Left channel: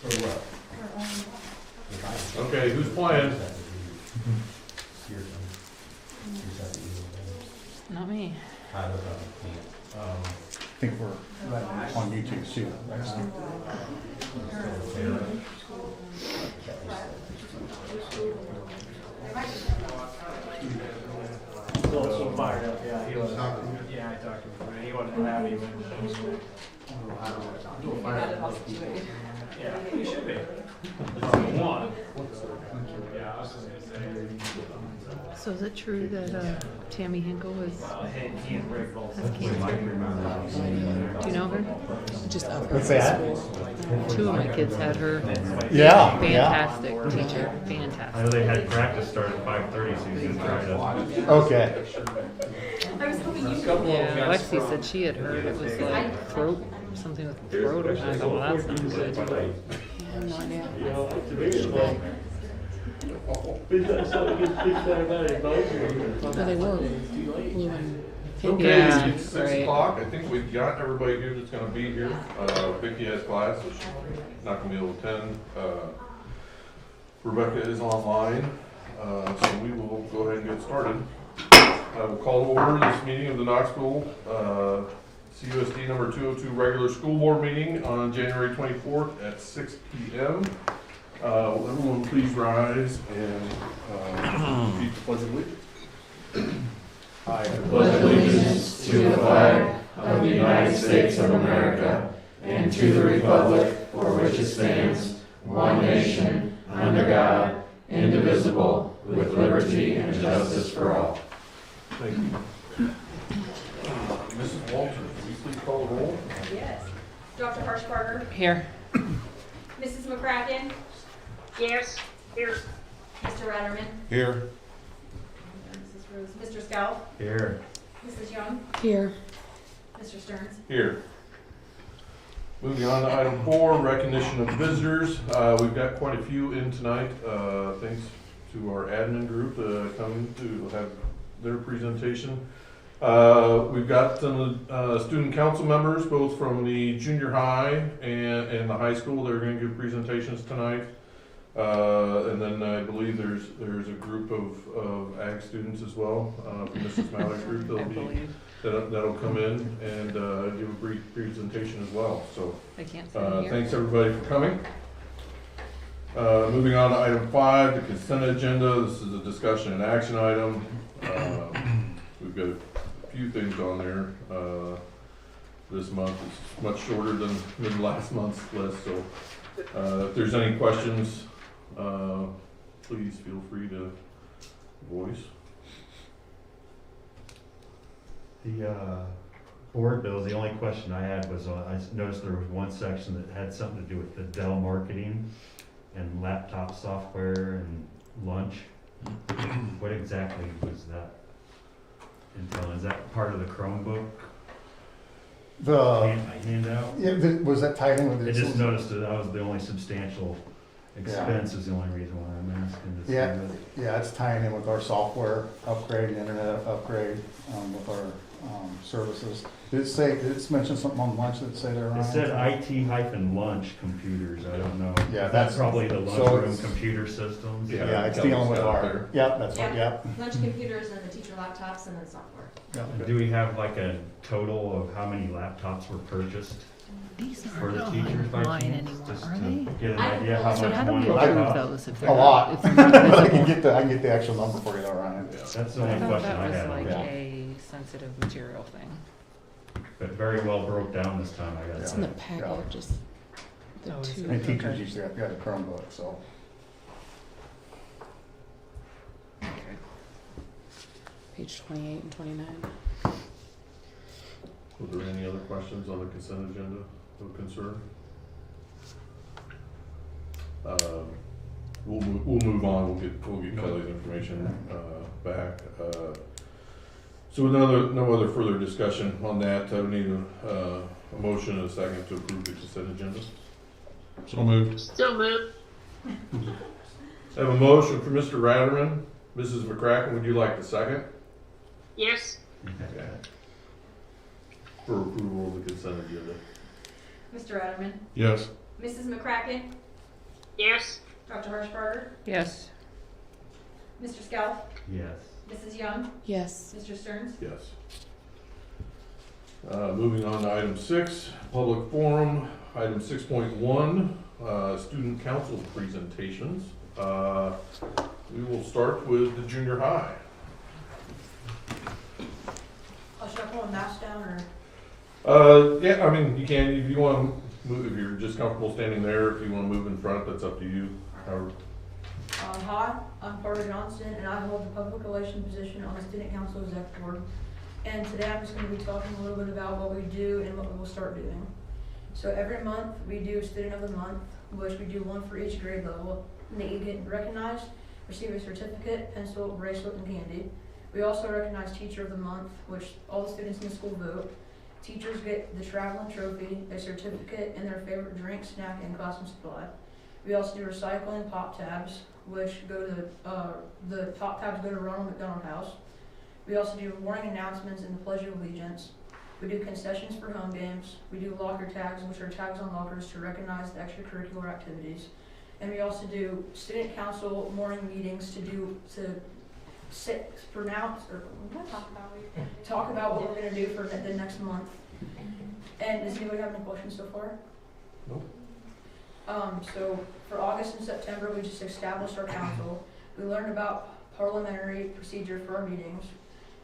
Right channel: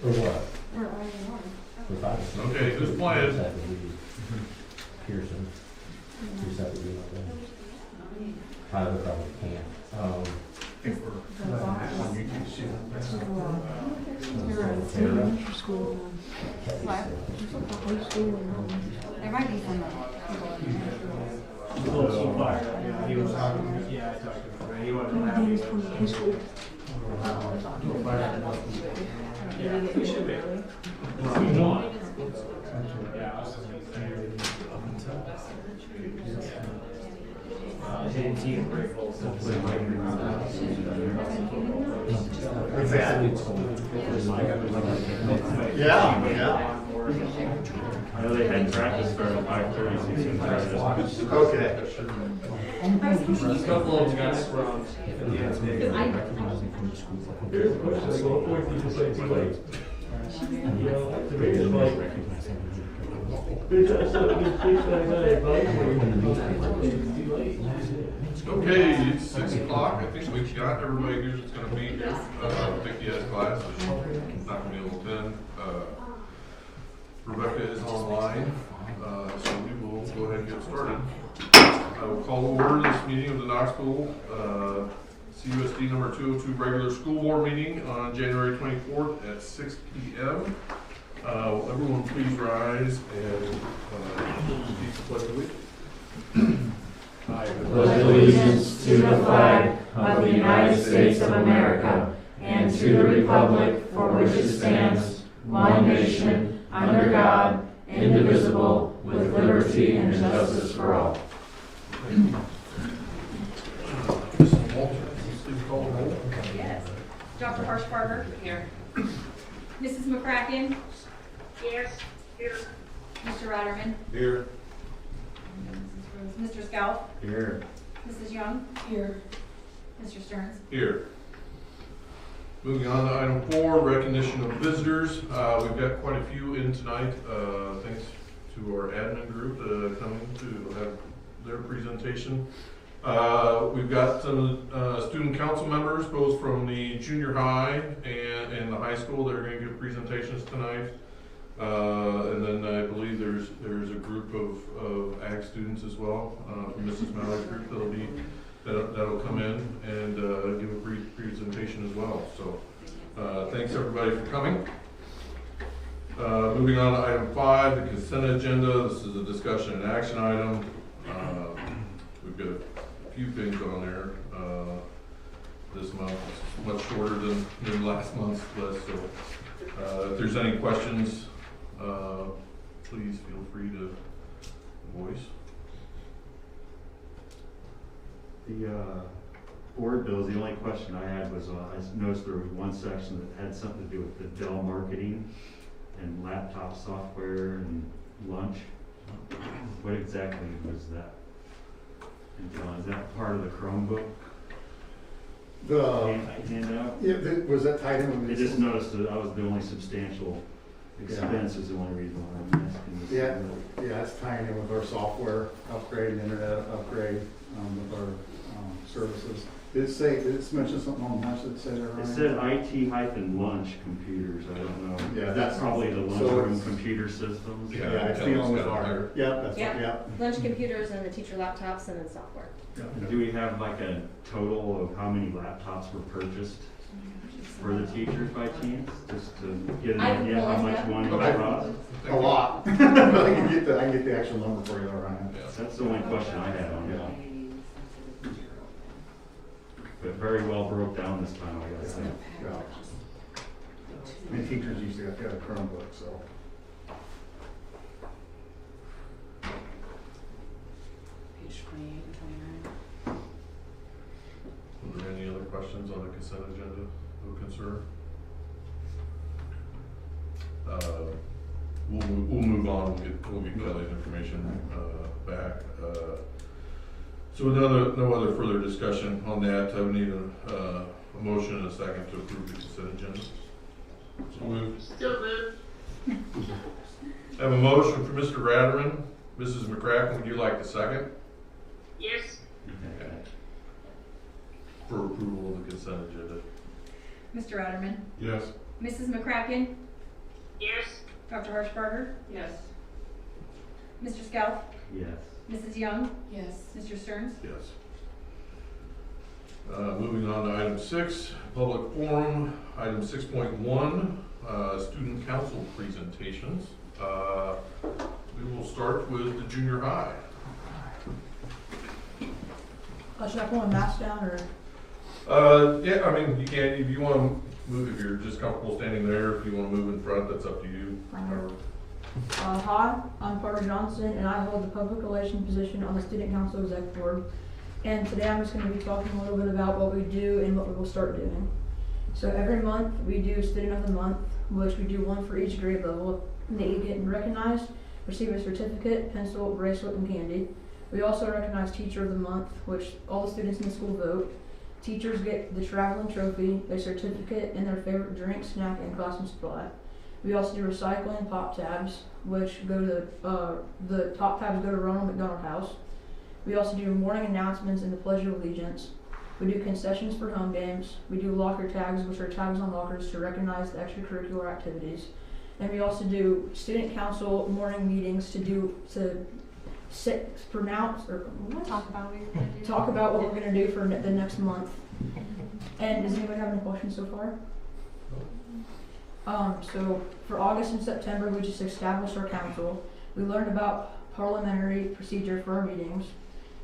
For what? Okay, who's playing? Not me. Tyler probably can't. I think we're on YouTube, see that. School. There might be some. So fired up, yeah, he was talking, yeah, I talked to him, he wasn't happy with that. So fired up. Yeah, he should be. One. Yeah, I was just gonna say. So is it true that Tammy Hinkle is? He and Rick both. Do you know her? Just What's that? Two of my kids had her. Yeah, Fantastic teacher, I fantastic. know they had practice start at 5:30, so you can try to. Okay. Yeah, Lexi said she had heard it was like throat, something with the throat or something. Well, Okay, Yeah, it's 6 right. o'clock. I think we've got everybody here that's gonna be here. Vicky has class, so she's not gonna be able to attend. Rebecca is online, so we will go ahead and get started. I will call over this meeting of the Knoxville CUSD number 202 regular school board meeting on January 24th at 6 p.m. Everyone please rise and repeat the pledge of allegiance. I pledge allegiance to the flag of the United States of America and to the republic for which it stands, one nation, under God, indivisible, with liberty and justice for all. Thank you. Mrs. Walter, can you please call the roll? Yes. Dr. Harshbarger? Here. Mrs. McCracken? Yes. Here. Mr. Ratterman? Here. Mrs. Rose? Mr. Scout? Here. Mrs. Young? Here. Mr. Stearns? Here. Moving on to item 4, recognition of visitors. We've got quite a few in tonight, thanks to our admin group coming to have their presentation. We've got some student council members, both from the junior high and the high school. They're going to give presentations tonight. And then I believe there's a group of ag students as well from Mrs. Mallory's group. That'll come in and give a brief presentation as well. So I can't see here. thanks everybody for coming. Moving on to item 5, the consent agenda. This is a discussion and action item. We've got a few things on there. This month is much shorter than last month's list. So if there's any questions, please feel free to voice. The board bills, the only question I had was, I noticed there was one section that had something to do with the Dell marketing and laptop software and lunch. What exactly was that? Is that part of the Chromebook The, handout? was that tied in with I the? just noticed that was the only substantial expense is the only reason why I'm asking this. Yeah, it's tying in with our software upgrade, internet upgrade, with our services. Did it mention something on lunch that say there, Ryan? It said IT-lunch computers, I don't know. Yeah, That's probably the so lunchroom it's- computer systems. Yeah, it's dealing with our, that's what, Lunch computers and the teacher laptops and then software. Do we have like a total of how many laptops were purchased for the teachers by chance? Just to get an idea how So how much do we one approve laptop? those? If A they're- lot. if- I can get the actual number for you, Ryan. That's the I only thought question that I was had on like that. a sensitive material thing. But very well broke down this time, I It's guess. in the packet, just the two. And teachers usually have to have a Chromebook, so. Page 28 and 29. Were there any other questions on the consent agenda of concern? We'll move on. We'll get Kelly's information back. So no other further discussion on that. I need a motion and a second to approve the consent agenda. So moved. Still moved. I have a motion for Mr. Ratterman. Mrs. McCracken, would you like the second? Yes. Okay. For approval of the consent agenda. Mr. Ratterman? Yes. Mrs. McCracken? Yes. Dr. Harshbarger, Yes. Mr. Scout, Yes. Mrs. Young, Yes. Mr. Stearns. Yes. Moving on to item 6, public forum. Item 6.1, student council presentations. We will start with the junior high. Should I pull a mask down or? Yeah, I mean, you can, if you want to move, if you're just comfortable standing there, if you want to move in front, that's up to you. However. Hi, I'm Carter Johnson, and I hold the public relations position on the Student Council Exec Board. And today I'm just going to be talking a little bit about what we do and what we will start doing. So every month we do Student of the Month, which we do one for each grade level. They get recognized, receive a certificate, pencil, bracelet, and candy. We also recognize Teacher of the Month, which all the students in the school vote. Teachers get the traveling trophy, a certificate, and their favorite drink, snack, and classroom supply. We also do recycling pop tabs, which go to the top tabs go to Ronald McDonald House. We also do morning announcements and the Pledge of Allegiance. We do concessions for home games. We do locker tags, which are tags on lockers to recognize the extracurricular activities. And we also do student council morning meetings talk about what we're going to do for the next month. And does anybody have any questions so far? So for August and September, we just established our council. We learned about parliamentary procedure for our meetings.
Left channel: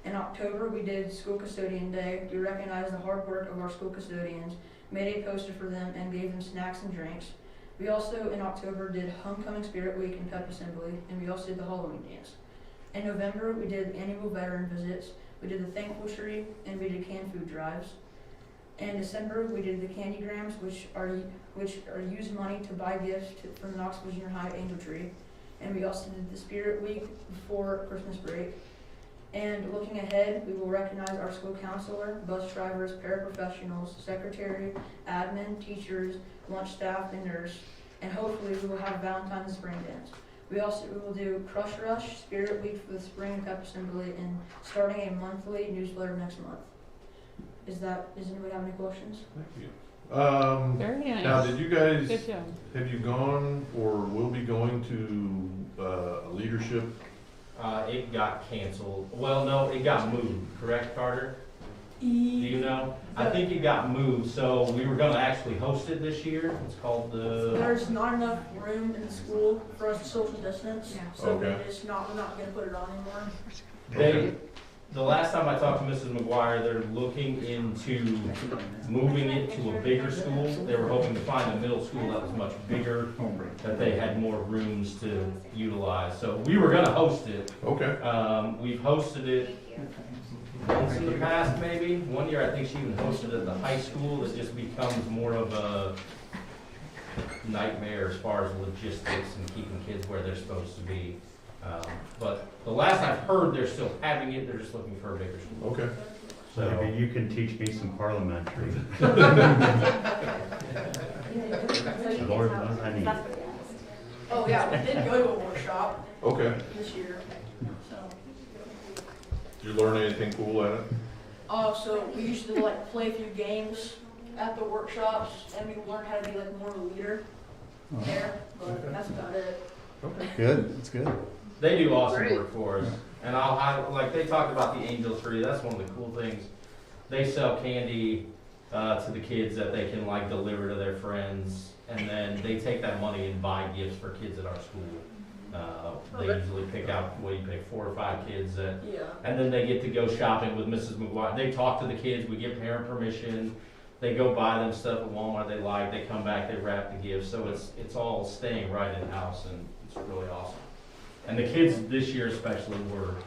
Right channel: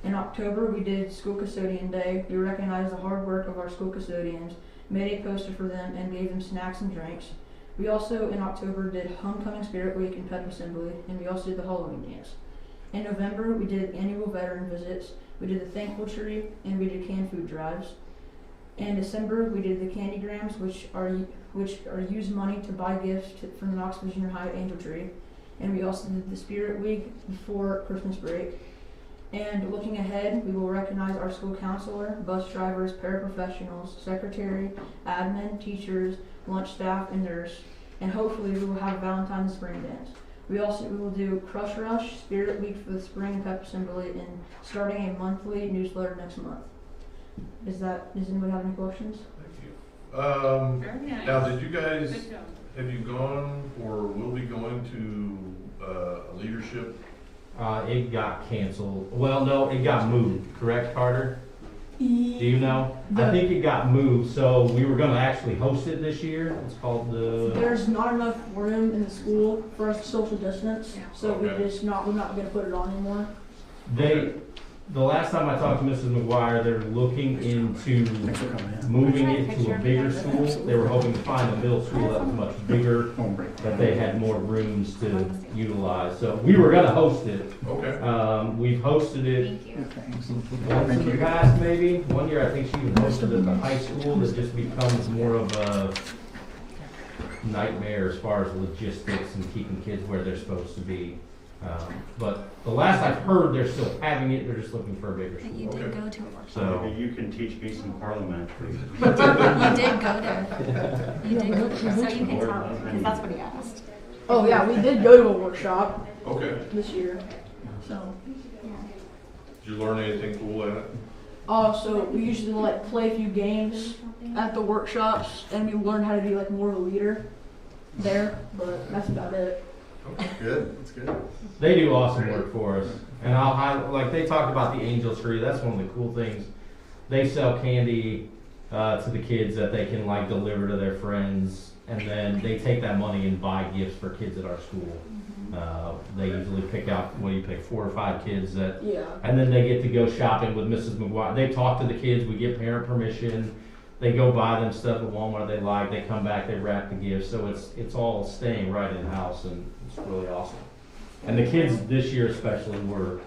In October, we did School Custodian Day. We recognized the hard work of our school custodians, made a poster for them, and gave them snacks and drinks. We also, in October, did Homecoming Spirit Week and Pep Assembly, and we also did the Halloween dance. In November, we did annual veteran visits. We did the Thankful Tree, and we did canned food drives. In December, we did the Candygrams, which are used money to buy gifts from the Knoxville Junior High Angel Tree. And we also did the Spirit Week before Christmas break. And looking ahead, we will recognize our school counselor, bus drivers, paraprofessionals, secretary, admin, teachers, lunch staff, and nurse. And hopefully we will have Valentine's spring dance. We will do Crush Rush, Spirit Week for the spring pep assembly, and starting a monthly newsletter next month. Does anybody have any questions? Thank you. Very nice. Now, did you guys, Good job. have you gone or will be going to a leadership? It got canceled. Well, no, it got moved, correct, Carter? Do you know? I think it got moved, so we were gonna actually host it this year. It's called the, There's not enough room in the school for us to social distance, so Okay. we're not gonna put it on anymore. the last time I talked to Mrs. McGuire, they're looking into moving it to a bigger school. They were hoping to find a middle school that was much bigger, that they had more rooms to utilize. So we were gonna host it. Okay. We've hosted it once in the past, maybe. One year, I think she even hosted it at the high school. It just becomes more of a nightmare as far as logistics and keeping kids where they're supposed to be. But the last I've heard, they're still having it. They're just looking for a bigger school. Okay. So Maybe you can teach me some parliamentary. You did go there. You did go there, so you can Lord tell, knows I because need that's it. what he asked. Oh yeah, we did go to a workshop Okay. this year, so. Did you learn anything cool at it? So we used to like play a few games at the workshops, and we learned how to be like more of a leader there, but that's about it. Good, that's good. they do awesome work for us. And like they talked about the Angel Tree. That's one of the cool things. They sell candy to the kids that they can like deliver to their friends, and then they take that money and buy gifts for kids at our school. They usually pick out, 4 or 5 kids that, Yeah. and then they get to go shopping with Mrs. McGuire. They talk to the kids, we get parent permission, they go buy them stuff at Walmart they like, they come back, they wrap the gifts, so it's all staying right in the house, and it's really awesome. And the kids this year especially were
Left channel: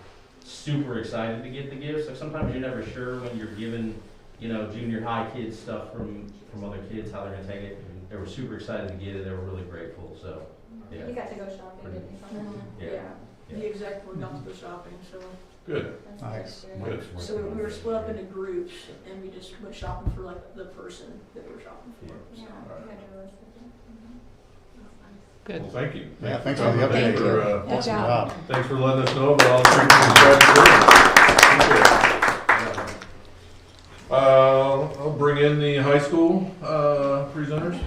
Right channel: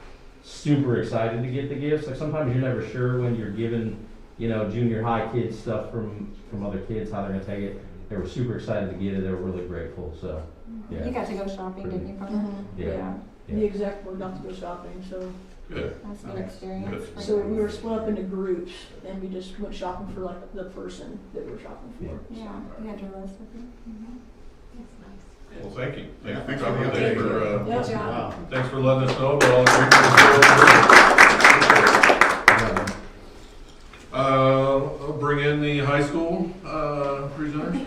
super excited to get the gifts. Like sometimes you're never sure when you're giving, junior high kids stuff from other kids, how they're gonna take it. They were super excited to get it, they were really grateful, so, yeah. You got to go shopping, didn't you? Carter? Yeah. The exec board got to go shopping, so. Good. That's a good Nice. experience. Good. So we were split up into groups, and we just went shopping for like the person that we were shopping for. Yeah, you had your list with you. That's nice. Good. Well, thank you. Yeah, thanks for the update. Thanks for, Good Awesome job. job. thanks for letting us know about all the treatments. I'll bring in the high school presenters.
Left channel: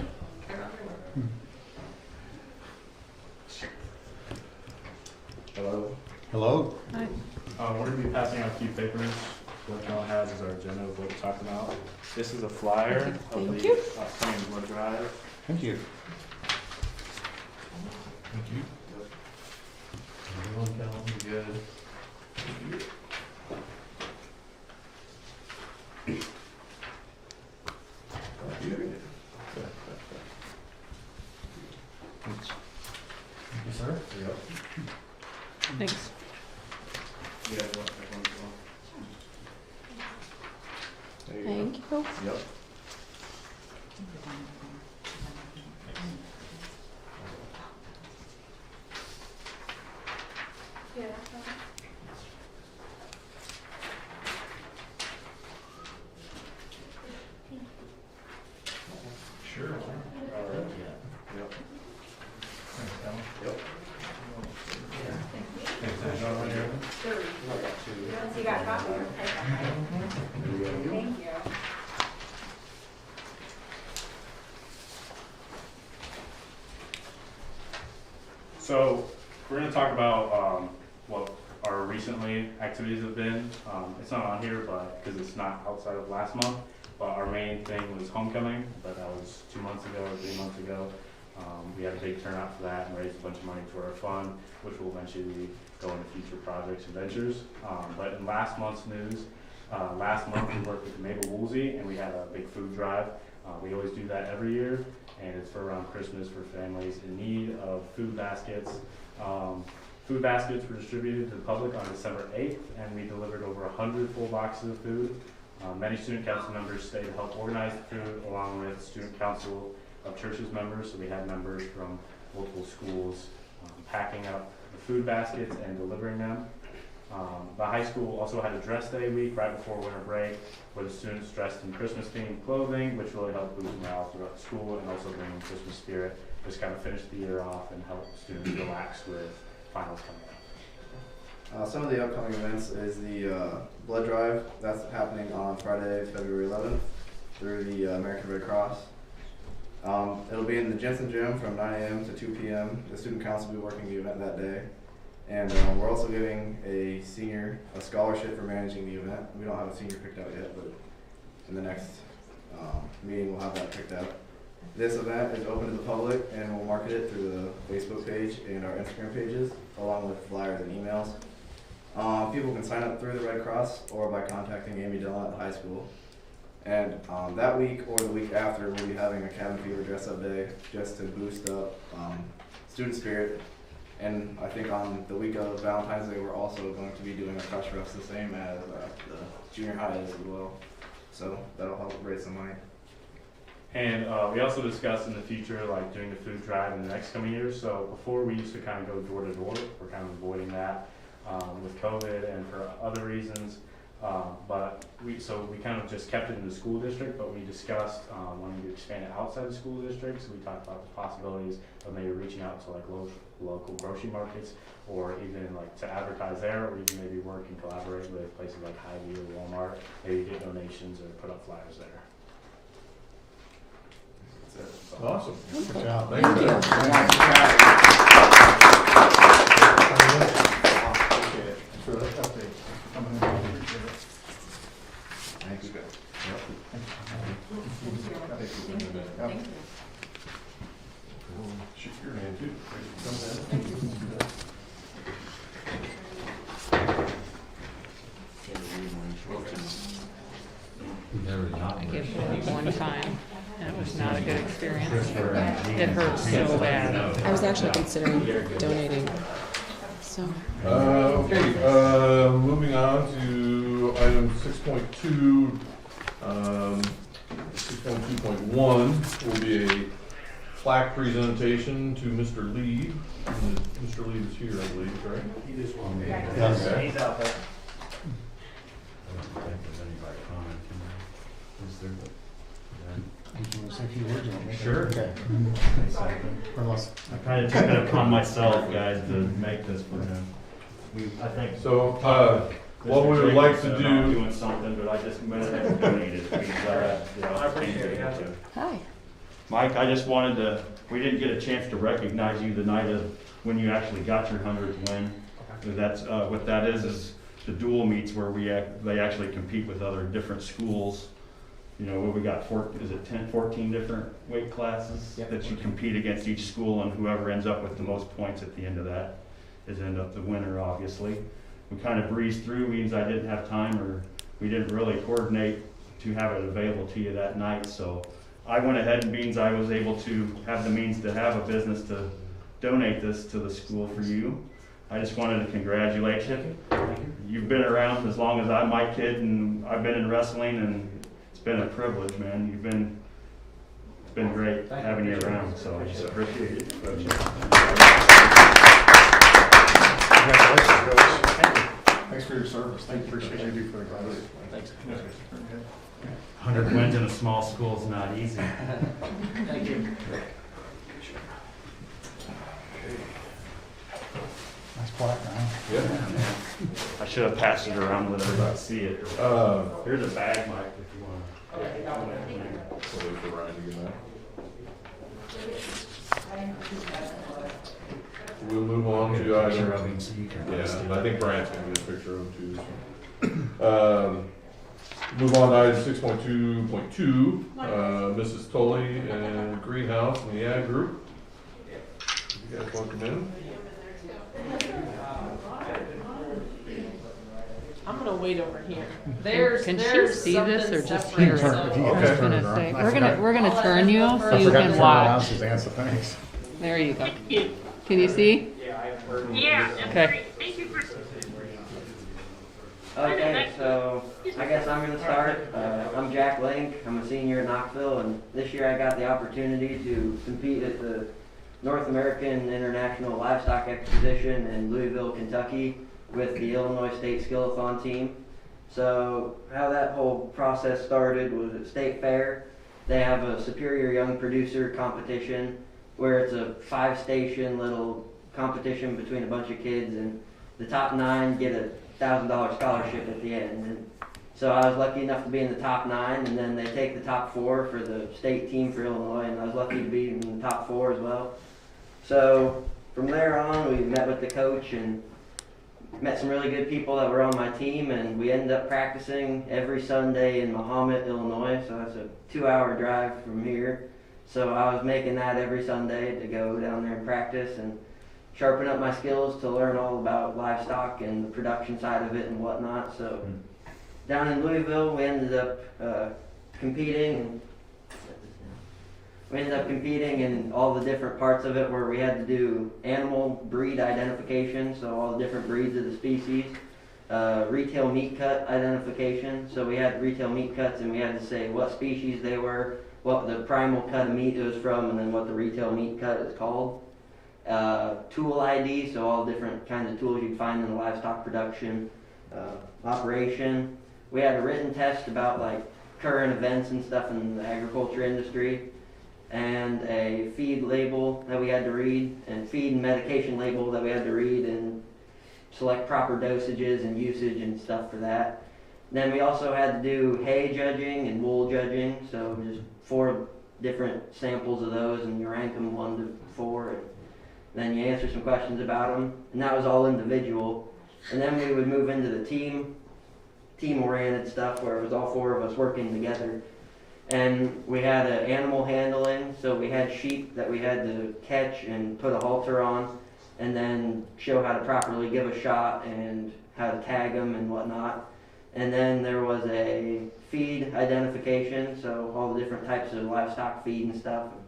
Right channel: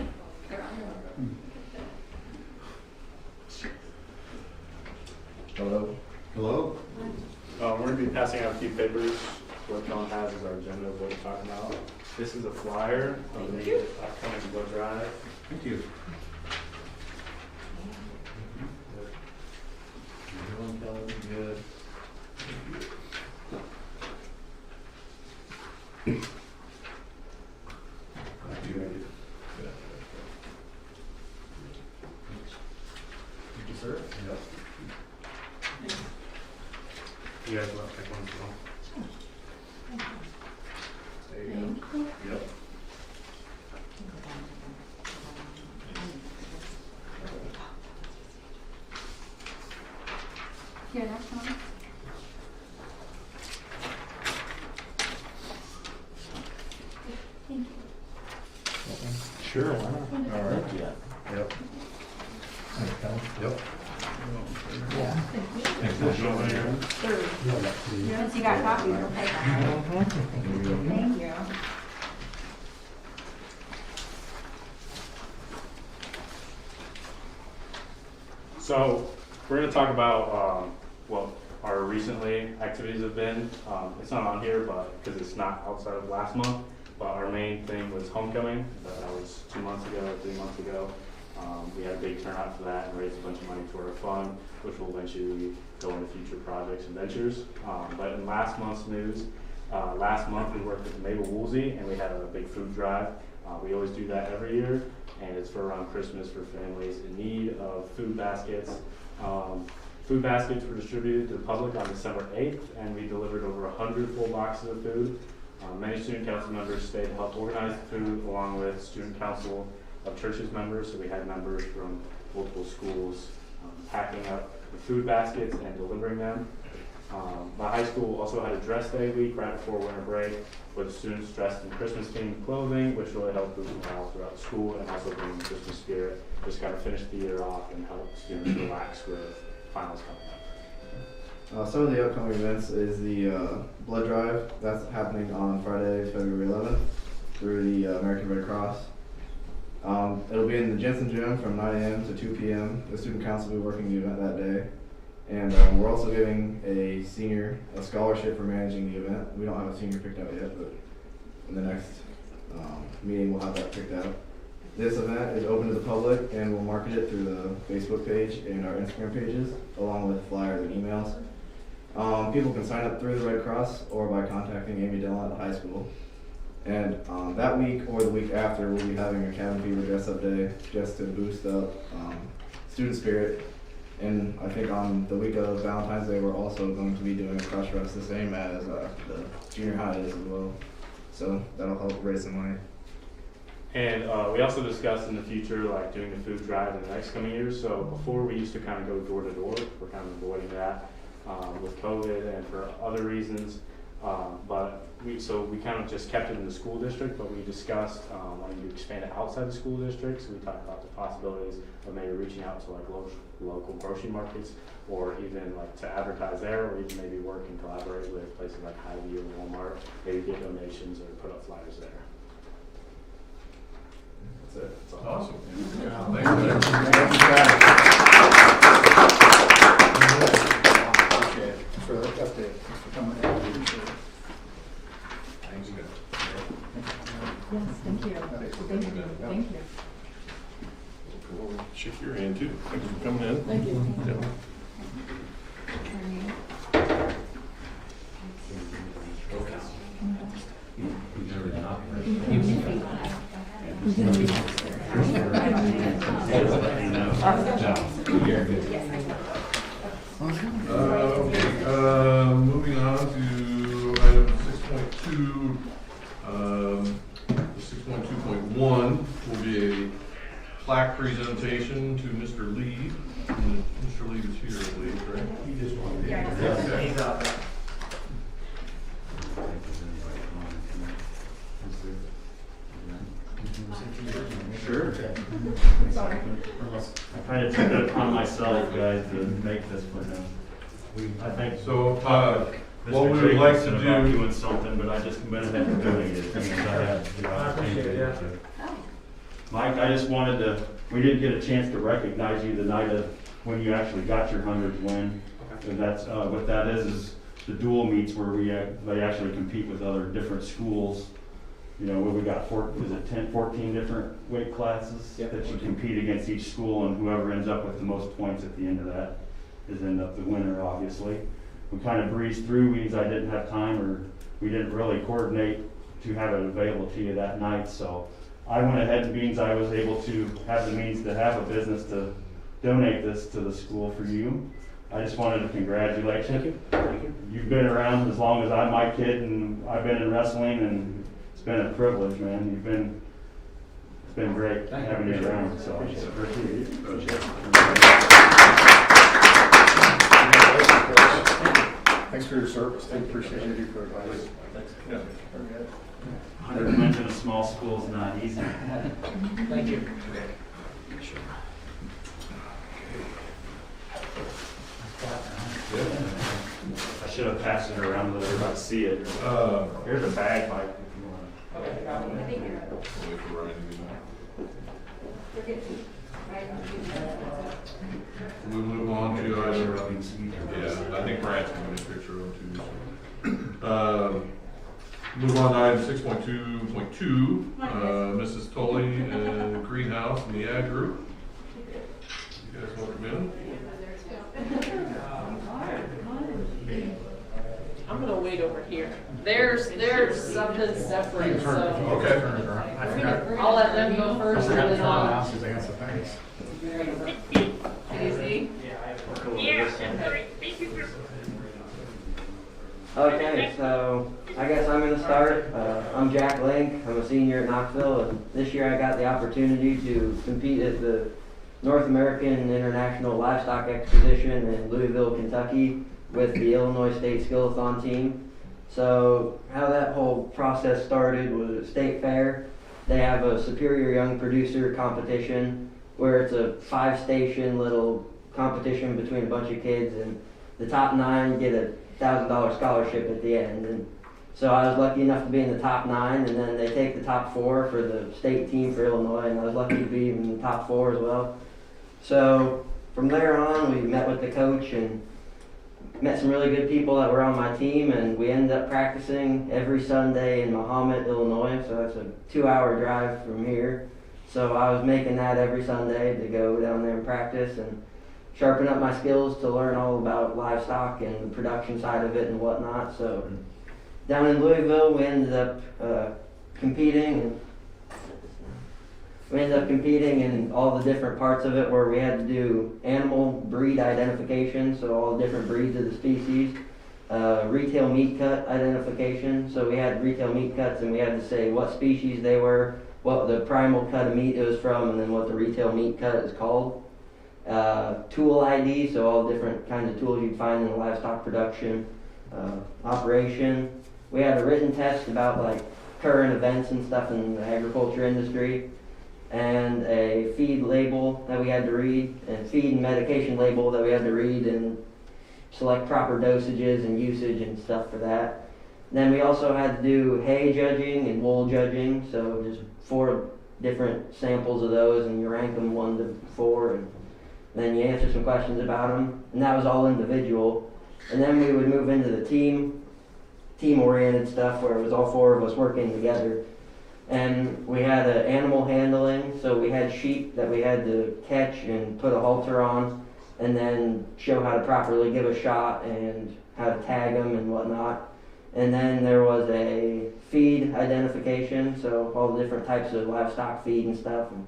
This is a flyer of Thank the you. upcoming blood drive. Thank you. Everyone tells me good. Sir? Thanks. You guys want to take one as well? There you Thank you. go. Yep. Yeah, that's fine. Sure, why not? All right. Yep. Yep. Once you got copies, I'll take them. Thank you. So we're going to talk about what our recently activities have been. It's not on here, but because it's not outside of last month. But our main thing was homecoming. That was 2 months ago, 3 months ago. We had a big turnout for that and raised a bunch of money for our fund, which will eventually go into future projects and ventures. But in last month's news, last month we worked with Mabel Woolsey and we had a big food drive. We always do that every year, and it's for around Christmas for families in need of food baskets. Food baskets were distributed to the public on December 8th, and we delivered over 100 full boxes of food. Many student council members stayed to help organize the food, along with student council of churches members. So we had members from multiple schools packing up the food baskets and delivering them. The high school also had a dress day week right before winter break, with students dressed in Christmas themed clothing, which really helped boost morale throughout school and also bring in Christmas spirit. Just kind of finish the year off and help students relax with finals coming up. Some of the upcoming events is the blood drive that's happening on Friday, February 11th through the American Red Cross. It'll be in the Jensen Gym from 9 a.m. to 2 p.m. The student council will be working the event that day. And we're also giving a senior a scholarship for managing the event. We don't have a senior picked out yet, but in the next meeting we'll have that picked out. This event is open to the public, and we'll market it through the Facebook page and our Instagram pages, along with flyers and emails. People can sign up through the Red Cross or by contacting Amy Dillon at the high school. And that week or the week after, we'll be having a cabin fever dress-up day just to boost up student spirit. And I think on the week of Valentine's Day, we're also going to be doing a crush rush, the same as the junior high is as well. So that'll help raise some money. And we also discussed in the future, like doing the food drive in the next coming years. So before we used to kind of go door to door. We're kind of avoiding that with COVID and for other reasons. But we kind of just kept it in the school district, but we discussed wanting to expand it outside the school district. So we talked about the possibilities of maybe reaching out to like local grocery markets, or even like to advertise there, or even maybe work and collaborate with places like Hy-Vee or Walmart, maybe get donations or put up flyers there. That's it. That's all. Awesome. Good job. For that update. Thanks, guys. Thank you. Thank you. We'll shoot your hand too. Thanks for coming in. Thank you. Yeah. I gave him one time, and it was not a good experience. It hurt so bad. I was actually considering donating. So. Okay, moving on to item 6.2. 6.2.1 will be a plaque presentation to Mr. Lee. Mr. Lee is here, I believe, right? He just wanted Okay. He's out there. Sure. Okay. I kind of took it upon myself, guys, to make this for him. I think So, what Mr. we would like to Jacobson about do, doing something, but I just went ahead and donated it because I had the I appreciate it, yeah. opportunity to. Hi. Mike, I just wanted to, we didn't get a chance to recognize you the night of when you actually got your 100th win. And that's, what that is the dual meets where they actually compete with other different schools. you know, we got 14 different weight classes Yep. that you compete against each school, and whoever ends up with the most points at the end of that is end up the winner, obviously. We kind of breezed through, means I didn't have time, or we didn't really coordinate to have it available to you that night, so I went ahead and means I was able to have the means to have a business to donate this to the school for you. I just wanted to congratulate you. You've been around as long as I'm my kid, and I've been in wrestling, and it's been a privilege, man. It's been great having you around, so I just appreciate it. Thanks for your service. Thank you. Appreciate you for the class. Thanks. 100 wins in a small school is not easy. Thank you. That's quiet, man. I should have passed it around to let everybody see it. Here's a bag, Mike, if you want. We'll move on to item, So you can yeah, I think Brandt's gonna get a picture of them too. Move on to item 6.2.2, Mrs. Tully and the greenhouse and the ag group. You guys want to come in? I'm gonna wait over here. There's Can she see something this or just separate, hear? so. I was gonna say, we're gonna I'll let turn you everyone so first. you I forgot to can turn around, watch. Suzanne, so thanks. There you go. Can you see? Okay. Okay, so I guess I'm going to start. I'm Jack Link. I'm a senior at Knoxville, and this year I got the opportunity to compete at the North American International Livestock Exposition in Louisville, Kentucky with the Illinois State Skillathon team. So how that whole process started was at State Fair. They have a Superior Young Producer competition where it's a 5-station little competition between a bunch of kids, and the top 9 get a $1,000 scholarship at the end. And so I was lucky enough to be in the top 9, and then they take the top 4 for the state team for Illinois, and I was lucky to be in the top 4 as well. So from there on, we met with the coach and met some really good people that were on my team, and we ended up practicing every Sunday in Mahomet, Illinois. So it's a 2-hour drive from here. So I was making that every Sunday to go down there and practice and sharpen up my skills to learn all about livestock and the production side of it and whatnot. So down in Louisville, we ended up competing in all the different parts of it, where we had to do animal breed identification, so all the different breeds of the species, retail meat cut identification, so we had retail meat cuts and we had to say what species they were, what the primal cut of meat it was from, and then what the retail meat cut is called. Tool ID, so all different kinds of tools you'd find in the livestock production operation. We had a written test about like current events and stuff in the agriculture industry, and a feed label that we had to read, and feed and medication label that we had to read and select proper dosages and usage and stuff for that. And then we also had to do hay judging and wool judging, so just 4 different samples of those, and you rank them 1 to 4, and then you answer some questions about them, and that was all individual. And then we would move into the team-oriented stuff, where it was all 4 of us working together. And we had animal handling, so we had sheep that we had to catch and put a halter on, and then show how to properly give a shot and how to tag them and whatnot. And then there was a feed identification, so all the different types of livestock feed and stuff. And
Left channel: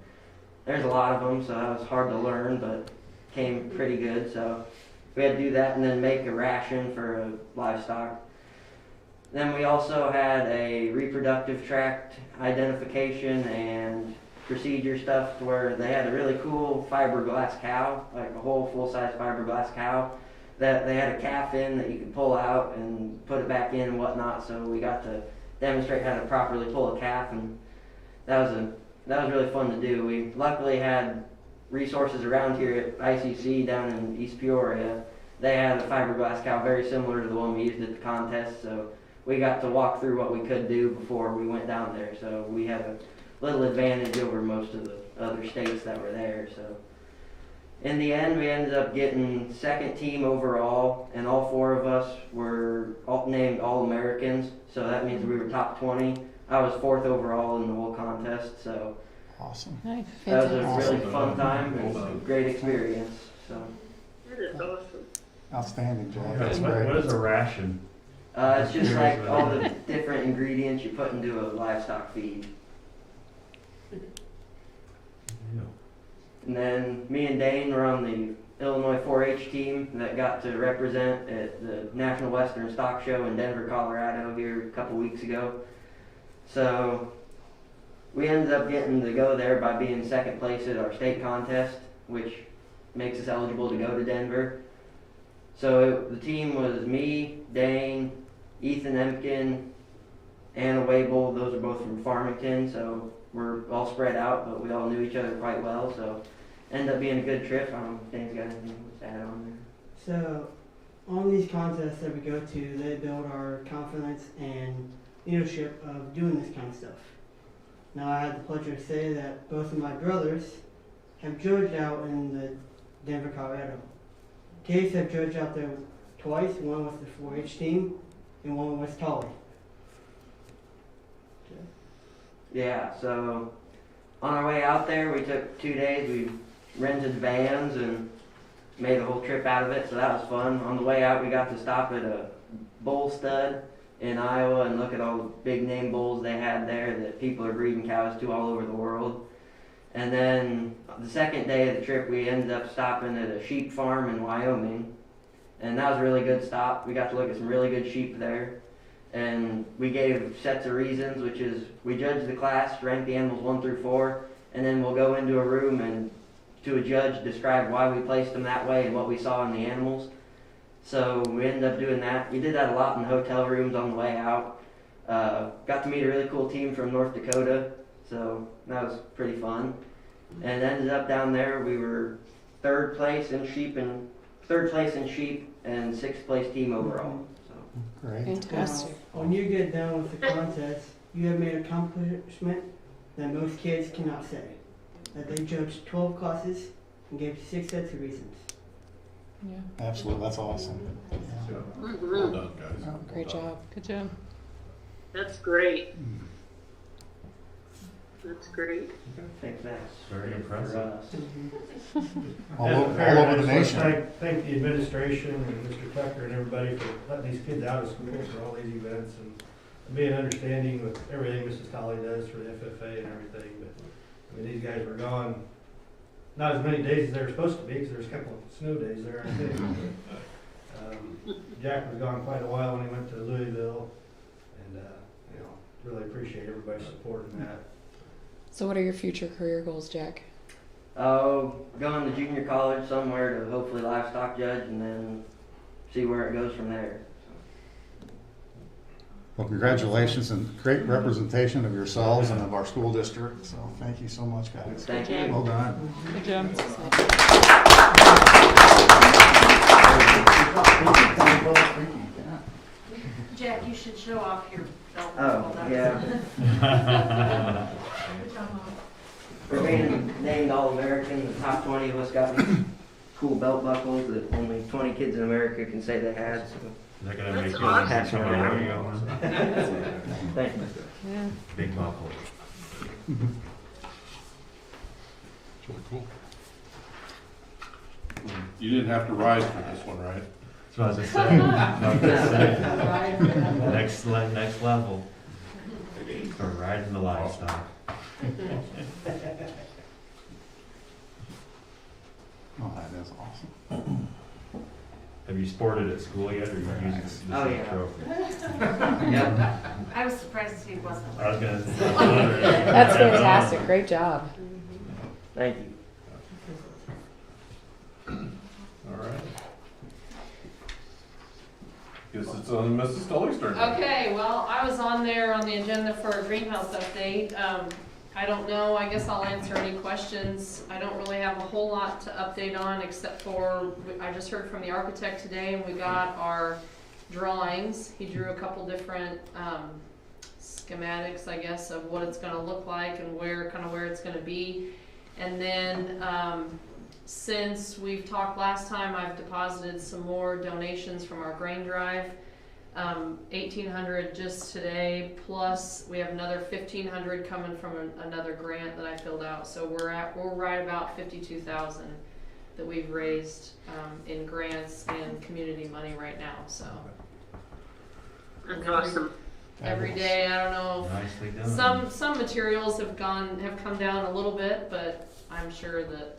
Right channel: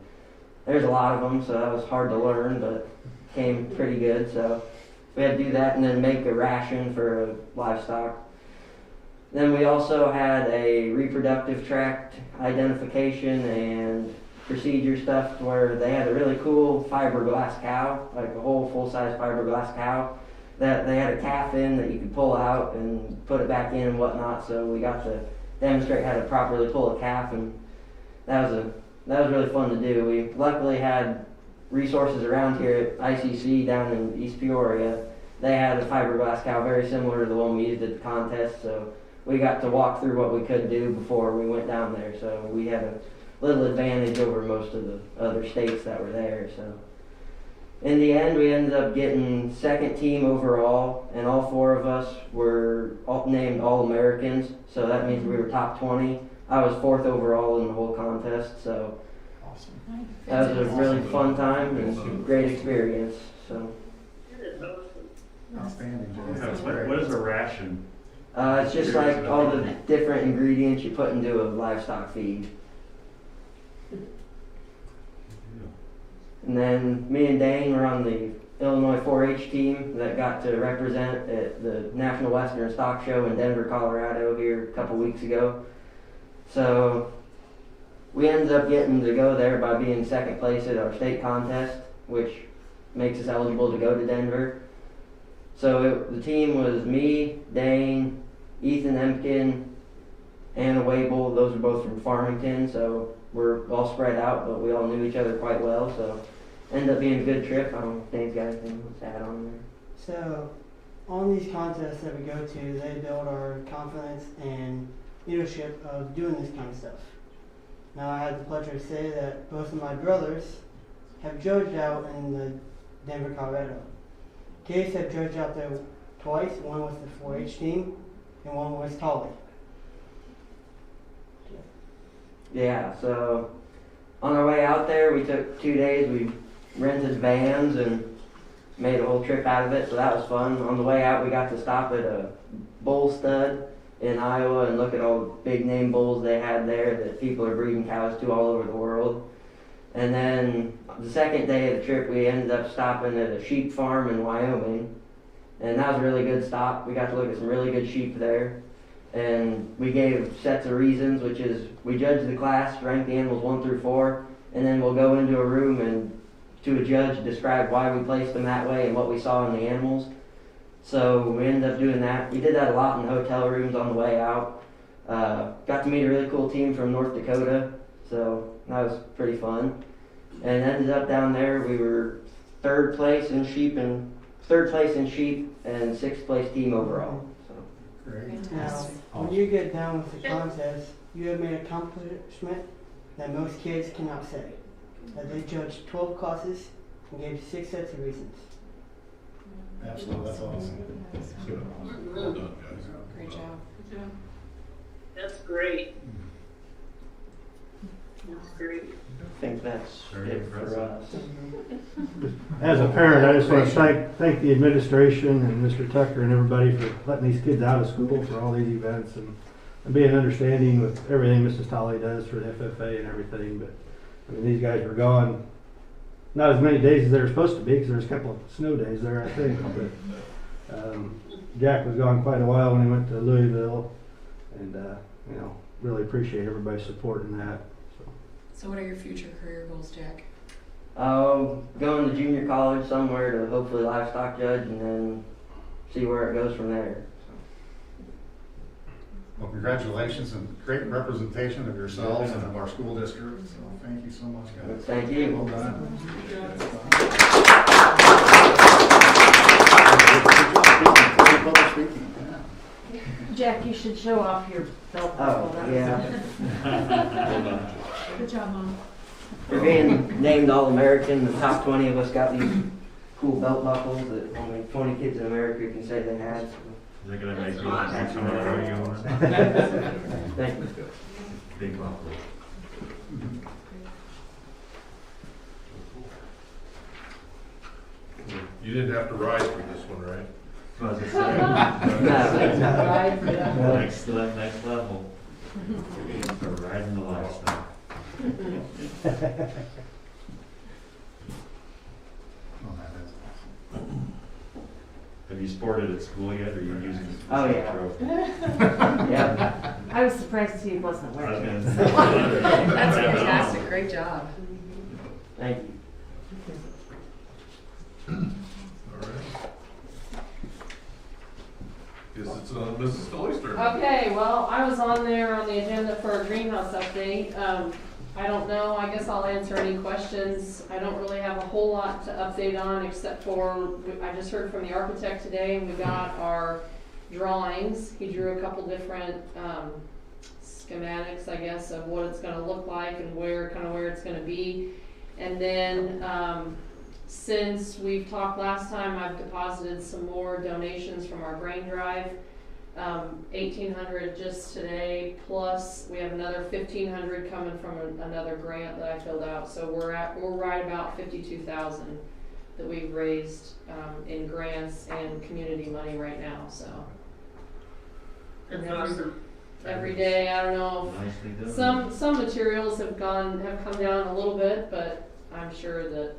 there's a lot of them, so that was hard to learn, but came pretty good. So we had to do that and then make a ration for livestock. Then we also had a reproductive tract identification and procedure stuff, where they had a really cool fiberglass cow, like a whole full-size fiberglass cow, that they had a calf in that you could pull out and put it back in and whatnot. So we got to demonstrate how to properly pull a calf, and that was really fun to do. We luckily had resources around here at ICC down in East Peoria. They had a fiberglass cow very similar to the one we used at the contest, so we got to walk through what we could do before we went down there. So we had a little advantage over most of the other states that were there. So in the end, we ended up getting 2nd team overall, and all 4 of us were named All-Americans, so that means we were top 20. I was 4th overall in the whole contest, so Awesome. that was a really fun time and a great experience. So Outstanding, Jay. What That's great. is a ration? it's just like all the different ingredients you put into a livestock feed. And then me and Dane were on the Illinois 4-H team that got to represent at the National Western Stock Show in Denver, Colorado here a couple weeks ago. So we ended up getting to go there by being 2nd place at our state contest, which makes us eligible to go to Denver. So the team was me, Dane, Ethan Empkin, Anna Wable. Those are both from Farmington, so we're all spread out, but we all knew each other quite well. So ended up being a good trip. I don't know if Dane's got anything to add on there. So, on these contests that we go to, they build our confidence and leadership of doing this kind of stuff. Now, I had the pleasure to say that both of my brothers have judged out in the Denver, Colorado. Case have judged out there twice, one with the 4-H team and one with Tolly. Yeah, so on our way out there, we took 2 days. We rented vans and made a whole trip out of it, so that was fun. On the way out, we got to stop at a bull stud in Iowa and look at all the big name bulls they had there that people are breeding cows to all over the world. And then the 2nd day of the trip, we ended up stopping at a sheep farm in Wyoming, and that was a really good stop. We got to look at some really good sheep there, and we gave sets of reasons, which is we judged the class, ranked the animals 1 through 4, and then we'll go into a room and to a judge describe why we placed them that way and what we saw in the animals. So we ended up doing that. We did that a lot in hotel rooms on the way out. Got to meet a really cool team from North Dakota, so that was pretty fun. And ended up down there, we were 3rd place in sheep and 6th place team overall. So. Great. Fantastic. When you get down with the contest, you have made an accomplishment that most kids cannot say. That they judged 12 classes and gave 6 sets of reasons. Absolutely, that's awesome. Well done, guys. Great job. Good job. That's great. That's great. I think that's Very it for impressive. us. As a parent, I just want to thank the administration and Mr. Tucker and everybody for letting these kids out of school for all these events and being understanding with everything Mrs. Tolley does for the FFA and everything. But I mean, these guys were gone not as many days as they were supposed to be because there was a couple of snow days there, I think. But Jack was gone quite a while when he went to Louisville, and you know, really appreciate everybody's support in that. So what are your future career goals, Jack? Going to junior college somewhere to hopefully livestock judge and then see where it goes from there. Well, congratulations and great representation of yourselves and of our school district. So thank you so much, guys. Thank you. Well done. Good job. Public speaking, yeah. Jack, you should show off your belt. Oh, yeah. Good job, Mom. We're being named All-American. The top 20 of us got these cool belt buckles that only 20 kids in America can say they had. So. They're gonna make That's you awesome. pass them around. Thank you. Big buckle. You didn't have to rise for this one, right? That's what I was gonna say. Next level. For riding the livestock. Oh, that is awesome. Have you sported at school yet, or are you using this Oh, as a yeah. trophy? Yeah. I was surprised he wasn't I was wearing gonna it. say. That's fantastic. Great job. Thank you. All right. Guess it's on Mrs. Tully's turn. Okay, well, I was on there on the agenda for a greenhouse update. I don't know, I guess I'll answer any questions. I don't really have a whole lot to update on except for, I just heard from the architect today and we got our drawings. He drew a couple different schematics, I guess, of what it's gonna look like and where it's gonna be. And then since we've talked last time, I've deposited some more donations from our grain drive. 1,800 just today, plus we have another 1,500 coming from another grant that I filled out. So we're right about 52,000 that we've raised in grants and community money right now. So That's awesome. every day, I don't know. Nicely done. Some materials have come down a little bit, but I'm sure that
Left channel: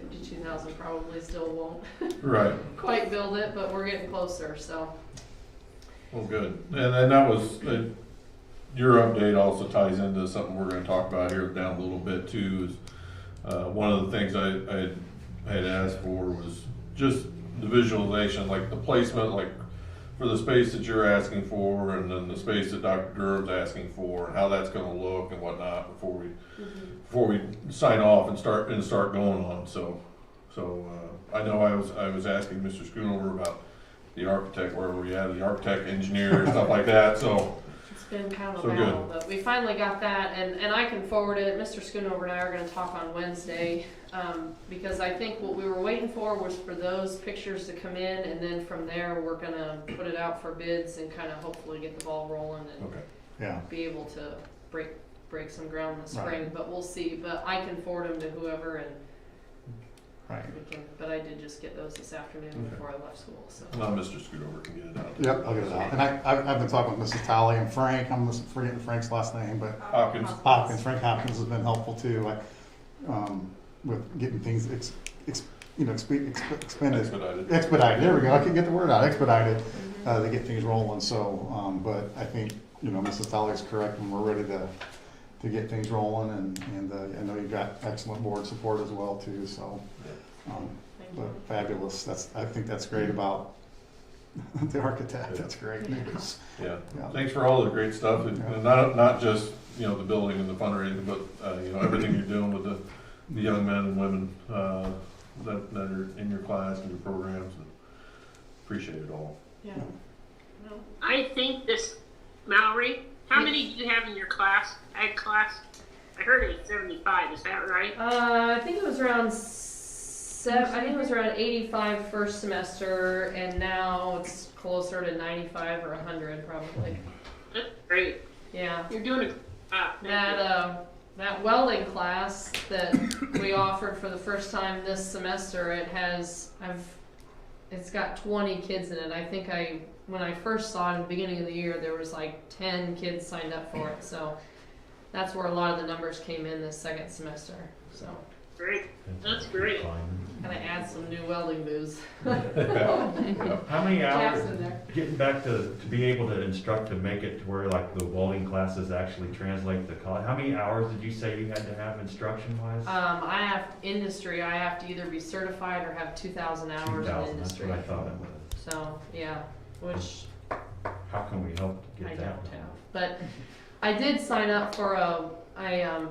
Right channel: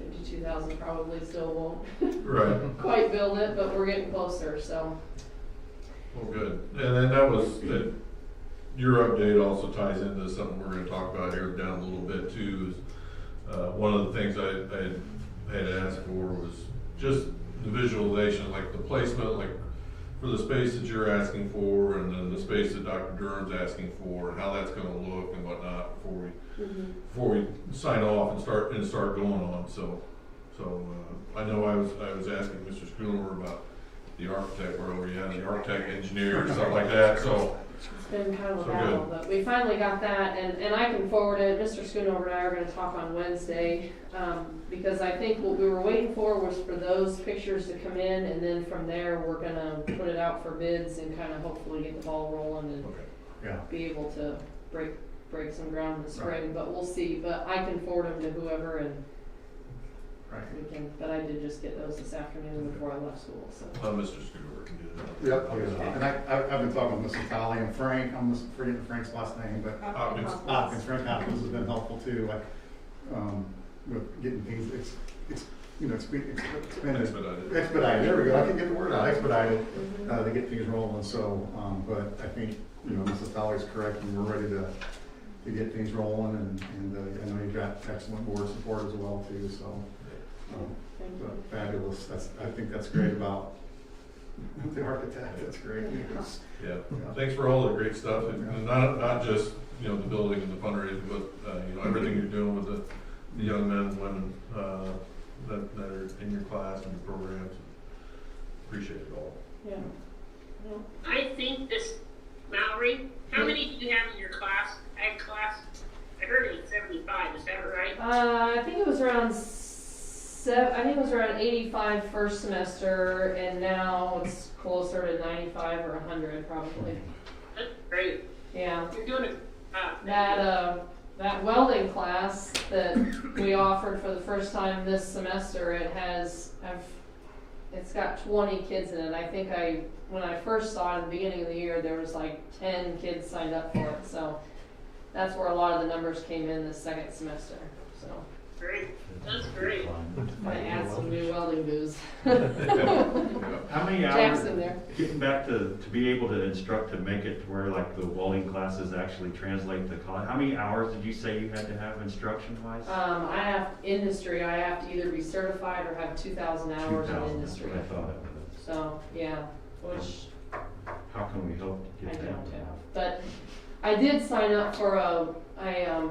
52,000 probably still won't Right. quite build it, but we're getting closer. So. Well, good. And then that was, your update also ties into something we're gonna talk about here down a little bit too, is, one of the things I had asked for was just the visualization, like the placement, like for the space that you're asking for, and then the space that Dr. Durham's asking for, and how that's gonna look and whatnot before we sign off and start going on. So I know I was asking Mr. Schoonover about the architect, where we had the architect, engineer, and stuff like that. So it's been kind of So a battle, good. but we finally got that, and I can forward it. Mr. Schoonover and I are going to talk on Wednesday, because I think what we were waiting for was for those pictures to come in, and then from there we're going to put it out for bids and kind of hopefully get the ball rolling and Yeah. be able to break some ground in the spring. Right. But we'll see. But I can forward them to whoever, and Right. we can. But I did just get those this afternoon before I left school. So. now Mr. Schoonover can get it out. Yep, I'll get it out. And I've been talking with Mrs. Talley and Frank, I'm forgetting Frank's last name, but Hopkins. Frank Hopkins has been helpful too, with getting things expedited, there we go, I can get the word out, expedited, to get things rolling, so, but I think, Mrs. Talley's correct, and we're ready to get things rolling, and I know you've got excellent board support as well too, so, but fabulous, I think that's great about the architect, that's great news. Yeah. Thanks for all the great stuff, and not just, the building and the fundraising, but, everything you're doing with the young men and women, that are in your class and your programs, and appreciate it all. Yeah. No. I think this, Mallory, how many do you have in your class, ag class? I heard it was 75, is that right? I think it was around 85 first semester, and now it's closer to 95 or 100 probably. That's great. Yeah. You're doing it. That welding class that we offered for the first time this semester, it's got 20 kids in it. I think when I first saw it at the beginning of the year, there was like 10 kids signed up for it. So that's where a lot of the numbers came in this second semester. So Great. That's great. gonna add some new welding booths. How many hours, Jackson there. getting back to be able to instruct to make it to where like the welding classes actually translate to college, how many hours did you say you had to have instruction wise? I have industry. I have to either be certified or have 2,000 hours 2,000, in industry. that's what I thought it was. So yeah, which How can we help I get don't that? have. But I did sign up for a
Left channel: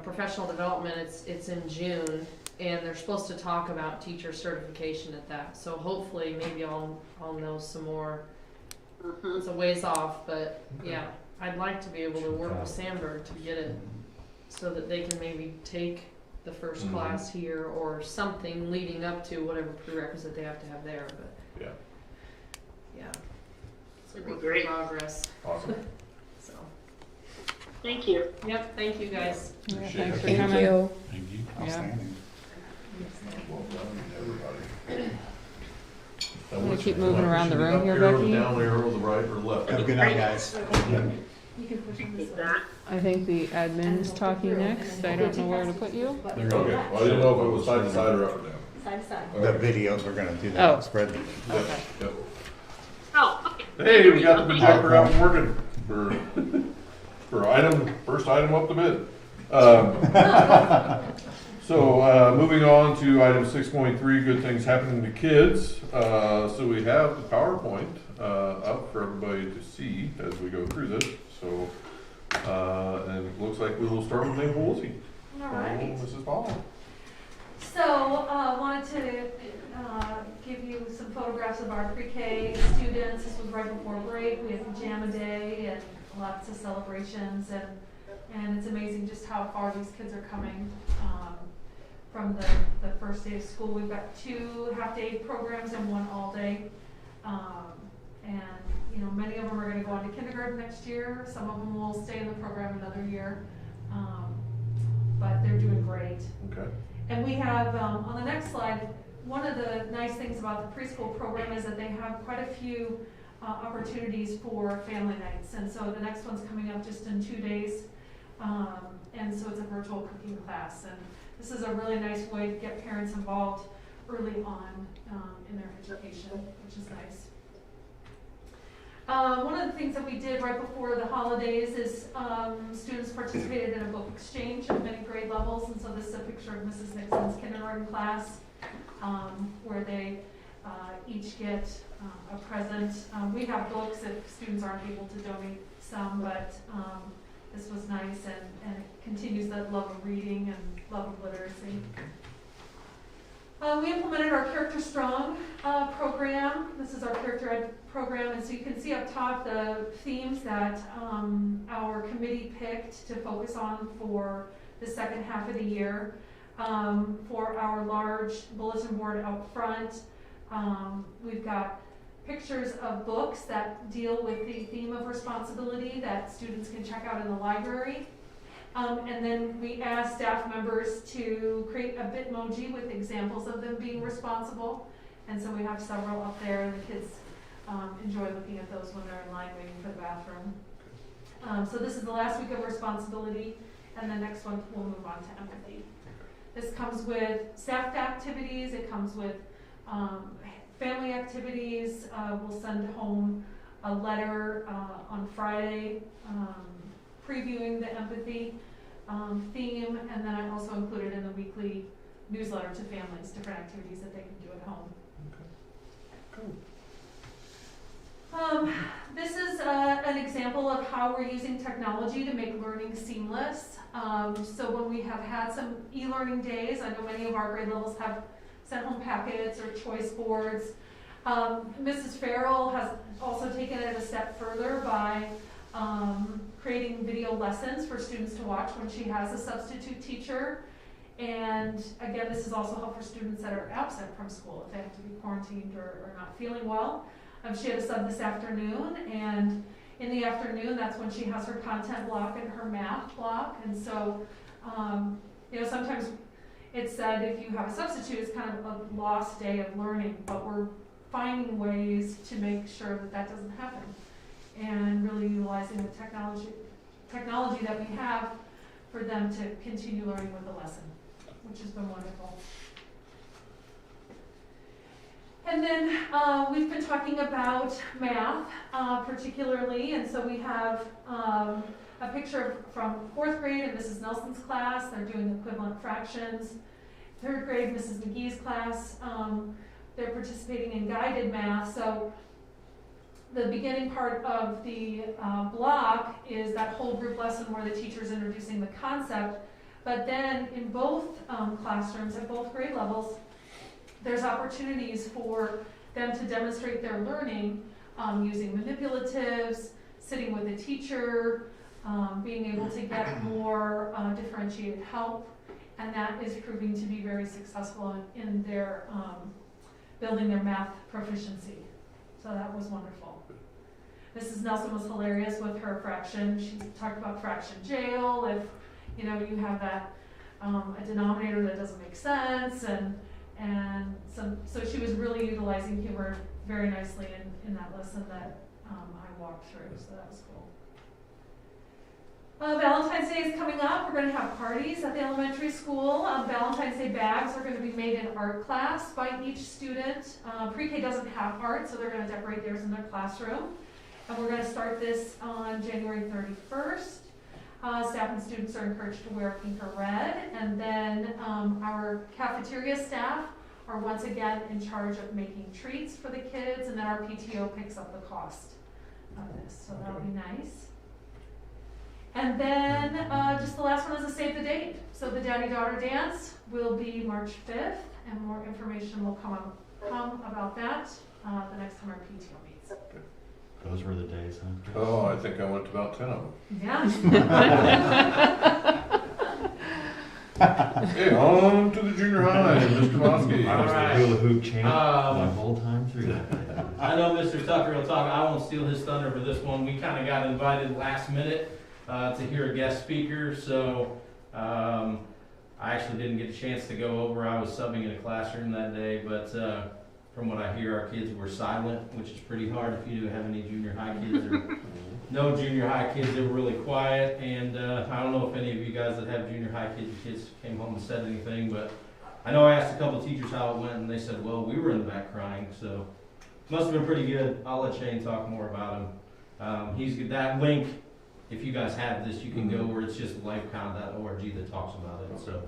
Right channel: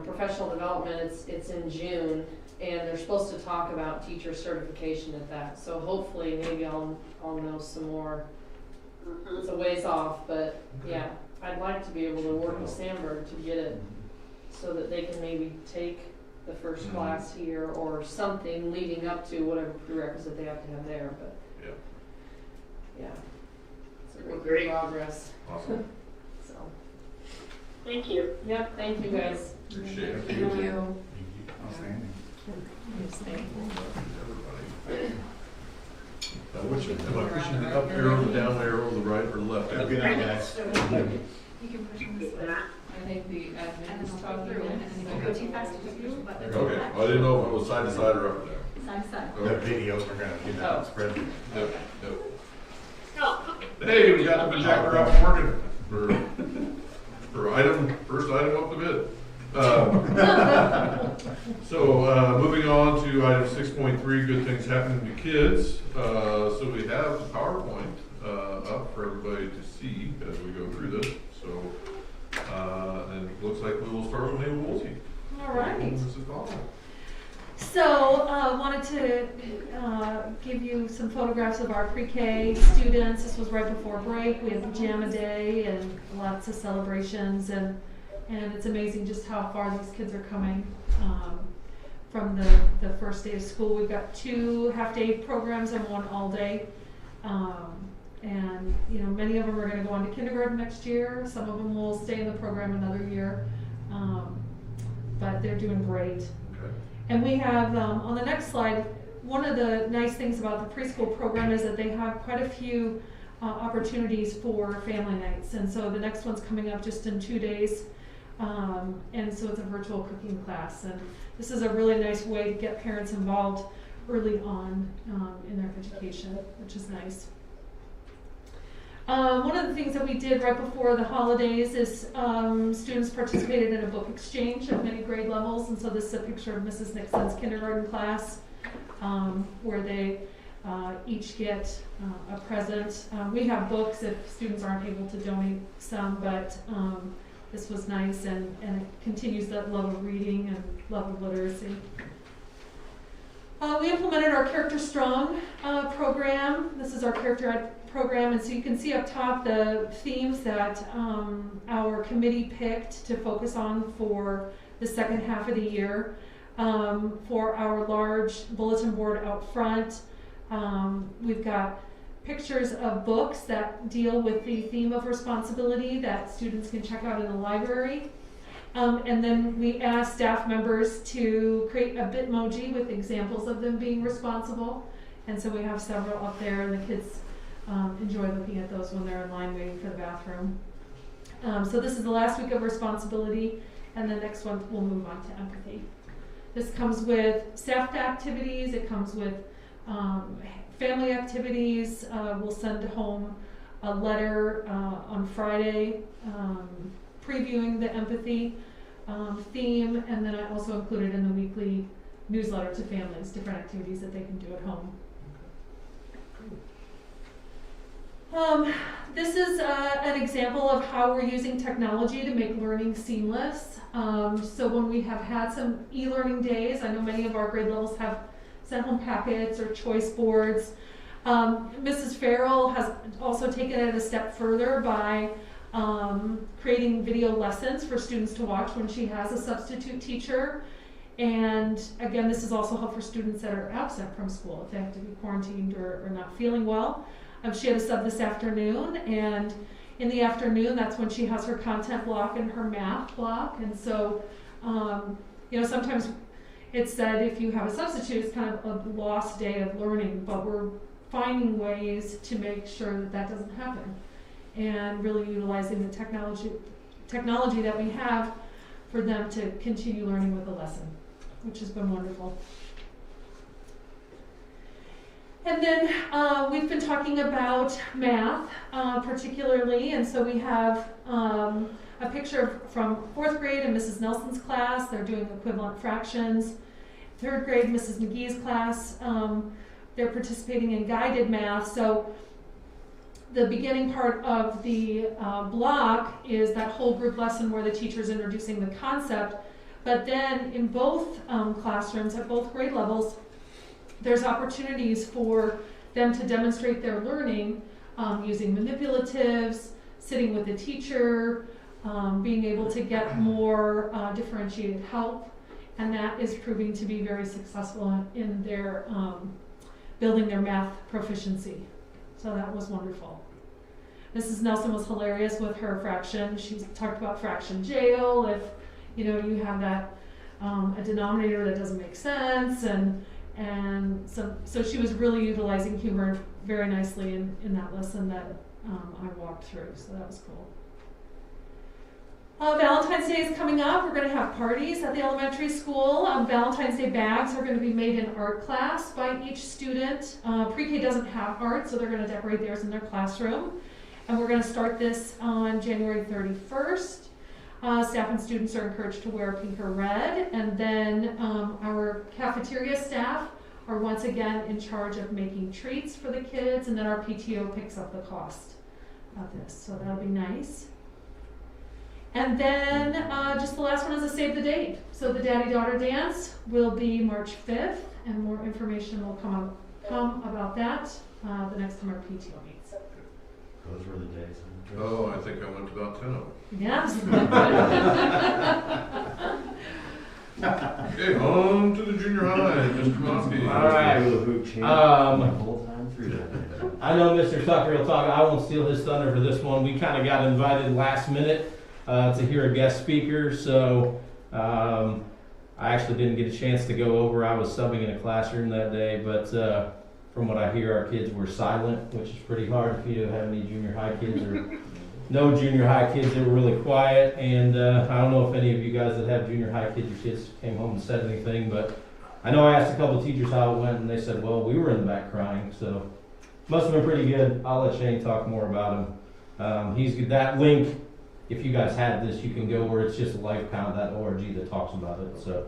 professional development. It's in June, and they're supposed to talk about teacher certification at that. So hopefully, maybe I'll know some more. It's a ways off, but yeah, I'd like to be able to work with Sandberg to get it so that they can maybe take the first class here or something leading up to whatever prerequisite they have to have there. But yeah, it's a Great. progress. Awesome. So. Thank you. Yep, thank you guys. Appreciate it. Thank you. Outstanding. We'll keep moving around the room Up here, arrow, Becky. down arrow, the right or left. Have a good night, guys. I think the admin is talking next. I don't know where to put you. Okay, well, I didn't know if it was side to side or up and down. The videos are gonna do Oh. that spread. Yep, yep. Oh, okay. Hey, we got the projector out and working for first item up the bid. So, moving on to item 6.3, good things happening to kids. So we have the PowerPoint, up for everybody to see as we go through this. So, and it looks like we will start with Mabel Woolsey. All right. Mrs. Paul. So, wanted to give you some photographs of our pre-K students. This was right before break. We had pajama day and lots of celebrations, and it's amazing just how far these kids are coming from the first day of school. We've got 2 half-day programs and 1 all-day. And, you know, many of them are gonna go on to kindergarten next year, some of them will stay in the program another year, but they're doing great. Okay. And we have, on the next slide, one of the nice things about the preschool program is that they have quite a few opportunities for family nights. And so the next one's coming up just in 2 days. And so it's a virtual cooking class. And this is a really nice way to get parents involved early on in their education, which is nice. One of the things that we did right before the holidays is students participated in a book exchange at many grade levels. And so this is a picture of Mrs. Nixon's kindergarten class where they each get a present. We have books if students aren't able to donate some, but this was nice and it continues that love of reading and love of literacy. We implemented our Character Strong program. This is our Character Ed program, and so you can see up top the themes that our committee picked to focus on for the second half of the year. For our large bulletin board out front, we've got pictures of books that deal with the theme of responsibility that students can check out in the library. And then we asked staff members to create a Bitmoji with examples of them being responsible. And so we have several up there, and the kids enjoy looking at those when they're in line waiting for the bathroom. So this is the last week of responsibility, and the next one we'll move on to empathy. This comes with staff activities, it comes with family activities. We'll send home a letter on Friday previewing the empathy theme, and then I also included in the weekly newsletter to families different activities that they can do at home. This is an example of how we're using technology to make learning seamless. So when we have had some e-learning days, I know many of our grade levels have sent home packets or choice boards. Mrs. Farrell has also taken it a step further by creating video lessons for students to watch when she has a substitute teacher. And again, this is also helpful for students that are absent from school if they have to be quarantined or not feeling well. She had a sub this afternoon, and in the afternoon, that's when she has her content block and her math block. And so, you know, sometimes it's said if you have a substitute, it's kind of a lost day of learning, but we're finding ways to make sure that that doesn't happen, and really utilizing the technology that we have for them to continue learning with the lesson, which has been wonderful. And then we've been talking about math particularly, and so we have a picture from 4th grade in Mrs. Nelson's class. They're doing equivalent fractions. 3rd grade, Mrs. McGee's class, they're participating in guided math. So the beginning part of the block is that whole group lesson where the teacher's introducing the concept, but then in both classrooms at both grade levels, there's opportunities for them to demonstrate their learning using manipulatives, sitting with the teacher, being able to get more differentiated help, and that is proving to be very successful in their building their math proficiency. So that was wonderful. Mrs. Nelson was hilarious with her fraction. She talked about fraction jail, if you know you have that a denominator that doesn't make sense, and so she was really utilizing humor very nicely in that lesson that I walked through, so that was cool. Valentine's Day is coming up. We're going to have parties at the elementary school. Valentine's Day bags are going to be made in art class by each student. Pre-K doesn't have art, so they're going to decorate theirs in their classroom. And we're going to start this on January 31st. Staff and students are encouraged to wear pink or red, and then our cafeteria staff are once again in charge of making treats for the kids, and then our PTO picks up the cost of this, so that'll be nice. And then just the last one is a save the date. So the daddy-daughter dance will be March 5th, and more information will come about that the next time our PTO meets. Those were the days, huh? Oh, I think I went to about 10 of them. Yes. Okay, on to the junior high, Mr. Mosky. I was the hula hoop champ my whole time through that. I know Mr. Tucker will talk, I won't steal his thunder for this one. We kind of got invited last minute to hear a guest speaker, so I actually didn't get a chance to go over. I was subbing in a classroom that day, but from what I hear, our kids were silent, which is pretty hard if you do have any junior high kids or no junior high kids. They were really quiet, and I don't know if any of you guys that have junior high kids, your kids came home and said anything, but I know I asked a couple of teachers how it went, and they said, well, we were in the back crying, so must have been pretty good. I'll let Shane talk more about him. He's that link. If you guys have this, you can go where it's just lifepound.org that talks about it. So,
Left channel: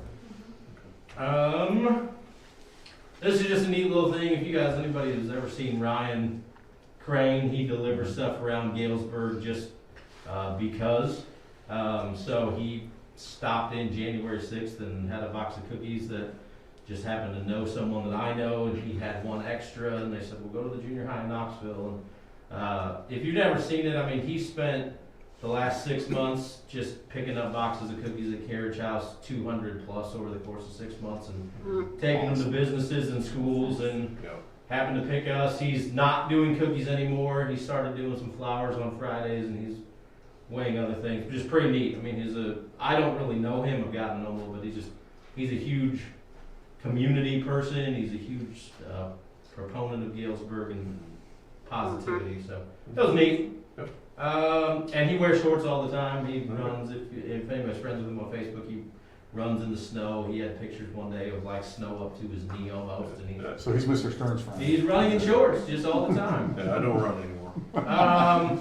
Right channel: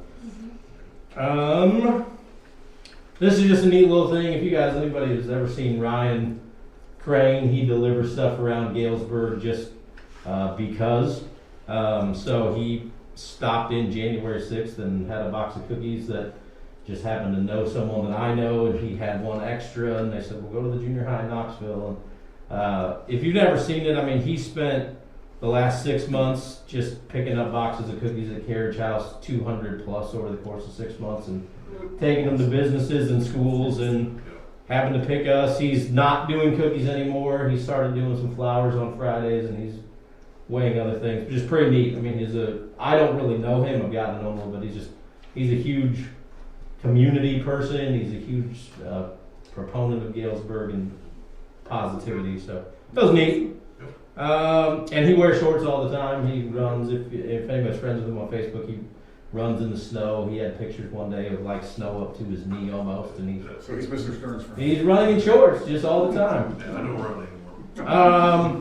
this is just a neat little thing. If you guys, anybody who's ever seen Ryan Crane, he delivers stuff around Galesburg just because. So he stopped in January 6th and had a box of cookies that just happened to know someone that I know, and he had one extra, and they said, we'll go to the junior high in Knoxville. And if you've never seen it, I mean, he spent the last 6 months just picking up boxes of cookies at Carriage House, 200 plus over the course of 6 months, and taking them to businesses and schools, and happened to pick us. He's not doing cookies anymore. He started doing some flowers on Fridays, and he's weighing other things, which is pretty neat. I mean, I don't really know him. I've gotten to know him a little bit. He's a huge community person. He's a huge proponent of Galesburg and positivity. So that was neat. And he wears shorts all the time. He runs, if anybody's friends with him on Facebook, he runs in the snow. He had pictures one day of like snow up to his knee almost. And So he's Mr. Stern's friend. he's running in shorts just all the time. Yeah, I don't run anymore.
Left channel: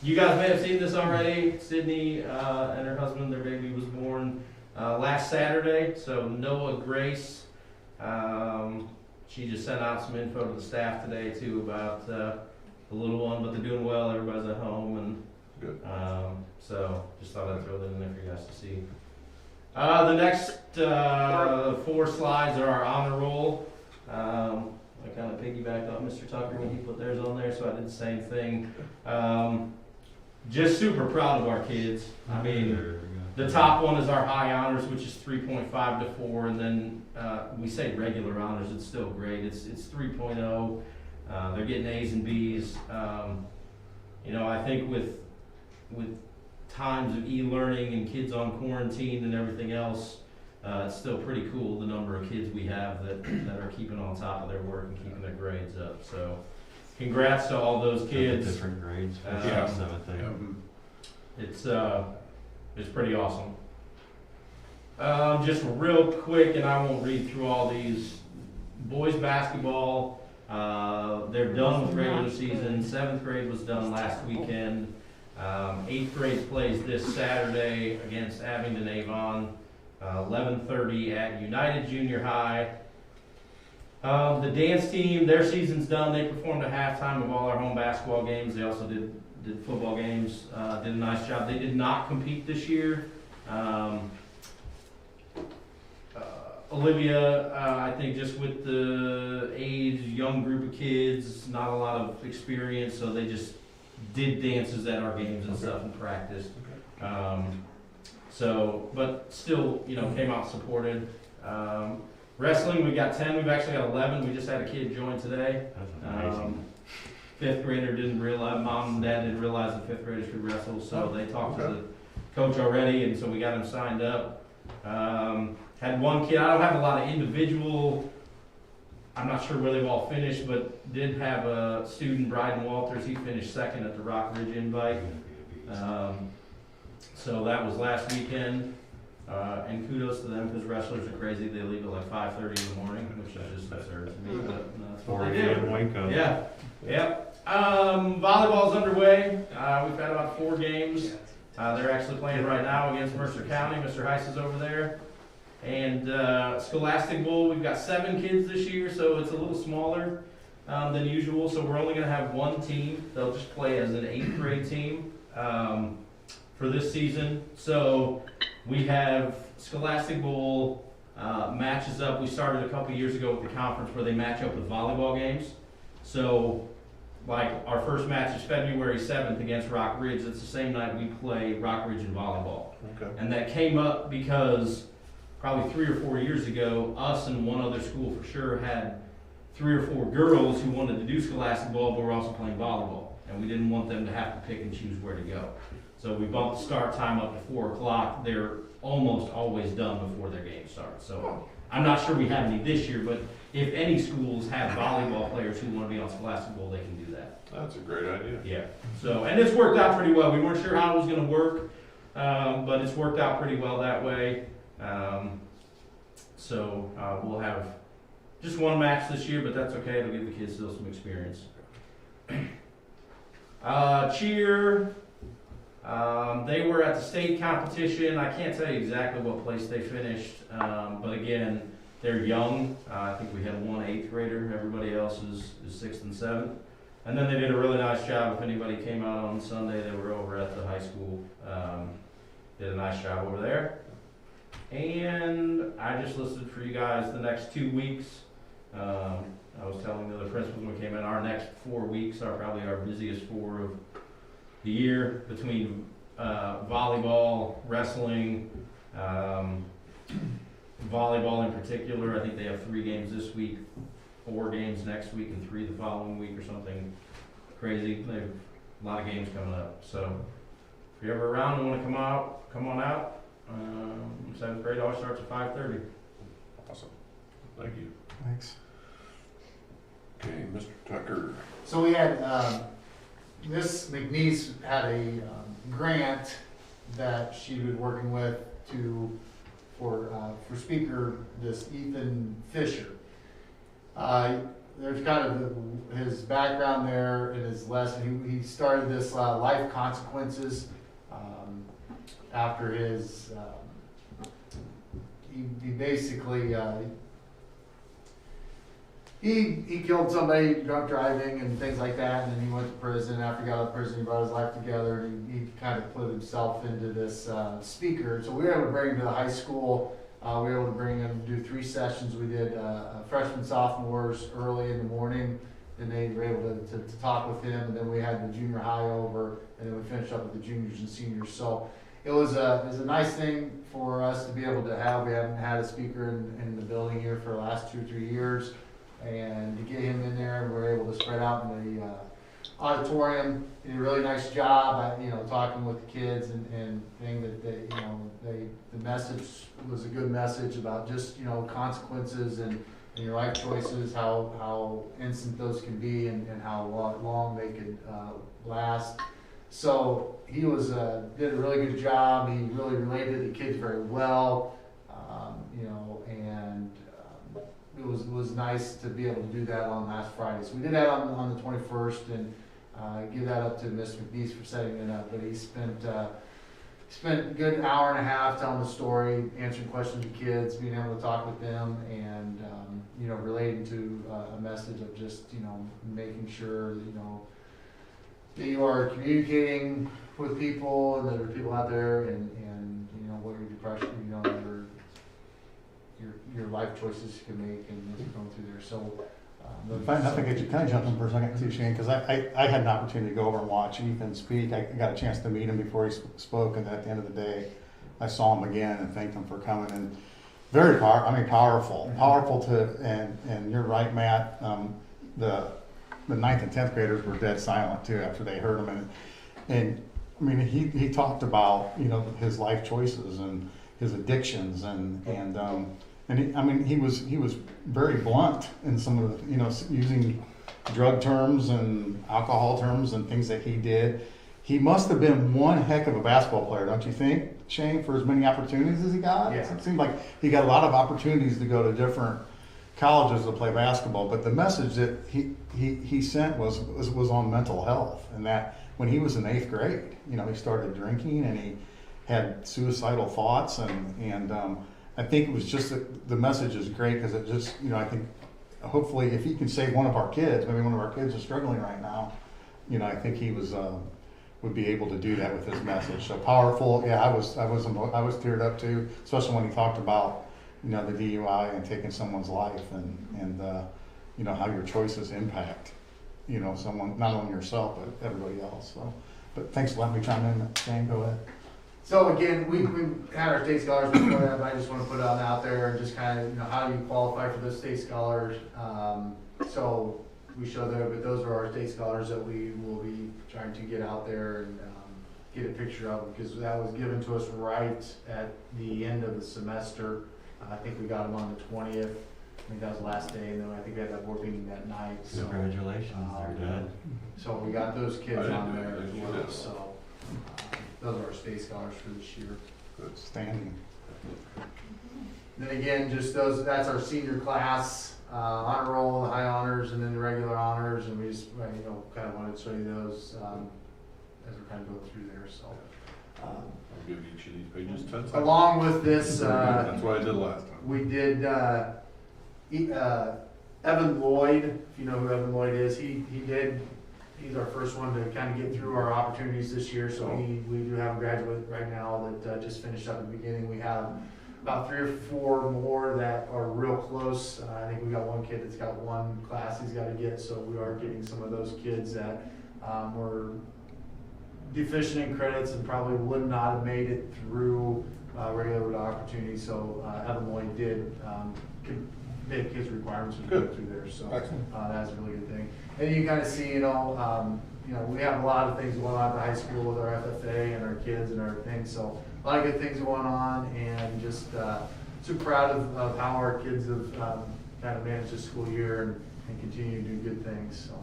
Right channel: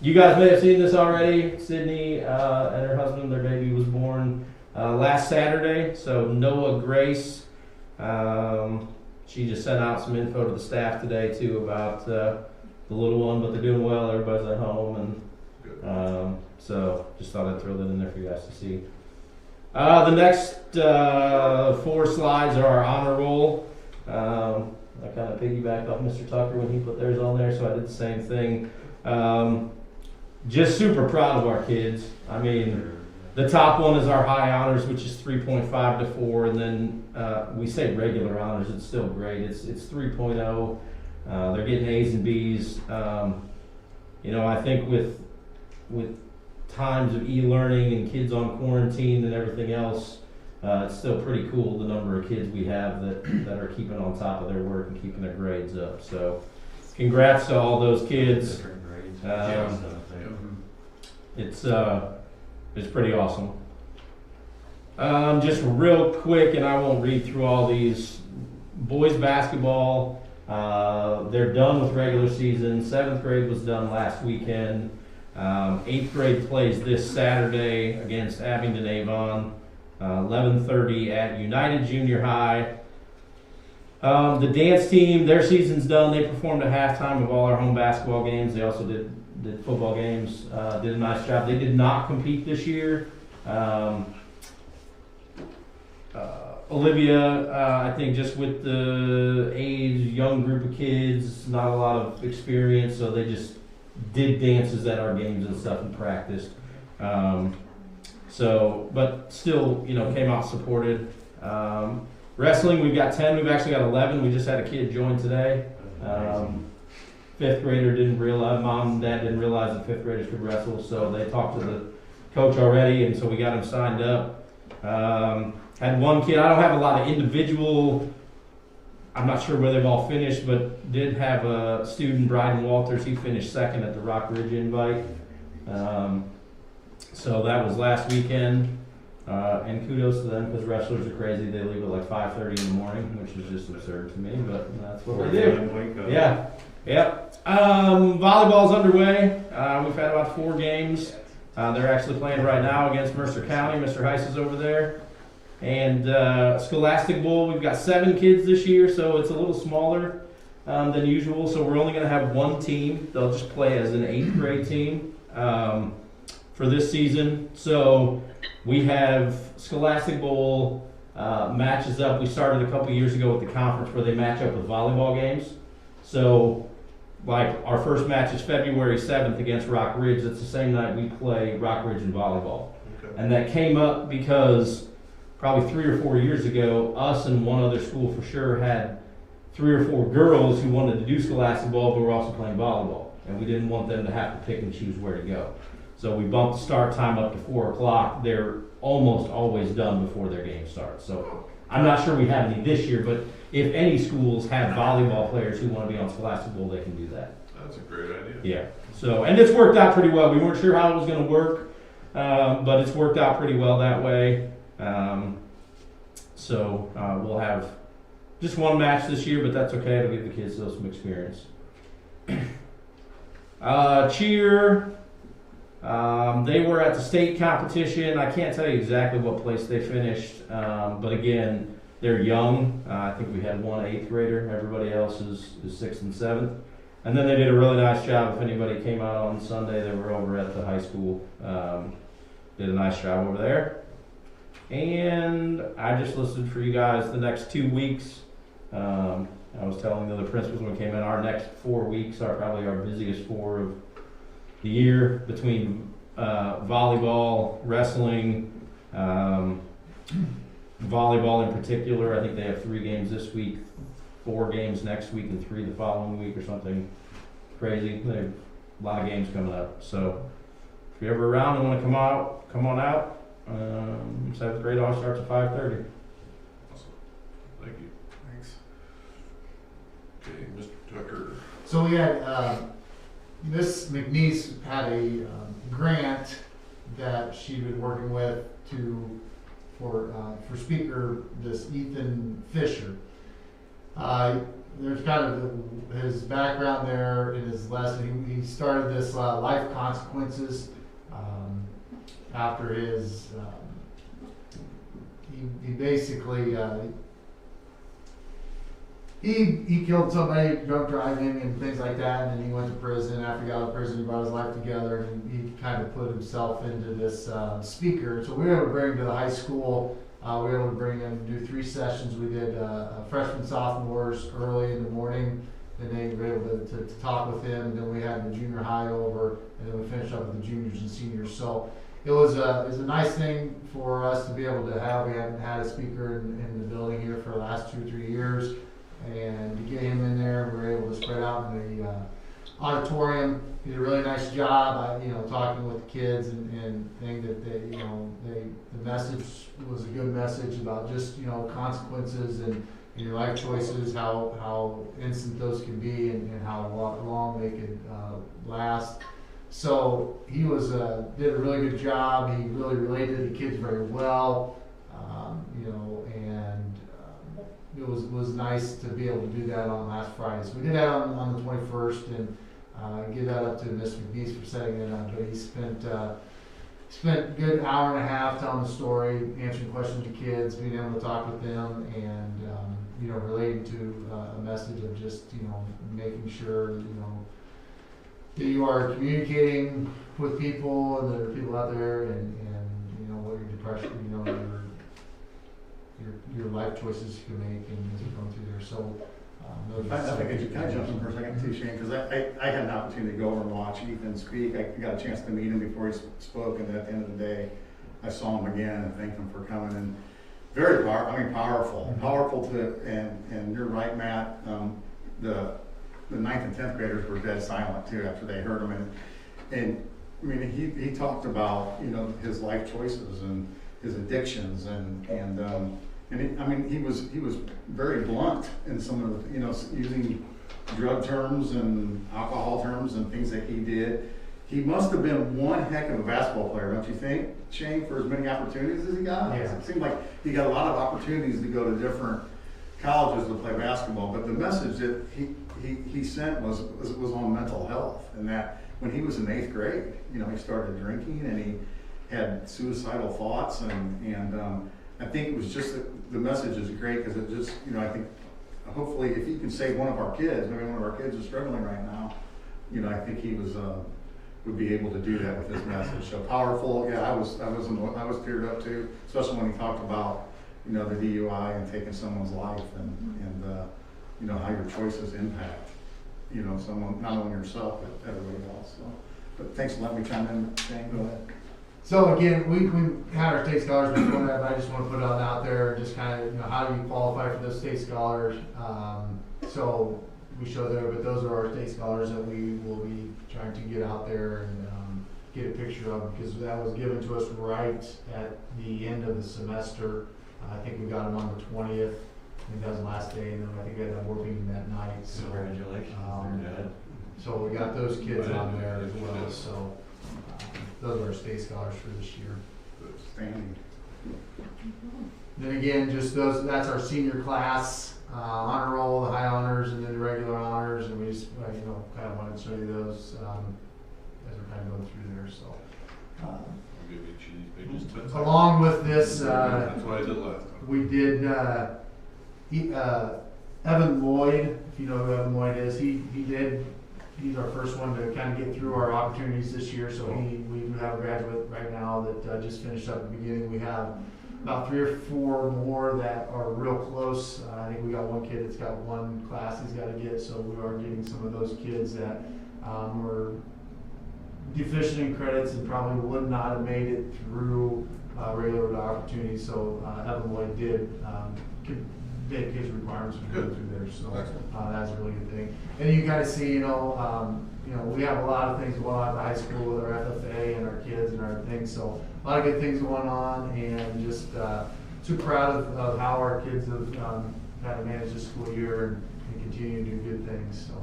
You guys may have seen this already. Sydney and her husband, their baby was born last Saturday. So Noah Grace, she just sent out some info to the staff today too about the little one, but they're doing well. Everybody's at home, and so just thought I'd throw that in there for you guys to see. The next 4 slides are our honor roll. I kind of piggybacked off Mr. Tucker when he put theirs on there, so I did the same thing. Just super proud of our kids. I mean, the top one is our high honors, which is 3.5 to 4, and then we say regular honors. It's still great. It's 3.0. They're getting A's and B's. I think with times of e-learning and kids on quarantine and everything else, it's still pretty cool the number of kids we have that are keeping on top of their work and keeping their grades up. So congrats to all those kids. Different grades. It's pretty awesome. Just real quick, and I won't read through all these. Boys basketball, they're done with regular season. 7th grade was done last weekend. 8th grade plays this Saturday against Abingdon Avon, 11:30 at United Junior High. The dance team, their season's done. They performed at halftime of all our home basketball games. They also did football games, did a nice job. They did not compete this year. Olivia, I think just with the age, young group of kids, not a lot of experience, so they just did dances at our games and stuff and practiced. But still, came out supported. Wrestling, we've got 10. We've actually got 11. We just had a kid join today. 5th grader didn't realize, mom and dad didn't realize that 5th graders could wrestle, so they talked to the coach already, and so we got him signed up. Had one kid, I don't have a lot of individual, I'm not sure where they've all finished, but did have a student, Bryden Walters, he finished 2nd at the Rock Ridge Invite. So that was last weekend. And kudos to them because wrestlers are crazy. They leave at like 5:30 in the morning, which is just absurd to me, but that's what they do. Yeah. Yep. Volleyball's underway. We've had about 4 games. They're actually playing right now against Mercer County. Mr. Heiss is over there. And Scholastic Bowl, we've got 7 kids this year, so it's a little smaller than usual. So we're only going to have 1 team. They'll just play as an 8th grade team for this season. So we have Scholastic Bowl matches up. We started a couple years ago with the conference where they match up with volleyball games. So like our first match is February 7th against Rock Ridge. It's the same night we play Rock Ridge and volleyball. Okay. And that came up because probably 3 or 4 years ago, us and one other school for sure had 3 or 4 girls who wanted to do Scholastic Bowl, but were also playing volleyball. And we didn't want them to have to pick and choose where to go. So we bumped the start time up to 4 o'clock. They're almost always done before their game starts. So I'm not sure we have any this year, but if any schools have volleyball players who want to be on Scholastic Bowl, they can do that. That's a great idea. Yeah. So, and it's worked out pretty well. We weren't sure how it was going to work, but it's worked out pretty well that way. We'll have just 1 match this year, but that's okay. It'll give the kids still some experience. Cheer. They were at the state competition. I can't tell you exactly what place they finished, but again, they're young. I think we had 1 8th grader. Everybody else is 6th and 7th. And then they did a really nice job. If anybody came out on Sunday, they were over at the high school. Did a nice job over there. And I just listed for you guys the next 2 weeks. I was telling the other principals when we came in, our next 4 weeks are probably our busiest 4 of the year, between volleyball, wrestling, volleyball in particular. I think they have 3 games this week, 4 games next week, and 3 the following week or something crazy. They have a lot of games coming up. So if you're ever around and want to come on out. 7th grade all starts at 5:30. Awesome. Thank you. Thanks. Okay, Mr. Tucker. So we had, Miss McNeese had a grant that she'd been working with for speaker, this Ethan Fisher. There's kind of his background there in his lesson. He started this life consequences after his, he basically, he killed somebody drunk driving and things like that, and then he went to prison. After he got out of prison, he brought his life together, and he kind of put himself into this speaker. So we were able to bring him to the high school. We were able to bring him and do 3 sessions. We did freshmen, sophomores early in the morning, and they were able to talk with him. And then we had the junior high over, and then we finished up with the juniors and seniors. So it was a nice thing for us to be able to have. We hadn't had a speaker in the building here for the last 2 or 3 years. And to get him in there, we were able to spread out in the auditorium. Did a really nice job, talking with the kids and thing that the message was a good message about just, consequences and your life choices, how instant those could be and how long they could last. So he did a really good job. He really related to the kids very well, and it was nice to be able to do that on last Friday. So we did that on the 21st, and give that up to Miss McNeese for setting it up. But he spent a good hour and a half telling the story, answering questions of kids, being able to talk with them, and relating to a message of just making sure that you are communicating with people, and there are people out there, and what your depression, your life choices you can make, and go through there. So I think I should kind of jump in for a second too, Shane, because I had an opportunity to go over and watch Ethan speak. I got a chance to meet him before he spoke, and at the end of the day, I saw him again and thanked him for coming. And very powerful and you're right, Matt. The 9th and 10th graders were dead silent too after they heard him, and I mean he talked about his life choices and his addictions and he was very blunt in some of the using drug terms and alcohol terms and things that he did. He must have been one heck of a basketball player, don't you think, Shane, for as many opportunities as he got? Yeah. It seemed like he got a lot of opportunities to go to different colleges to play basketball, but the message that he sent was on mental health, and that when he was in 8th grade, he started drinking and he had suicidal thoughts, and I think it was just that the message is great because it just, I think hopefully if he can save one of our kids, maybe one of our kids is struggling right now, I think he would be able to do that with his message. So powerful. Yeah, I was teared up too, especially when he talked about, the DUI and taking someone's life and how your choices impact, someone, not only yourself, but everybody else. So, but thanks for letting me chime in, Shane, go ahead. So again, we had our state scholars before that, but I just want to put it out there and just kind of, how do you qualify for those state scholars? So we show there, but those are our state scholars that we will be trying to get out there and get a picture of, because that was given to us right at the end of the semester. I think we got them on the 20th. I think that was the last day, and then I think we had that board meeting that night. So, Congratulations, they're dead. so we got those kids on there as well. So those are our state scholars for this year. Outstanding. Then again, just those, that's our senior class, honor roll, the high honors, and then the regular honors, and we just, kind of wanted to show you those, as we're kind of going through there, so. I'll give each of these pages 10 seconds. Along with this, That's what I did last time. we did, Evan Lloyd, if you know who Evan Lloyd is, he's our first one to kind of get through our opportunities this year, so we do have a graduate right now that just finished up at the beginning. We have about 3 or 4 more that are real close. I think we got one kid that's got one class he's got to get, so we are getting some of those kids that were deficient in credits and probably would not have made it through regular opportunities. So Evan Lloyd did make his requirements for going through there, so that's a really good thing. And you guys see, we have a lot of things going on at the high school with our FFA and our kids and our things, so a lot of good things going on, and just too proud of how our kids have kind of managed this school year and continue to do good things, so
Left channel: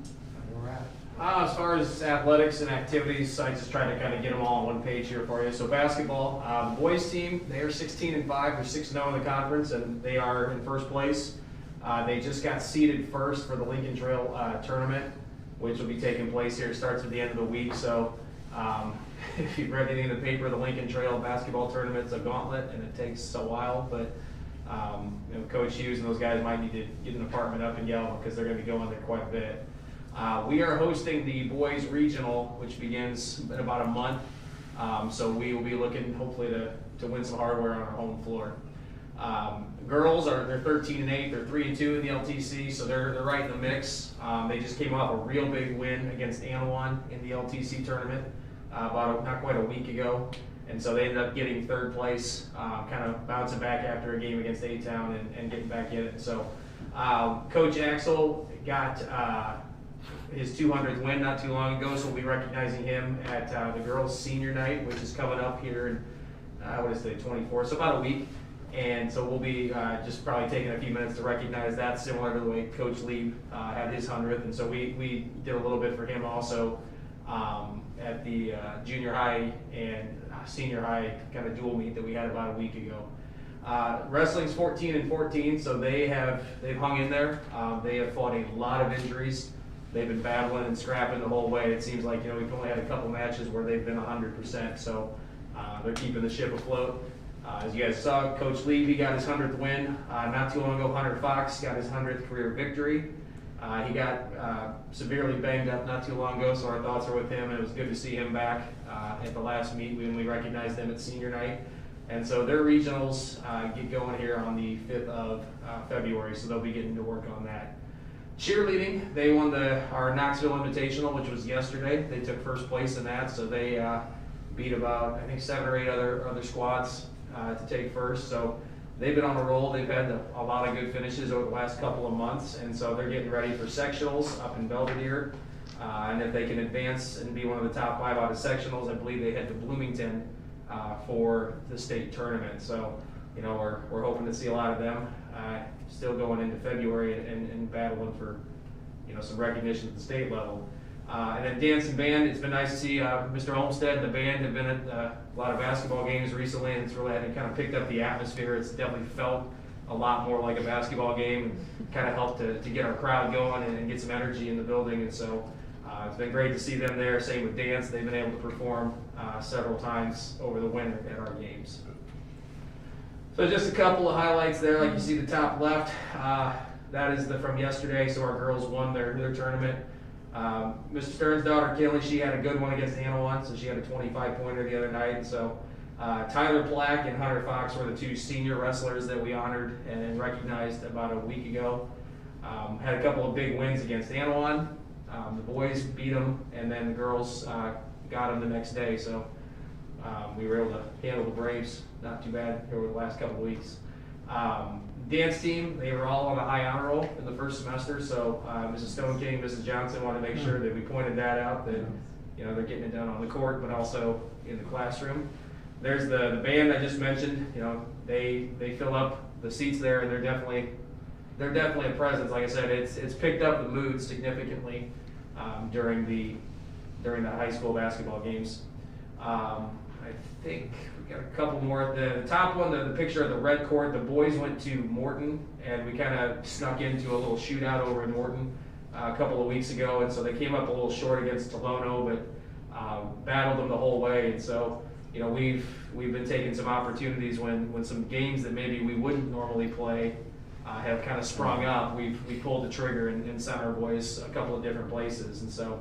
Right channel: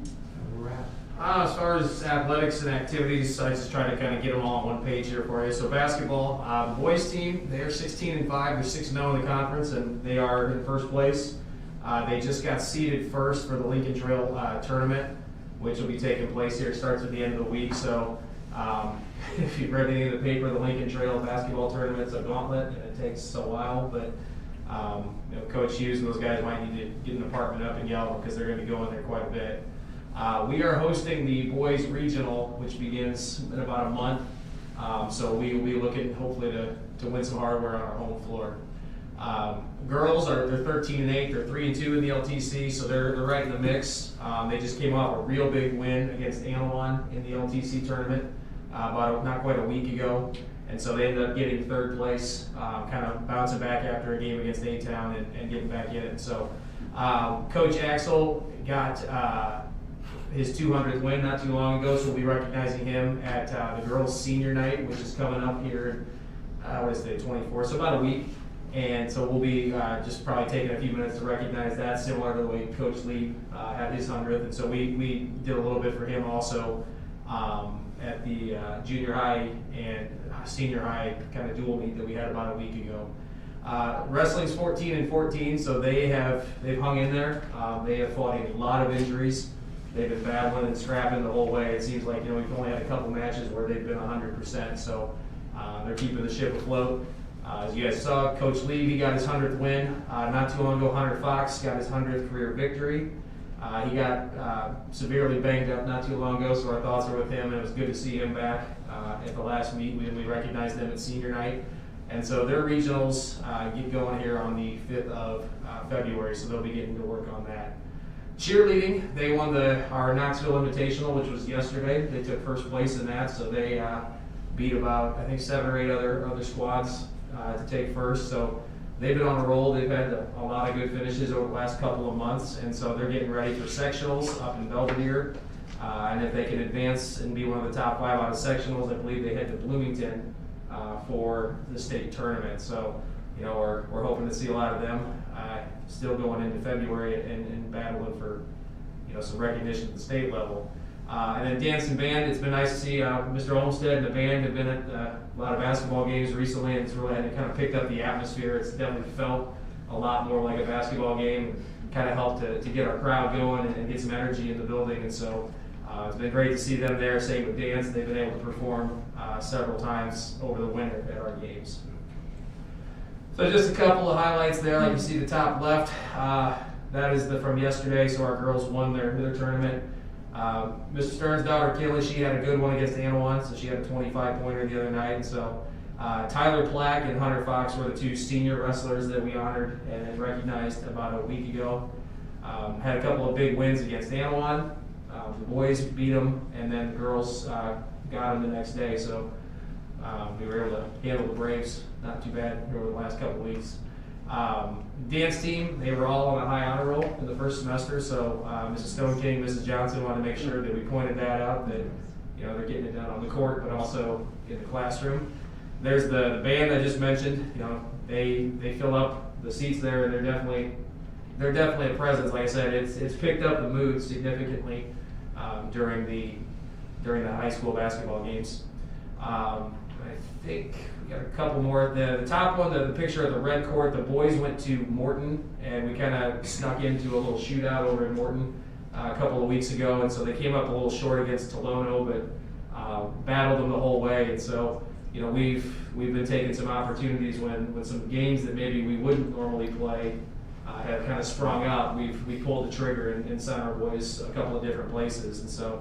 that's where we're at. As far as athletics and activities, I just try to kind of get them all on one page here for you. So basketball, boys team, they are 16-5, they're 6-0 in the conference, and they are in first place. They just got seeded first for the Lincoln Trail tournament, which will be taking place here. It starts at the end of the week, so if you've read any of the paper, the Lincoln Trail basketball tournament's a gauntlet, and it takes a while, but Coach Hughes and those guys might need to get an apartment up in Yellow because they're going to be going there quite a bit. We are hosting the boys regional, which begins in about a month. So we will be looking hopefully to win some hardware on our home floor. Girls they're 13-8, they're 3-2 in the LTC, so they're right in the mix. They just came off a real big win against Anawan in the LTC tournament not quite a week ago, and so they ended up getting 3rd place, kind of bouncing back after a game against A-Town and getting back in it. And so Coach Axel got his 200th win not too long ago, so we'll be recognizing him at the girls' senior night, which is coming up here in, 24th, so about a week. And so we'll be just probably taking a few minutes to recognize that, similar to the way Coach Lee had his 100th. And so we did a little bit for him also at the junior high and senior high kind of dual meet that we had about a week ago. Wrestling's 14-14, so they've hung in there. They have fought a lot of injuries. They've been battling and scrapping the whole way. It seems like, we've only had a couple matches where they've been 100%, so they're keeping the ship afloat. As you guys saw, Coach Lee, he got his 100th win. Not too long ago, Hunter Fox got his 100th career victory. He got severely banged up not too long ago, so our thoughts are with him, and it was good to see him back at the last meet. We recognized them at senior night. And so their regionals get going here on the 5th of February, so they'll be getting to work on that. Cheerleading, they won our Knoxville Invitational, which was yesterday. They took first place in that, so they beat about, I think, 7 or 8 other squads to take first. So they've been on a roll. They've had a lot of good finishes over the last couple of months, and so they're getting ready for sectionals up in Belvedere. And if they can advance and be one of the top 5 out of sectionals, I believe they head to Bloomington for the state tournament. So, we're hoping to see a lot of them still going into February and battling for, some recognition at the state level. And then dance and band, it's been nice to see Mr. Olmstead and the band have been at a lot of basketball games recently, and it's really kind of picked up the atmosphere. It's definitely felt a lot more like a basketball game, kind of helped to get our crowd going and get some energy in the building. And so it's been great to see them there. Same with dance. They've been able to perform several times over the winter at our games. So just a couple of highlights there, like you see the top left. That is from yesterday, so our girls won their tournament. Mr. Stern's daughter, Kelly, she had a good one against Anawan, so she had a 25-pointer the other night. And so Tyler Plack and Hunter Fox were the 2 senior wrestlers that we honored and recognized about a week ago. Had a couple of big wins against Anawan. The boys beat them, and then the girls got them the next day. So We were able to handle the Braves not too bad over the last couple of weeks. Dance team, they were all on a high honor roll in the first semester, so Mrs. Stone King, Mrs. Johnson wanted to make sure that we pointed that out, that they're getting it done on the court, but also in the classroom. There's the band I just mentioned. They fill up the seats there, and they're definitely a presence. Like I said, it's picked up the mood significantly during the high school basketball games. I think we got a couple more. The top one, the picture of the red court, the boys went to Morton, and we kind of snuck into a little shootout over in Morton a couple of weeks ago, and so they came up a little short against Tolono, but battled them the whole way. And so we've been taking some opportunities when some games that maybe we wouldn't normally play have kind of sprung up. We pulled the trigger and sent our boys a couple of different places. And so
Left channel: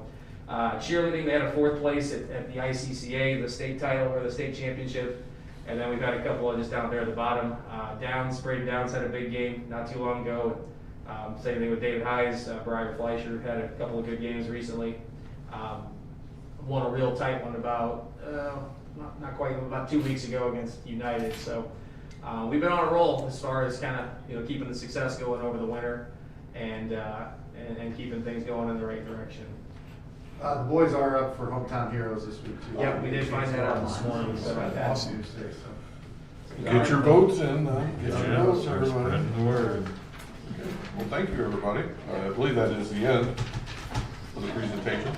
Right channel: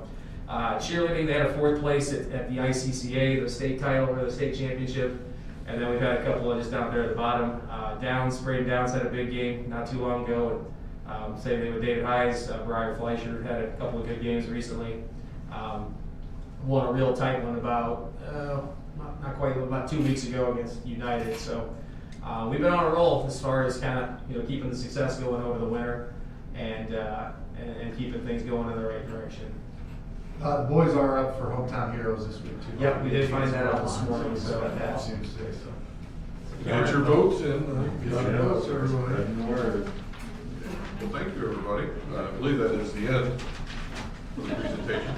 cheerleading, they had a 4th place at the ICCA, the state title or the state championship. And then we've had a couple of just down there at the bottom. Braden Downs had a big game not too long ago. Same thing with David Hayes. Briar Fleischer had a couple of good games recently. Won a real tight one about about 2 weeks ago against United. So we've been on a roll as far as kind of keeping the success going over the winter and keeping things going in the right direction. The boys are up for Hometown Heroes this week too. Yep, we did find that out this morning. So that's Tuesday. Get your votes in. Get your votes, everybody. Spreading the word. Well, thank you, everybody. I believe that is the end of the presentation.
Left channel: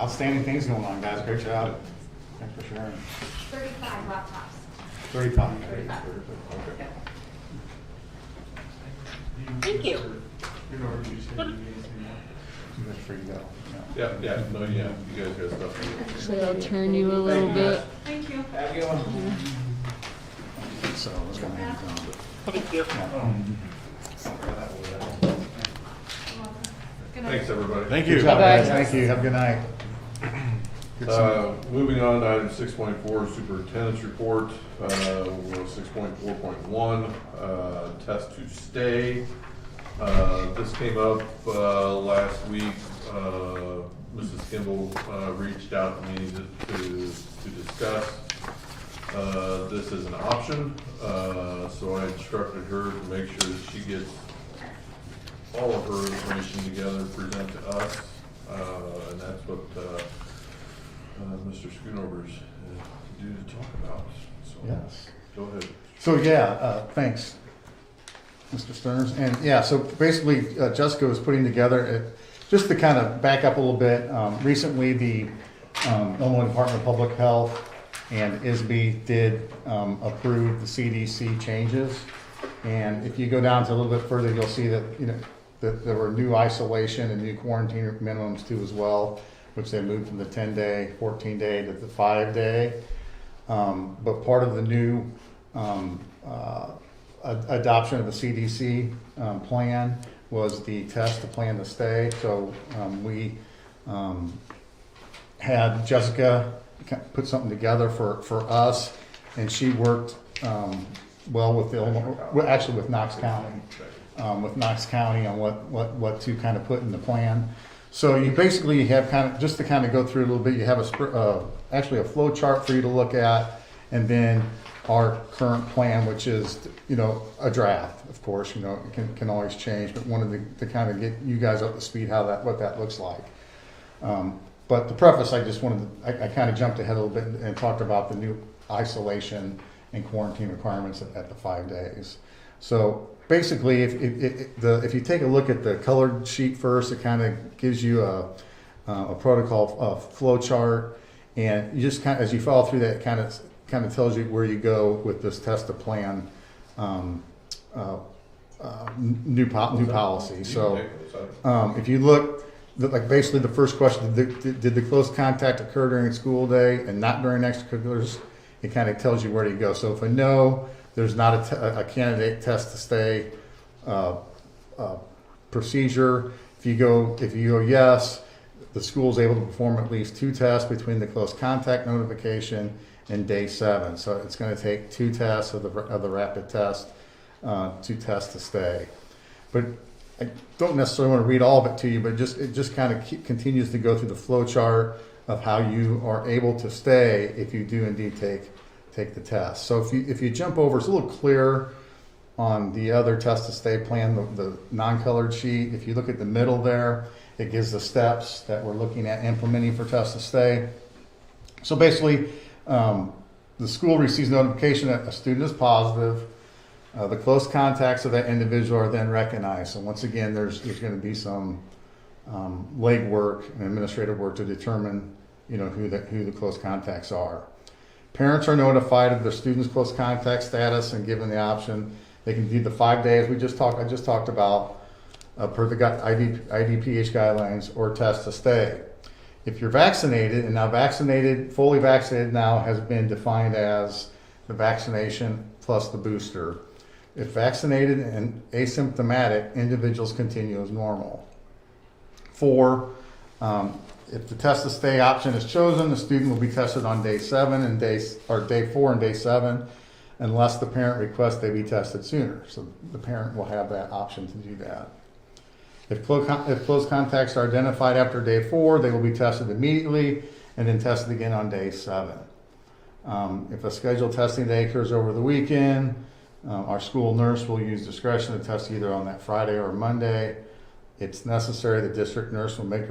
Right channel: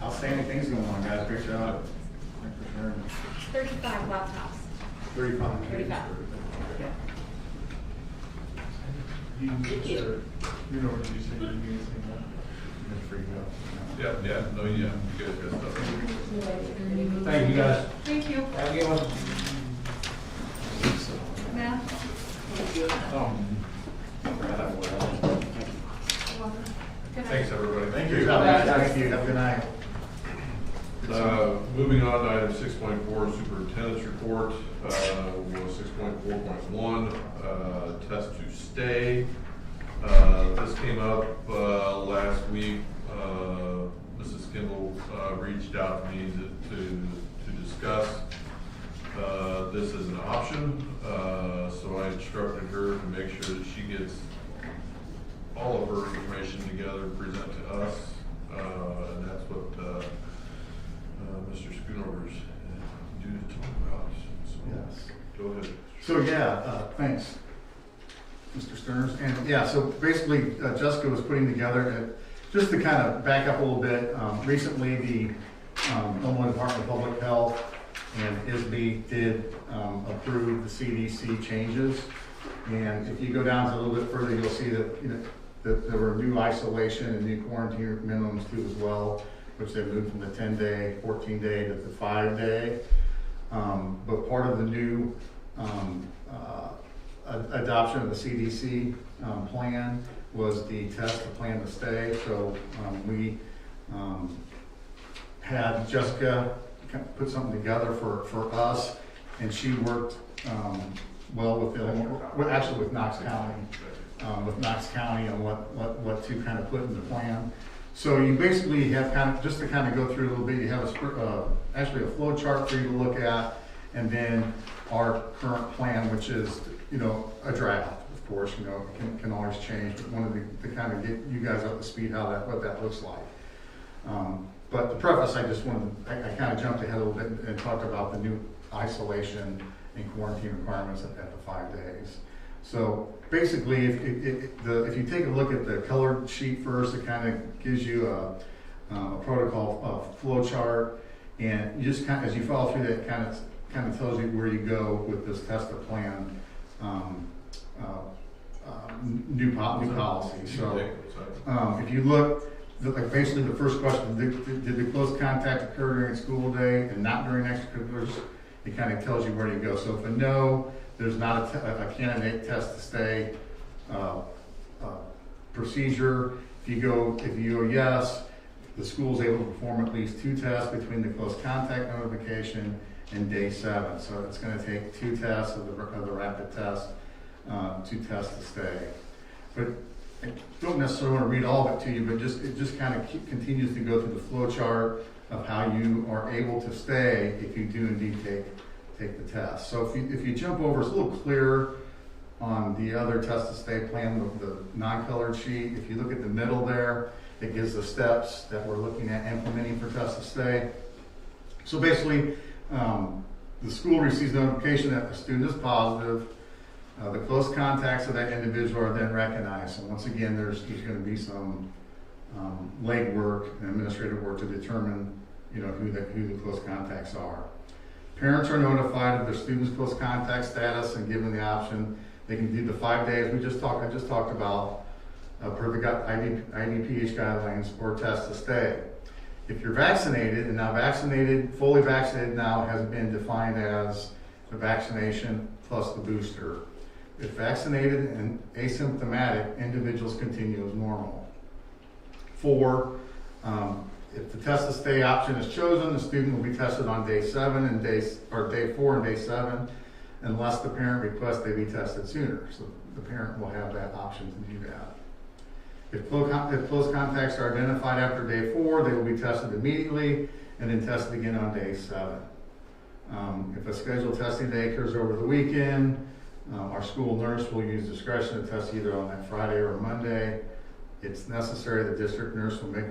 Outstanding things going on, guys. Great job. Thanks for sharing. 35 laptops. 35. Thank you. That's free to go. Yeah, you guys got stuff. Actually, I'll turn you a little Thank you, bit. guys. Thank you. Have a good one. So, what's going on? Yeah. Thank you. Good night. Thanks, everybody. Thank you. Thank you. Have a good night. Moving on to item 6.4, superintendent's report. We'll go to 6.4.1, test to stay. This came up last week. Mrs. Kimball reached out to me to discuss this as an option. So I instructed her to make sure that she gets all of her information together and present to us. And that's what Mr. Schoonover's due to talk about. So Yes. Go ahead. So thanks, Mr. Stearns. And so basically Jessica was putting together, just to kind of back up a little bit, recently the Illinois Department of Public Health and ISB did approve the CDC changes. And if you go down to a little bit further, you'll see that that there were new isolation and new quarantine minimums too as well, which they moved from the 10-day, 14-day to the 5-day. But part of the new adoption of the CDC plan was the test to plan to stay. So we had Jessica put something together for us, and she worked well with with Knox County, on what to kind of put in the plan. So you basically have just to kind of go through a little bit, you have actually a flow chart for you to look at, and then our current plan, which is a draft. Of course, it can always change, but wanted to kind of get you guys up to speed what that looks like. But to preface, I kind of jumped ahead a little bit and talked about the new isolation and quarantine requirements at the 5 days. So basically, if you take a look at the colored sheet first, it kind of gives you a protocol flow chart, and you just kind of, as you follow through that, kind of tells you where you go with this test to plan new policy. So if you look, like basically the first question, did the close contact occur during a school day and not during extracurriculars? It kind of tells you where you go. So if a no, there's not a candidate test to stay procedure. If you go yes, the school is able to perform at least 2 tests between the close contact notification and day 7. So it's going to take 2 tests of the rapid test, 2 tests to stay. But I don't necessarily want to read all of it to you, but it just kind of continues to go through the flow chart of how you are able to stay if you do indeed take the test. So if you jump over, it's a little clearer on the other test to stay plan, the non-colored sheet. If you look at the middle there, it gives the steps that we're looking at implementing for test to stay. So basically, the school receives notification that a student is positive. The close contacts of that individual are then recognized. So once again, there's going to be some legwork and administrative work to determine, who the close contacts are. Parents are notified of their student's close contact status and given the option. They can do the 5 days I just talked about per the IDPH guidelines or test to stay. If you're vaccinated, and now fully vaccinated now has been defined as the vaccination plus the booster. If vaccinated and asymptomatic, individuals continue as normal. 4, if the test to stay option is chosen, the student will be tested on day 7 and day 4 and day 7, unless the parent requests they be tested sooner. So the parent will have that option to do that. If close contacts are identified after day 4, they will be tested immediately and then tested again on day 7. If a scheduled testing day occurs over the weekend, our school nurse will use discretion to test either on that Friday or Monday. It's necessary, the district nurse will make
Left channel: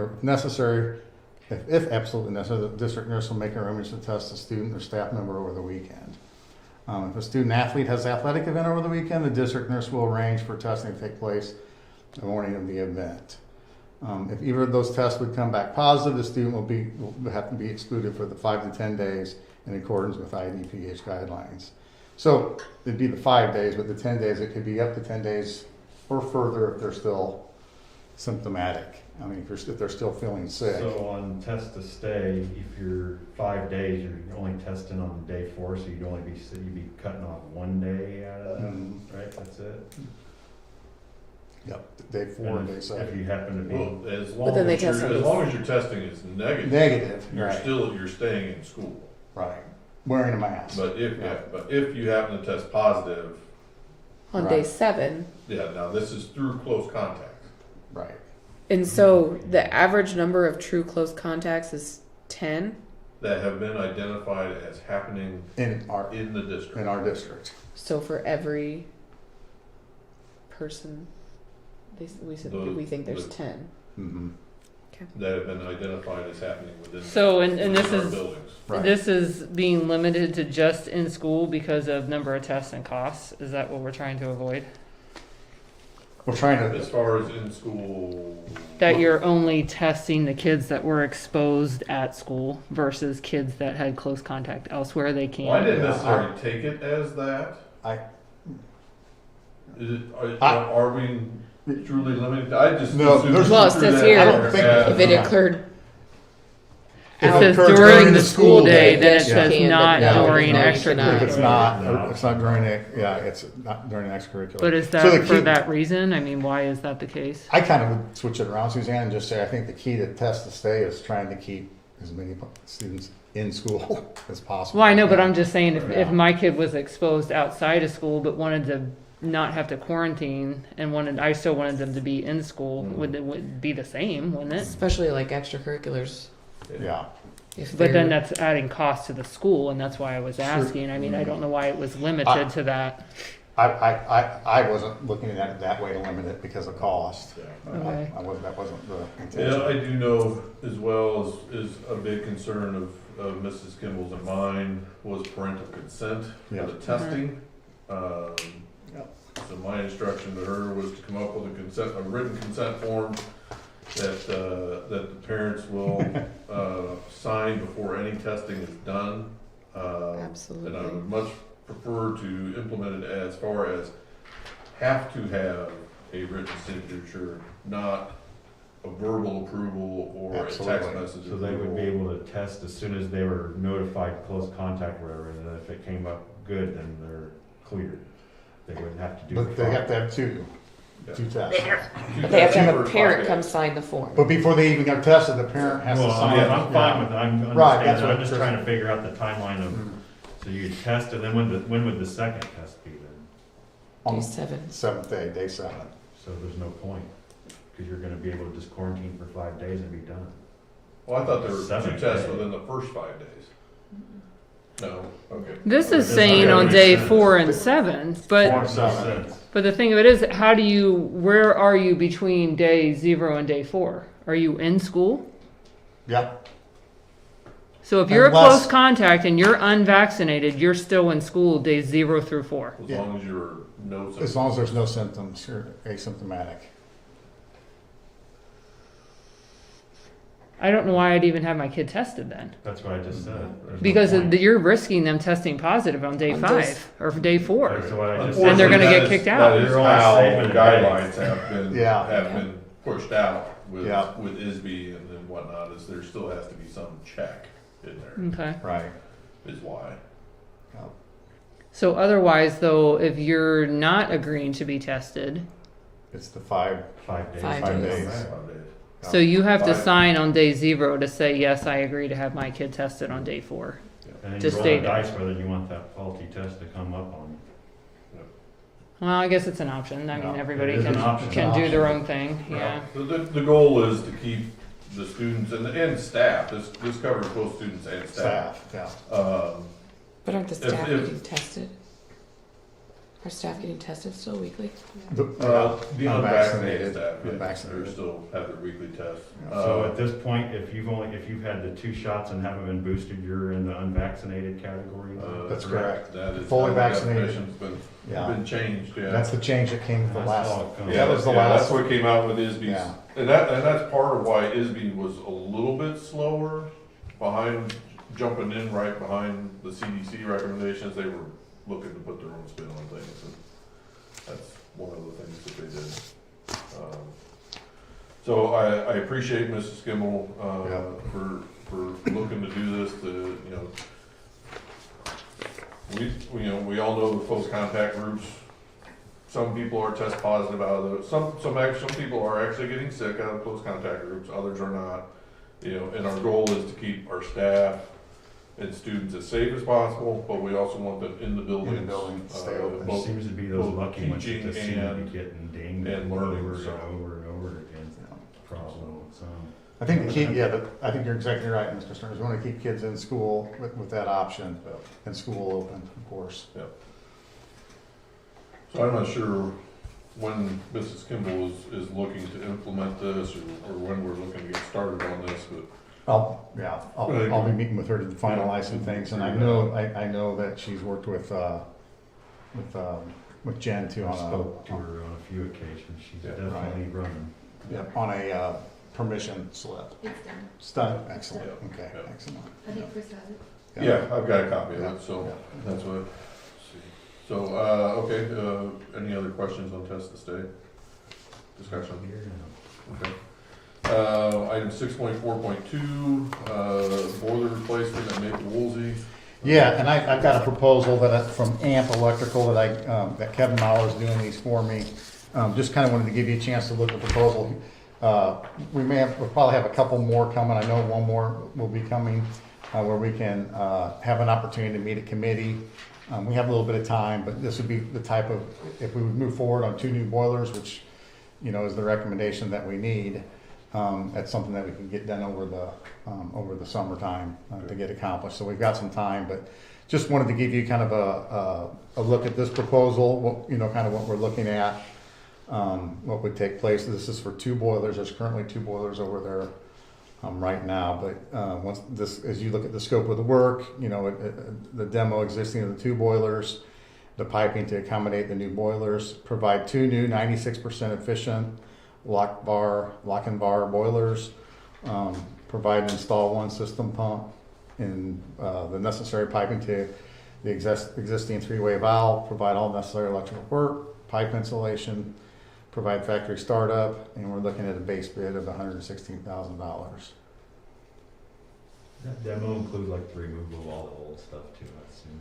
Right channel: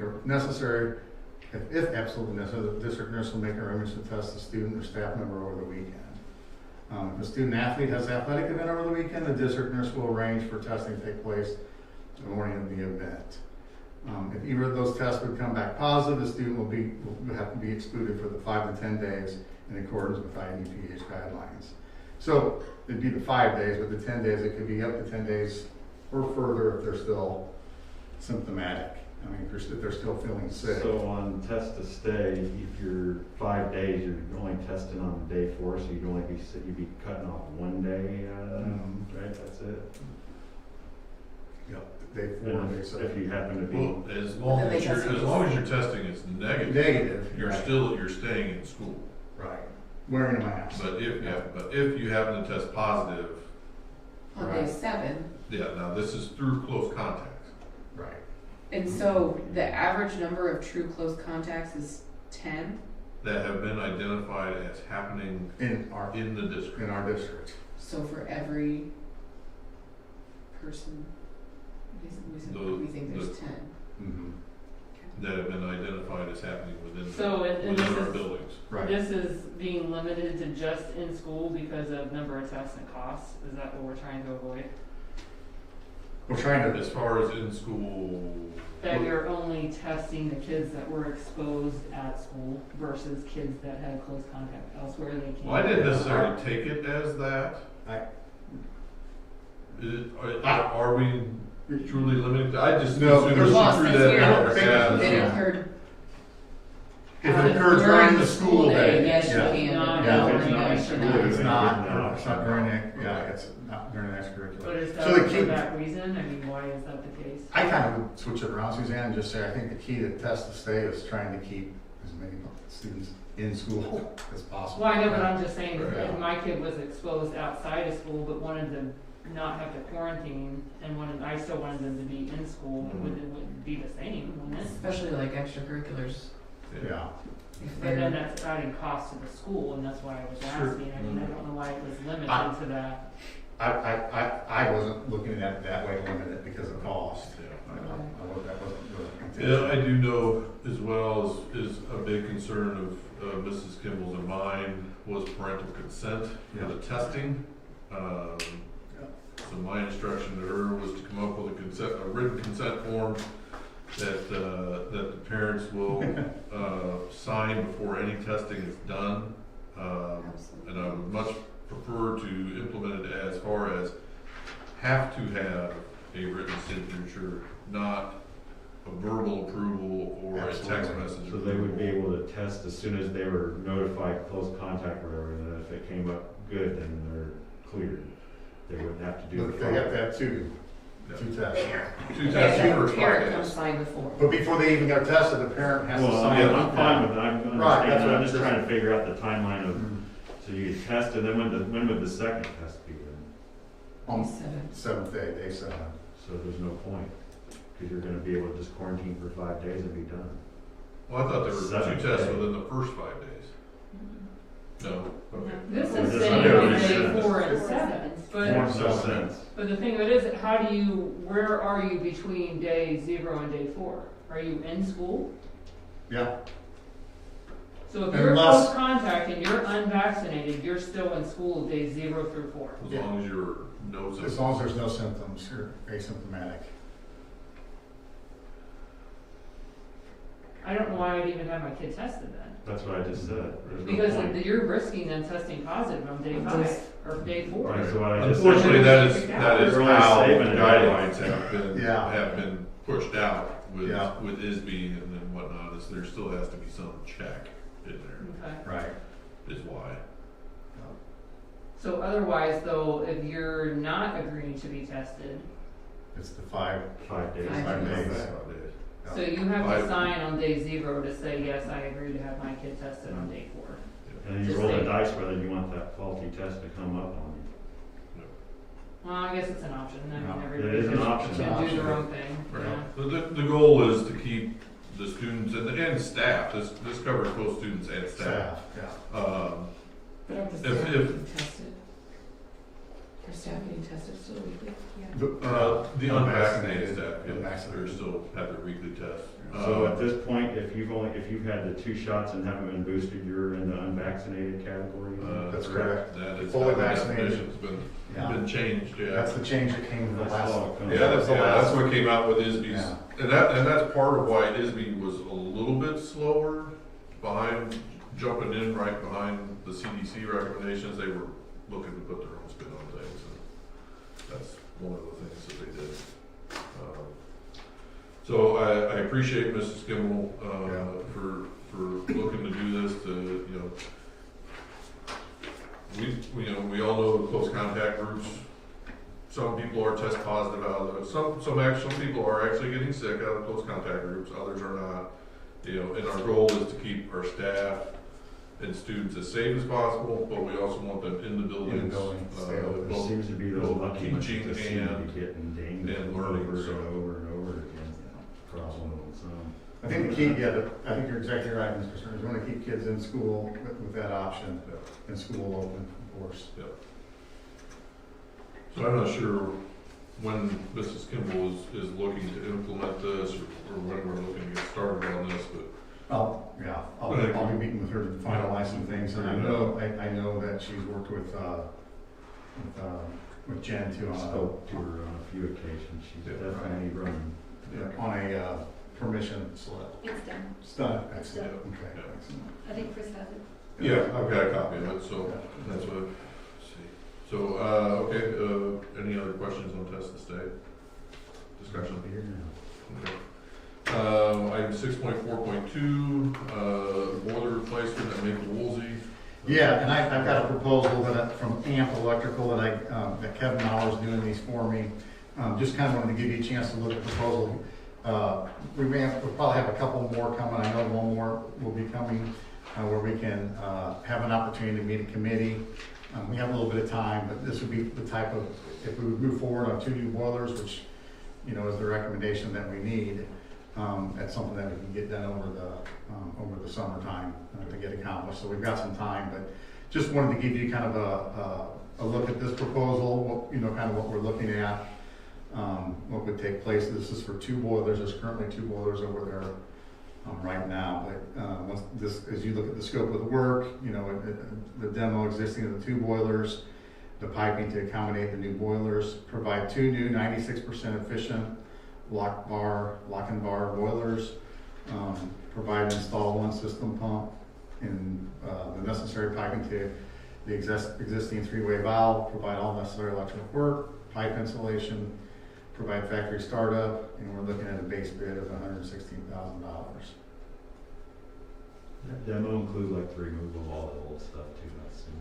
if absolutely necessary, the district nurse will make arrangements to test the student or staff member over the weekend. If a student athlete has an athletic event over the weekend, the district nurse will arrange for testing to take place the morning of the event. If either of those tests would come back positive, the student will have to be excluded for the 5 to 10 days in accordance with IDPH guidelines. So it'd be the 5 days, but the 10 days, it could be up to 10 days or further if they're still symptomatic. I mean, if they're still feeling sick. So on test to stay, if you're 5 days, you're only testing on day 4, so you'd be cutting off 1 day out of that, right? That's it. Yep, day 4 and day 7. If you happen to be as long as your testing is negative, you're staying in school. Right. Wearing a mask. But if you happen to test positive On day 7. Yeah, now this is through close contacts. Right. And so the average number of true close contacts is 10? That have been identified as happening in the district. In our district. So for every person, we think there's 10. Mm-hmm. That have been identified as happening within our buildings. Right. This is being limited to just in school because of number of tests and costs. Is that what we're trying to avoid? We're trying to, as far as in school, that you're only testing the kids that were exposed at school versus kids that had close contact elsewhere. They can't. Well, I didn't necessarily take it as that. Are we truly limited? I just there's well, it says here if it occurred. It says during the school day, then it says not during extracurricular. It's not during it's not during extracurricular. But is that for that reason? I mean, why is that the case? I kind of would switch it around, Suzanne, and just say I think the key to test to stay is trying to keep as many students in school as possible. Well, I know, but I'm just saying if my kid was exposed outside of school but wanted to not have to quarantine and I still wanted them to be in school, would it be the same, wouldn't it? Especially like extracurriculars. Yeah. But then that's adding cost to the school, and that's why I was asking. I mean, I don't know why it was limited to that. I wasn't looking at it that way to limit it because of cost. Yeah. Okay. That wasn't the intention. Yeah, I do know as well is a big concern of Mrs. Kimball's and mine was parental consent for the testing. So my instruction to her was to come up with a written consent form that the parents will sign before any testing is done. Absolutely. And I would much prefer to implement it as far as have to have a written signature, not a verbal approval or a text message. So they would be able to test as soon as they were notified close contact or whatever, and if it came up good, then they're cleared. They wouldn't have to do But they have to have two tests. But they have to have a parent come sign the form. But before they even get tested, the parent has to sign it. I'm fine with it. I'm just trying to figure out the timeline of, so you test, and then when would the second test be then? On Day 7. 7th day, day 7. So there's no point, because you're gonna be able to just quarantine for 5 days and be done. Well, I thought there were 2 7th tests day. within the first 5 days. No, okay. This is It saying doesn't on make day sense. 4 and 7, but 4 and 7. but the thing of it is, where are you between day 0 and day 4? Are you in school? Yeah, So if you're a Unless- close contact and you're unvaccinated, you're still in school days 0 through 4. As Yeah. long as you're no symptoms. as long as there's no symptoms, you're asymptomatic. I don't know why I'd even have my kid tested then. That's what I just said. There's no Because point. you're risking them testing positive on day 5 or day 4. That's what I just And they're said. gonna get Unfortunately, that kicked is- out. That is You're only how saving the a day. guidelines have Yeah. been pushed out with, Yeah. with ISB and then whatnot, is there still has to be some check in there, Okay. Right. is why. So otherwise, though, if you're not agreeing to be tested, It's the 5 5 days. 5 days. so you have to Five. sign on day 0 to say, yes, I agree to have my kid tested on day 4. And then Just you roll state the it. dice whether you want that faulty test to come up on you. Well, I guess it's an option. I Yeah, mean, everybody it is an can, option. can do their Option. own thing. Yeah. So the goal is to keep the students and staff, this covers both students and staff. Staff, yeah. But aren't the If- staff if- getting tested? Are staff getting tested still weekly? The unvaccinated Unvaccinated. staff, yeah, Unvaccinated. they're still have their weekly tests. So at this point, if you've had the 2 shots and haven't been boosted, you're in the unvaccinated category. That's correct. That is, Fully that vaccinated. definition's Yeah. been changed, yeah. That's the change that came from the That's last. all it comes Yeah, that was the that's last. what came out with ISB's, Yeah. and that's part of why ISB was a little bit slower behind, jumping in right behind the CDC recommendations. They were looking to put their own spin on things, and that's one of the things that they did. So I appreciate Mrs. Kimball, for looking to do this, to, we all know the close contact groups. Some people are test positive out of the, some people are actually getting sick out of close contact groups, others are not. And our goal is to keep our staff and students as safe as possible, but we also want them in the buildings. In the building, stay open. There both seems to be those both lucky ones that teaching just seem to and- be getting dinged and over learning, and so. over and over again. Problem with some. I think the key, I think you're exactly right, Mr. Stern, is we want to keep kids in school with that option, and school open, of course. So I'm not sure when Mrs. Kimball is looking to implement this, or when we're looking to get started on this, but I'll be meeting with her to finalize some things, and I know that she's worked with Jen too I on spoke to her on a few occasions. She's Yeah. definitely running. on a permission slip. It's done. It's done, excellent, Yeah. okay, Yeah. excellent. I think Chris has it. yeah, I've got a copy of it, so that's what, let's see. So, okay, any other questions on test and stay? Discussion? Here now. Okay. Item 6.4.2, boiler replacement at Maple Woolsey. Yeah, and I've got a proposal from AMP Electrical that Kevin Mauer's doing these for me. Just kind of wanted to give you a chance to look at the proposal. We'll probably have a couple more coming. I know one more will be coming, where we can have an opportunity to meet a committee. We have a little bit of time, but this would be the type of, if we would move forward on 2 new boilers, which, is the recommendation that we need. That's something that we can get done over the summertime to get accomplished. So we've got some time, but just wanted to give you kind of a look at this proposal, kind of what we're looking at, what would take place. This is for 2 boilers. There's currently 2 boilers over there right now, but once as you look at the scope of the work, the demo existing of the 2 boilers, the piping to accommodate the new boilers, provide 2 new 96% efficient lock and bar boilers, provide and install 1 system pump, and the necessary piping to the existing 3-way valve, provide all necessary electrical work, pipe insulation, provide factory startup, and we're looking at a base bid of $116,000. That demo include like the removal of all the old stuff too, I assume,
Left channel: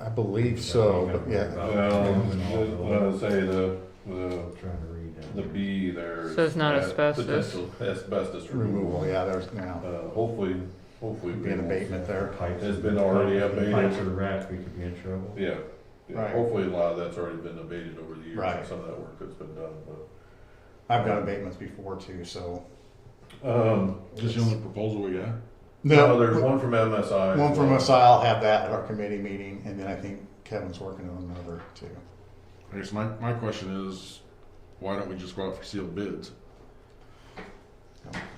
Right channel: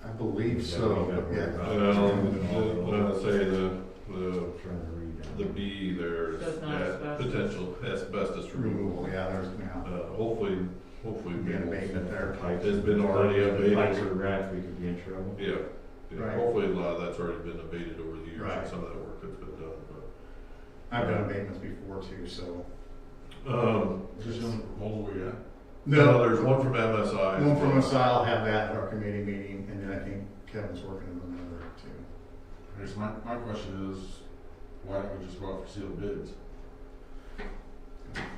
right? I believe so, but yeah. I would say the Trying to read that. the B there. So it's not is asbestos? Potential asbestos Removal, removal. yeah, there's, Hopefully be an abatement there. It's been already If the abated. pipes are wrapped, we could be in trouble. Yeah. Right. Hopefully a lot of that's already been abated over the years, Right. and some of that work that's been done, but. I've done abatements before too, so. Just the only proposal we got? No, there's one from MSI. One from MSI, I'll have that at our committee meeting, and then I think Kevin's working on another too. I guess my question is, why don't we just go out for sealed bids?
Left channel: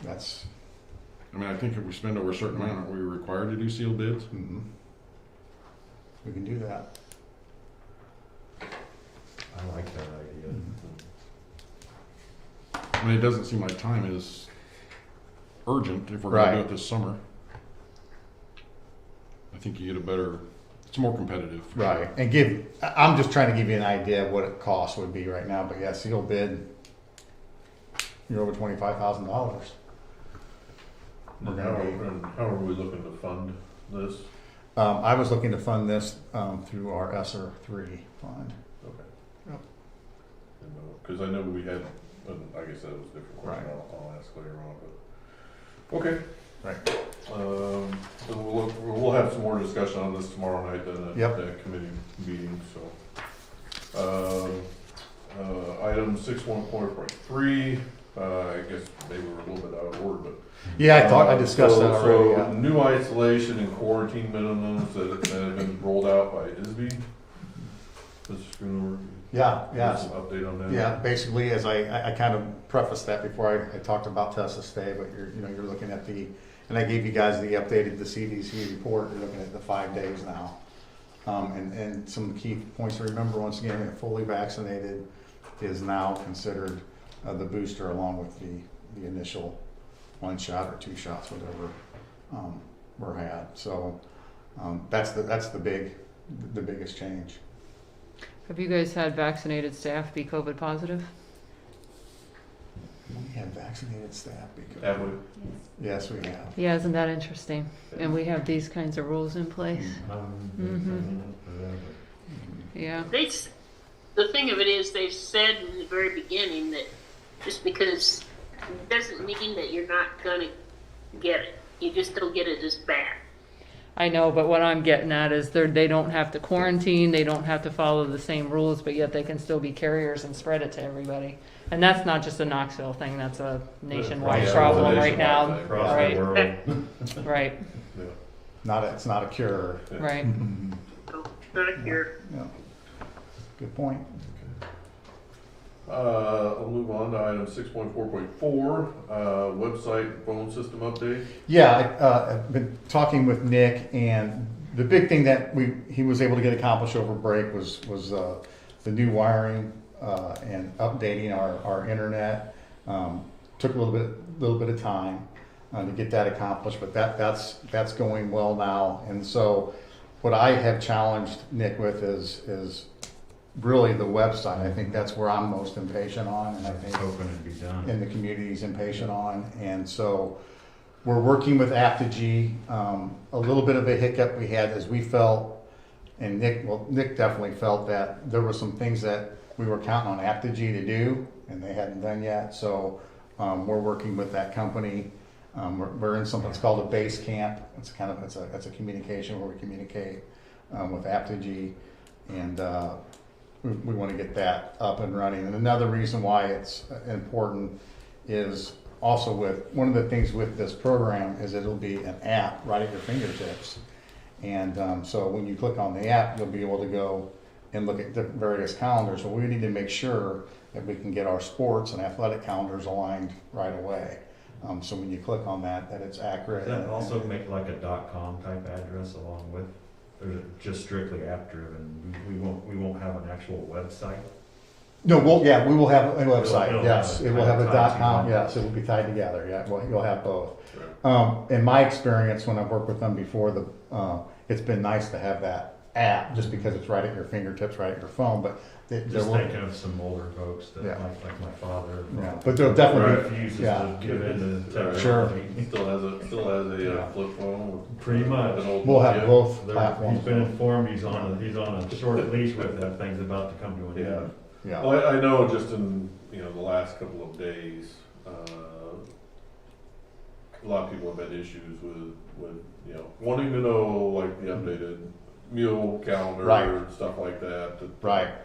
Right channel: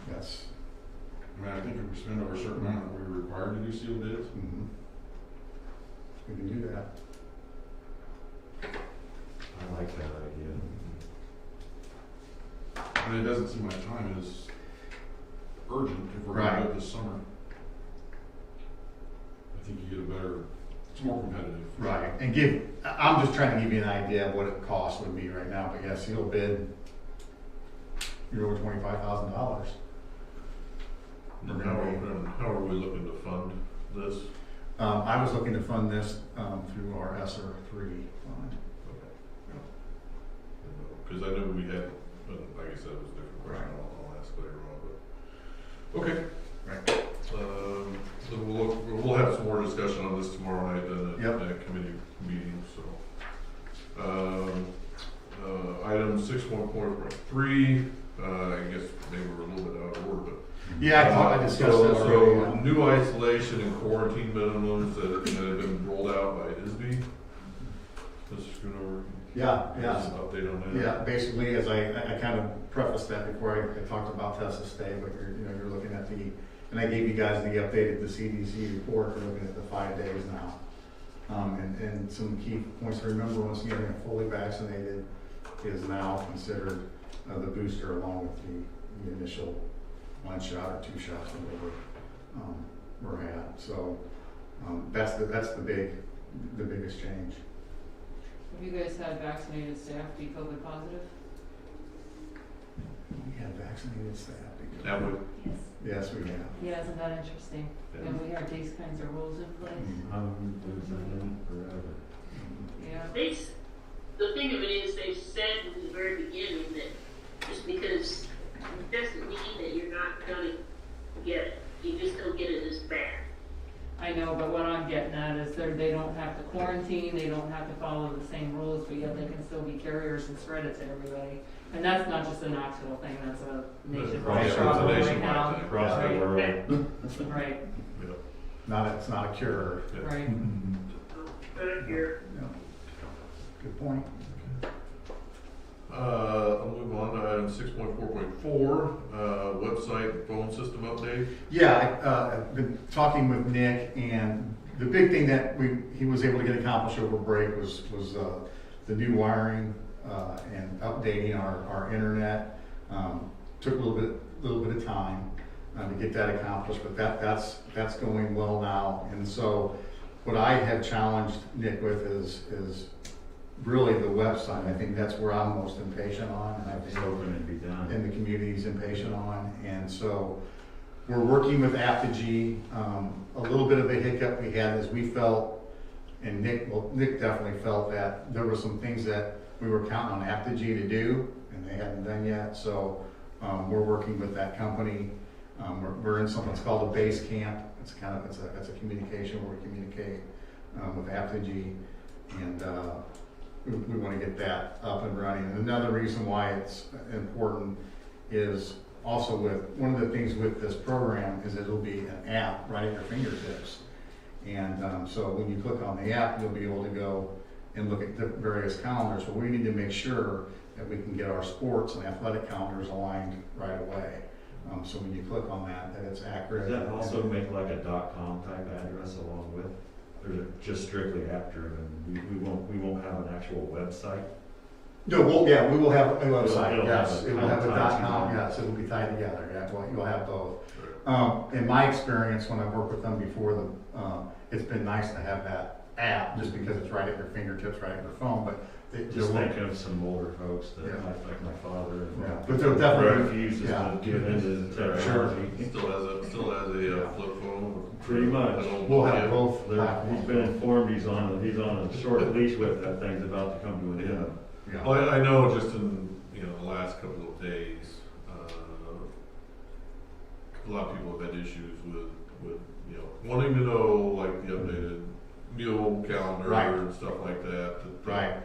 That's, I mean, I think if we spend over a certain amount, are we required to do sealed bids? we can do that. I like that idea. I mean, it doesn't seem like time is urgent if we're gonna do it this summer. I think you get a better, it's more competitive. Right, and I'm just trying to give you an idea of what it cost would be right now, but yeah, sealed bid, you're over $25,000. We're And gonna be. how are we looking to fund this? I was looking to fund this through our ESSER 3 fund. Okay. Because I know we had, like I said, it was a different question. I'll ask later on, but okay. Right. So we'll have some more discussion on this tomorrow night at that committee meeting. So, item 6.4.3. I guess maybe we're a little bit out of order, but yeah, I discussed that already. So new isolation and quarantine minimums that have been rolled out by ISB. Let's go over. Yeah. Some update on that. Yeah, basically, as I kind of prefaced that before I talked about Tessa Stay, but you're looking at and I gave you guys the updated, the CDC report, you're looking at the 5 days now. And some key points to remember, once again, fully vaccinated is now considered the booster along with the initial 1 shot or 2 shots, whatever were had. So that's the biggest change. Have you guys had vaccinated staff be COVID positive? We had vaccinated staff. Have we? Yes, we have. Yeah, isn't that interesting? And we have these kinds of rules in place. Yeah. The thing of it is, they've said in the very beginning that just because it doesn't mean that you're not going to get it. You just don't get it as bad. I know, but what I'm getting at is they don't have to quarantine, they don't have to follow the same rules, but yet they can still be carriers and spread it to everybody. And that's not just a Knoxville thing, that's a nationwide problem right now. Across the world. Right. It's not a cure. Right. Not a cure. Yeah. Good point. I'll move on to item 6.4.4, website phone system update. Yeah, I've been talking with Nick, and the big thing that he was able to get accomplished over break was the new wiring and updating our internet. Took a little bit of time to get that accomplished, but that's going well now. And so, what I have challenged Nick with is really the website. I think that's where I'm most impatient on, and I think and the community's impatient on. And so we're working with Aptigee. A little bit of a hiccup we had is we felt, and Nick definitely felt, that there were some things that we were counting on Aptigee to do, and they hadn't done yet. So we're working with that company. We're in something that's called a base camp. It's a communication where we communicate with Aptigee, and we want to get that up and running. And another reason why it's important is also one of the things with this program is it'll be an app right at your fingertips. And so when you click on the app, you'll be able to go and look at the various calendars. So we need to make sure that we can get our sports and athletic calendars aligned right away. So when you click on that it's accurate. Does that also make like a .com type address along with? Or is it just strictly app driven? We won't have an actual website? No, we will have a website, It'll yes. It will have a .com, yes, it'll be tied together, yeah, you'll have both. In my experience, when I've worked with them before, it's been nice to have that app, just because it's right at your fingertips, right at your phone, but just thinking of some older folks that like my father. Yeah, but they'll definitely refuses to give in to technology. Sure. Still has a flip phone. Pretty much. We'll have both platforms. He's been informed he's on a short leash with that. Thing's about to come to an end. Yeah. Well, I know just in the last couple of days, a lot of people have had issues with wanting to know like the updated meal calendar and stuff like that. Right.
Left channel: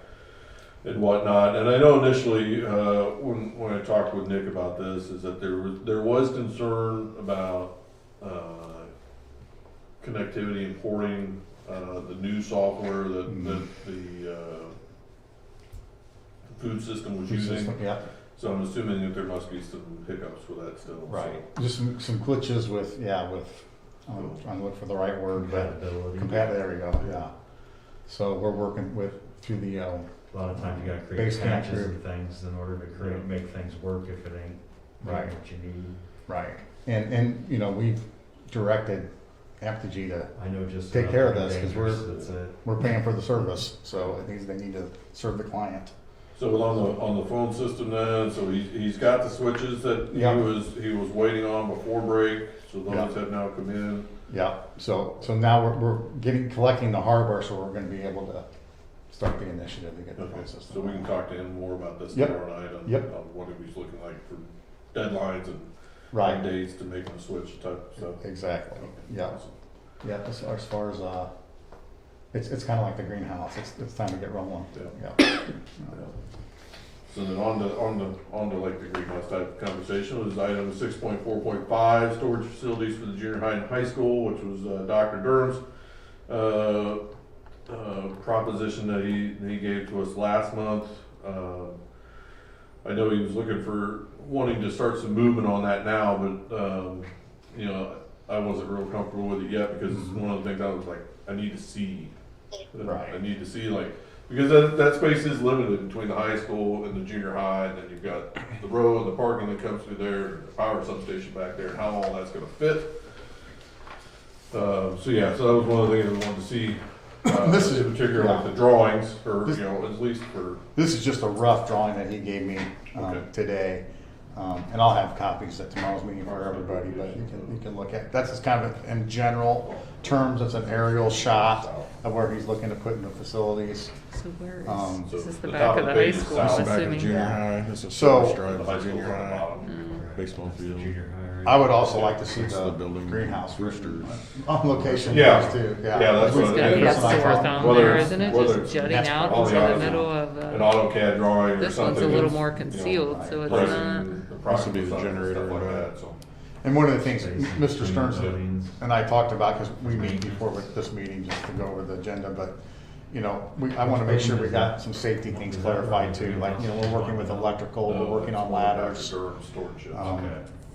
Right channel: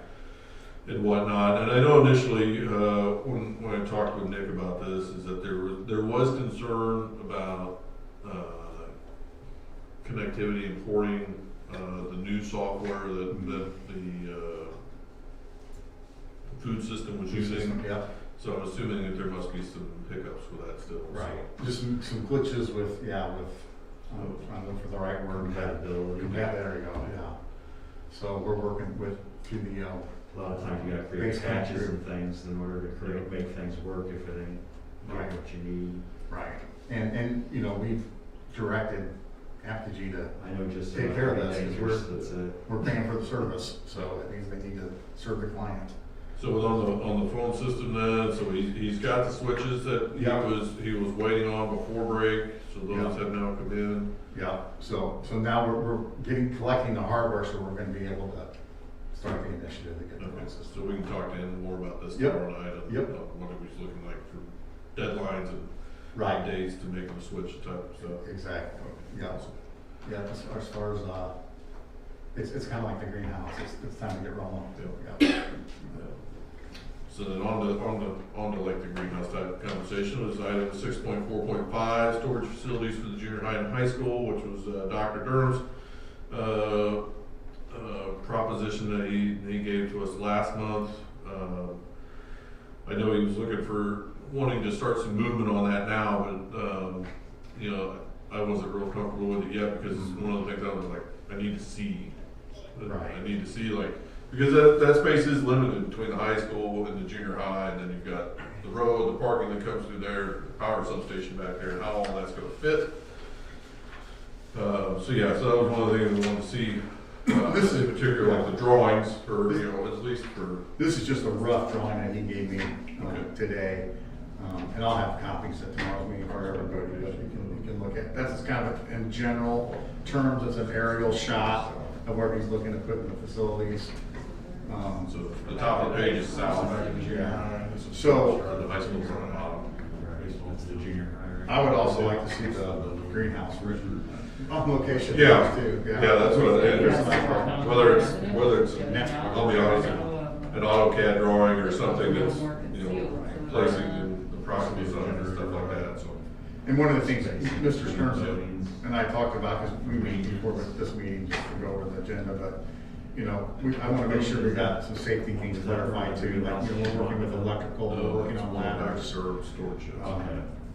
and whatnot. And I know initially, when I talked with Nick about this, is that there was concern about connectivity and porting the new software that the food system was using. Yeah. So I'm assuming that there must be some hiccups with that still. Right. Just some glitches with trying to look for the right word. Compatibility. There you go. Yeah. So we're working through the A lot of times you gotta create base patches connector. and things in order to make things work if it ain't Right. what you need. Right. And we've directed Apogee to I know just. take care of this because That's it. we're paying for the service, so it means they need to serve the client. So on the phone system then, so he's got the switches that Yeah. he was waiting on before break, so those Yeah. have now come in. Yeah. So now we're collecting the hardware, so we're going to be able to start the initiative to get the phone Okay, system. so we can talk to him more about this Yep. tomorrow night on Yep. what it was looking like for deadlines and Right. days to make them switch type of stuff. Exactly. Yeah. Yeah. As far as it's kind of like the greenhouse. It's time to get rolling. Yeah. So then on the like the greenhouse type conversation was item 6.4.5, storage facilities for the junior high and high school, which was Dr. Durham's proposition that he gave to us last month. I know he was looking for wanting to start some movement on that now, but I wasn't real comfortable with it yet because one of the things I was like, I need to see. Right. I need to see because that space is limited between the high school and the junior high, and then you've got the road, the parking that comes through there, the power substation back there, and how all that's going to fit. So that was one of the things we wanted to see. This is in particular like the drawings, or at least for. This is just a rough drawing that he gave me today, and I'll have copies at tomorrow's meeting for everybody. But you can look at that's just kind of in general terms. It's an aerial shot of where he's looking to put in the facilities. So where is, So this is the the back top of the of the high page is school, south, I'm back of assuming. junior Yeah. This is So- the high school on the bottom. Baseball field, junior high. I would also like to see the greenhouse on location. Yeah. Too. Yeah, that's what He has to what I work thought. on Whether there, it's- isn't it? whether Just it's jutting that's out all into the the others. middle of An the, AutoCAD drawing or this something. one's a little it's, more concealed, so it's placing not. the property generator stuff like that. So And one of the things that Mr. Stearns and I talked about, because we meet before this meeting just to go over the agenda, but I want to make sure we got some safety things clarified too. Like, we're working with electrical, we're working on ladders, storage.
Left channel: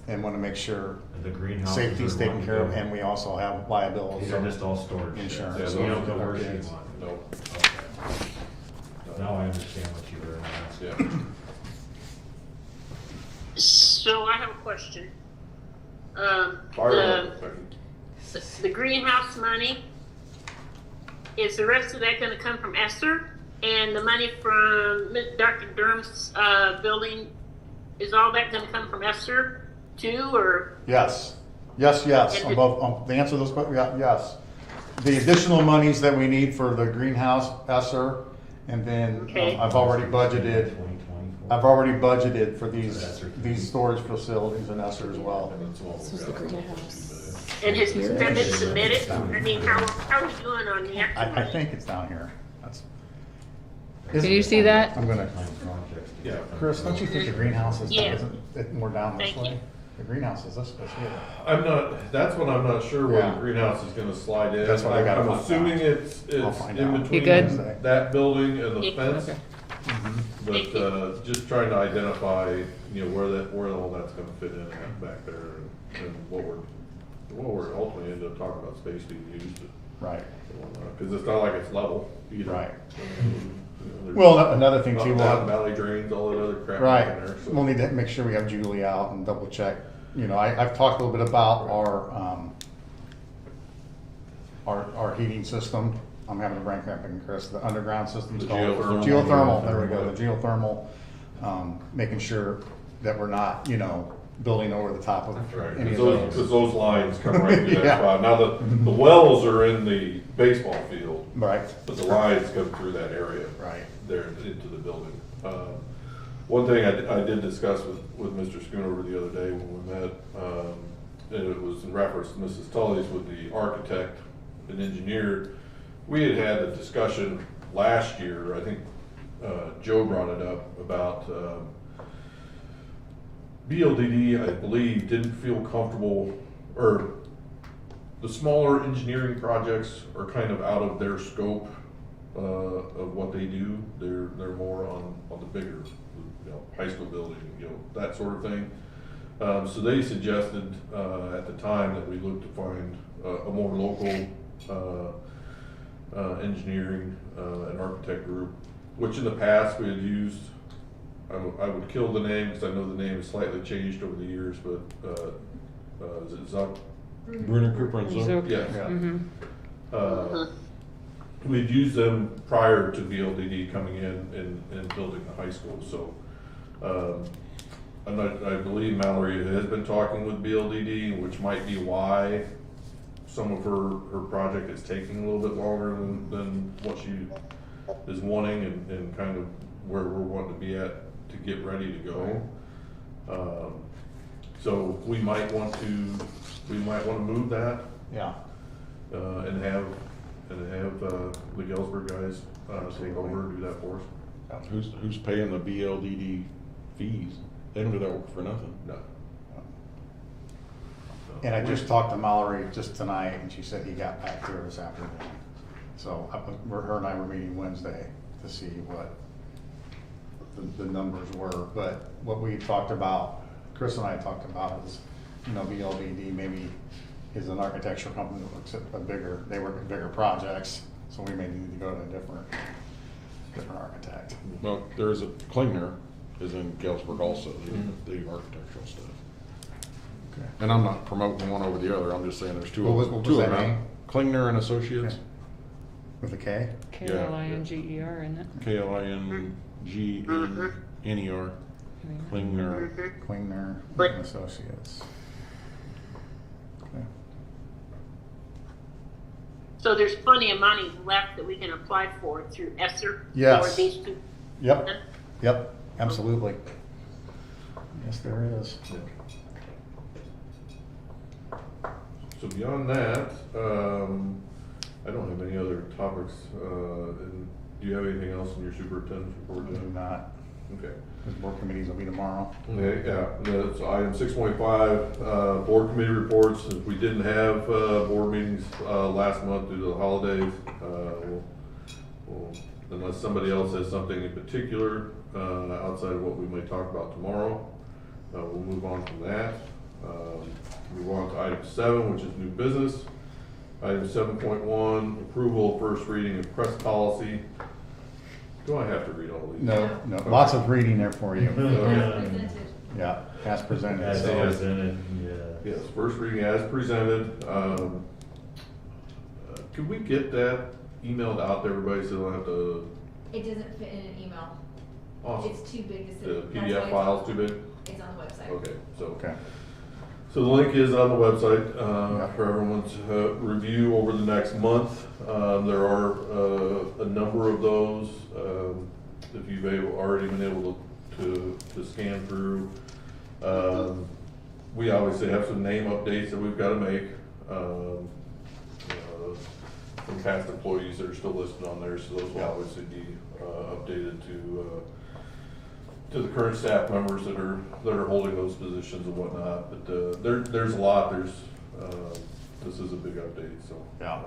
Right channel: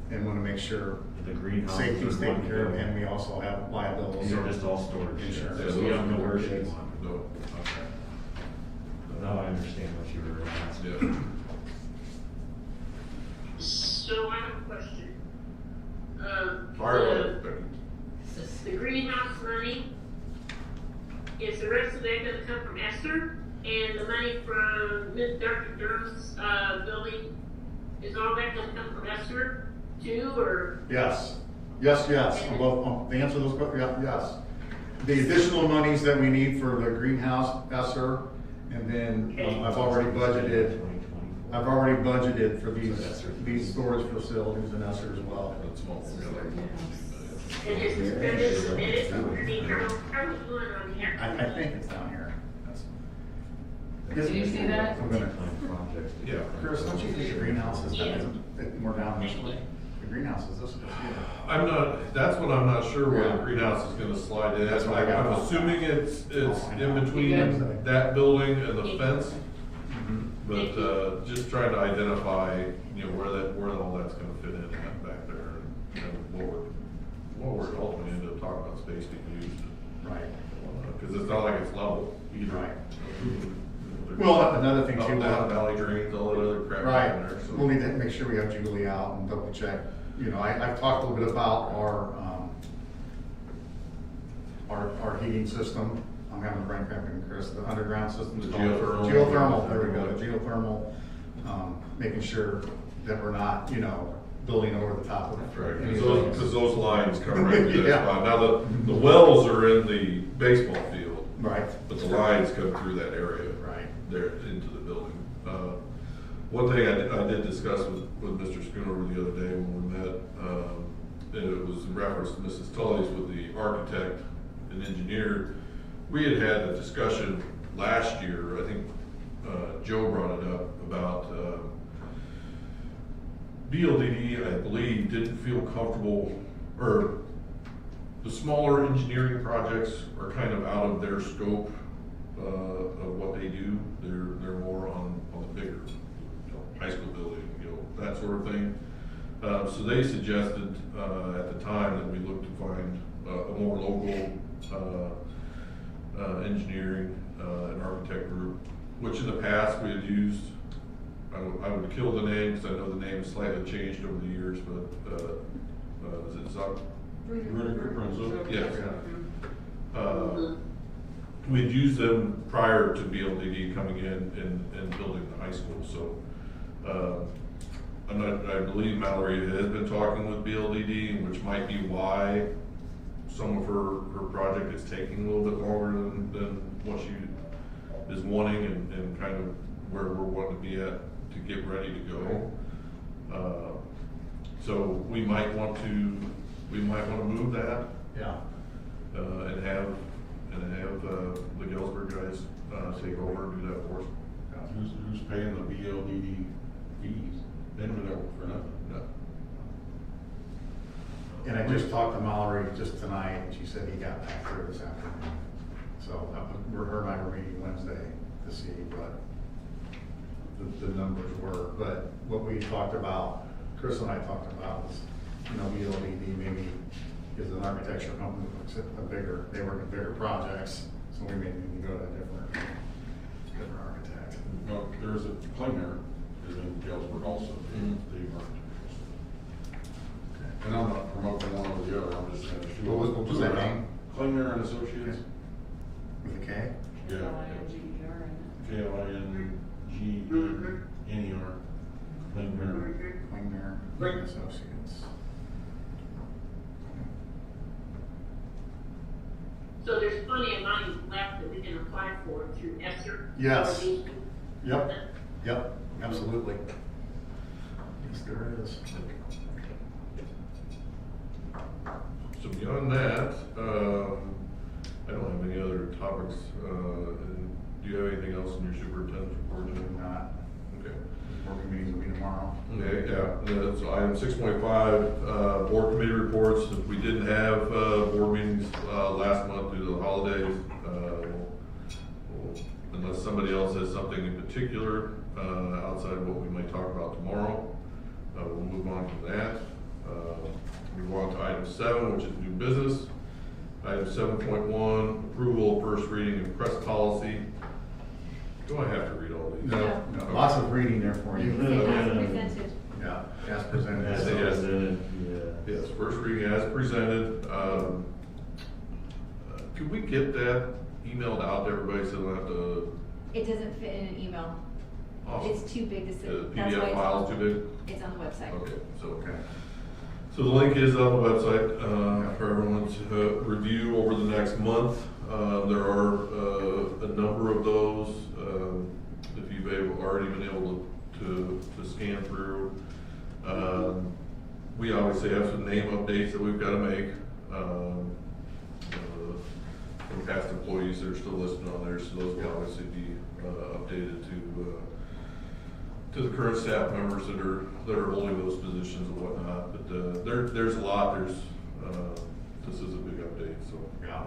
and want to make sure The greenhouse. safety's taken care of, and we also have liability. These are just all storage. Insurance. Yeah, we don't know where she's on. No. Now I understand what you were asking. Yeah. So I have a question. Fire The greenhouse money, is the rest of that gonna come from Esther? And the money from Dr. Durham's, building, is all that gonna come from Esther too, or? Yes. On both, the answer to those questions, yes. The additional monies that we need for the greenhouse, ESSER, and then Okay. I've already budgeted for these storage facilities in ESSER as well. And has it been submitted? I mean, how are we doing on the actual? I think it's down here. Can you see that? I'm gonna, Yeah. Chris, don't you think the greenhouse is, Yeah. isn't it more down this Thank way? you. The greenhouse is this way here. That's when I'm not sure where Yeah. the greenhouse is gonna slide in. That's what I gotta I'm find assuming out. it's I'll find in out. between You good? that building and the Yeah. fence. Mhm. But, just trying to identify, where all that's gonna fit in back there and what we're ultimately end up talking about space being used. Right. Cause it's not like it's level either. Right. There's Well, another thing up, too, down, valley drains, all that other crap right, in there, so. we'll need to make sure we have Julie out and double check. I've talked a little bit about our heating system. I'm having a brain cramp, Chris. The underground system's The called geothermal. geothermal. There we go. The geothermal, making sure that we're not, building over the top of Right, any of cause those lines come right through Yeah. that spot. Now, the wells are in the baseball field, Right. but the lines come through that area. Right. There into the building. One thing I did discuss with Mr. Schoonover the other day when we met, and it was in reference to Mrs. Tully's with the architect and engineer. We had a discussion last year, I think, Joe brought it up about, BLDD, I believe, didn't feel comfortable, or the smaller engineering projects are kind of out of their scope, of what they do. They're more on the bigger, high school building, that sort of thing. So they suggested, at the time that we look to find a more local, engineering, and architect group, which in the past we had used. I would kill the name because I know the name has slightly changed over the years, but, is it Zuck? Bruner Cooper and Zuck? Yes. Mm-hmm. We'd used them prior to BLDD coming in and building the high school, so, and I believe Mallory has been talking with BLDD, which might be why some of her project is taking a little bit longer than what she is wanting and kind of where we're wanting to be at to get ready to go. So we might want to move that. Yeah. And have the Galesburg guys take over and do that for us. Who's paying the BLDD fees? They don't do that work for nothing. No. And I just talked to Mallory just tonight, and she said he got back there this afternoon. So her and I were meeting Wednesday to see what the numbers were. But what we talked about, Chris and I talked about was, BLDD maybe is an architecture company that looks at they work at bigger projects, so we may need to go to a different architect. Well, there's a Klingner is in Galesburg also, the architectural stuff. Okay. And I'm not promoting one over the other, I'm just saying there's two What of was them that out. name? Klingner and Associates. With a K? K-L-I-N-G-E-R, isn't it? Klingner. Klingner. Klingner and Associates. Okay. So there's plenty of money left that we can apply for through ESSER? Yes. For these two? Yep, absolutely. Yes, there is. So beyond that, I don't have any other topics. And do you have anything else in your superintendent's report? We do not. Okay. The board committees will be tomorrow. Okay, yeah, that's item 6.5, board committee reports. If we didn't have, board meetings, last month due to the holidays, unless somebody else has something in particular, outside of what we may talk about tomorrow, we'll move on to that. Move on to item 7, which is new business. Item 7.1, approval of first reading of press policy. Do I have to read all these? No, lots of reading there for you. As presented. Yeah, as presented. As So- presented, Yes, first reading as presented. Could we get that emailed out to everybody so they don't have to? It doesn't fit in an email. Awesome. It's too big to The send. That's why PDF it's file on- is too big? It's on the website. Okay, Okay. So the link is on the website, for everyone's review over the next month. There are, a number of those, if you've already been able to scan through. We obviously have some name updates that we've gotta make, from past employees that are still listed on there, so those will obviously be, updated to the current staff members that are holding those positions and whatnot. But, there's a lot, this is a big update, so. Yeah.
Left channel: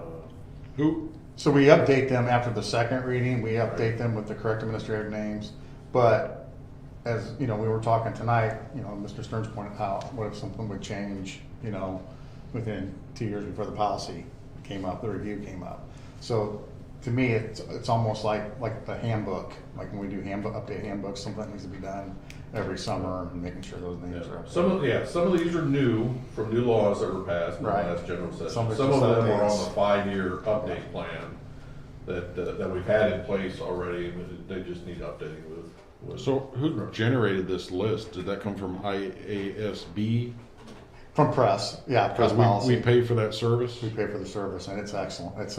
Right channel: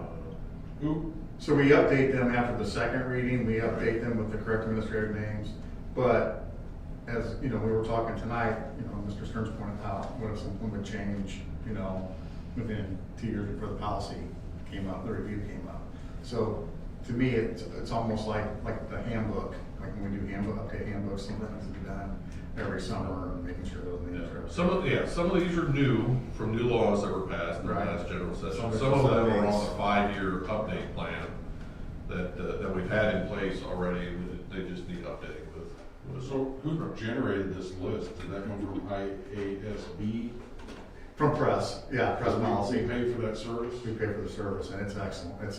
So we update them after the second reading, we update them with the correct administrative names. But as, we were talking tonight, Mr. Stearns pointed out, what if something would change, within 2 years before the policy came up, the review came up. So to me, it's almost like the handbook, like when we do update handbooks, something needs to be done every summer and making sure those names are. Some of these are new, from new laws that were passed in the Right. last general session. Some Some are of just them are on updates. the 5-year update plan that we've had in place already, and they just need updating with. So who generated this list? Did that come from IASB? From press, yeah, press policy. We pay for that service? We pay for the service, and it's excellent. It's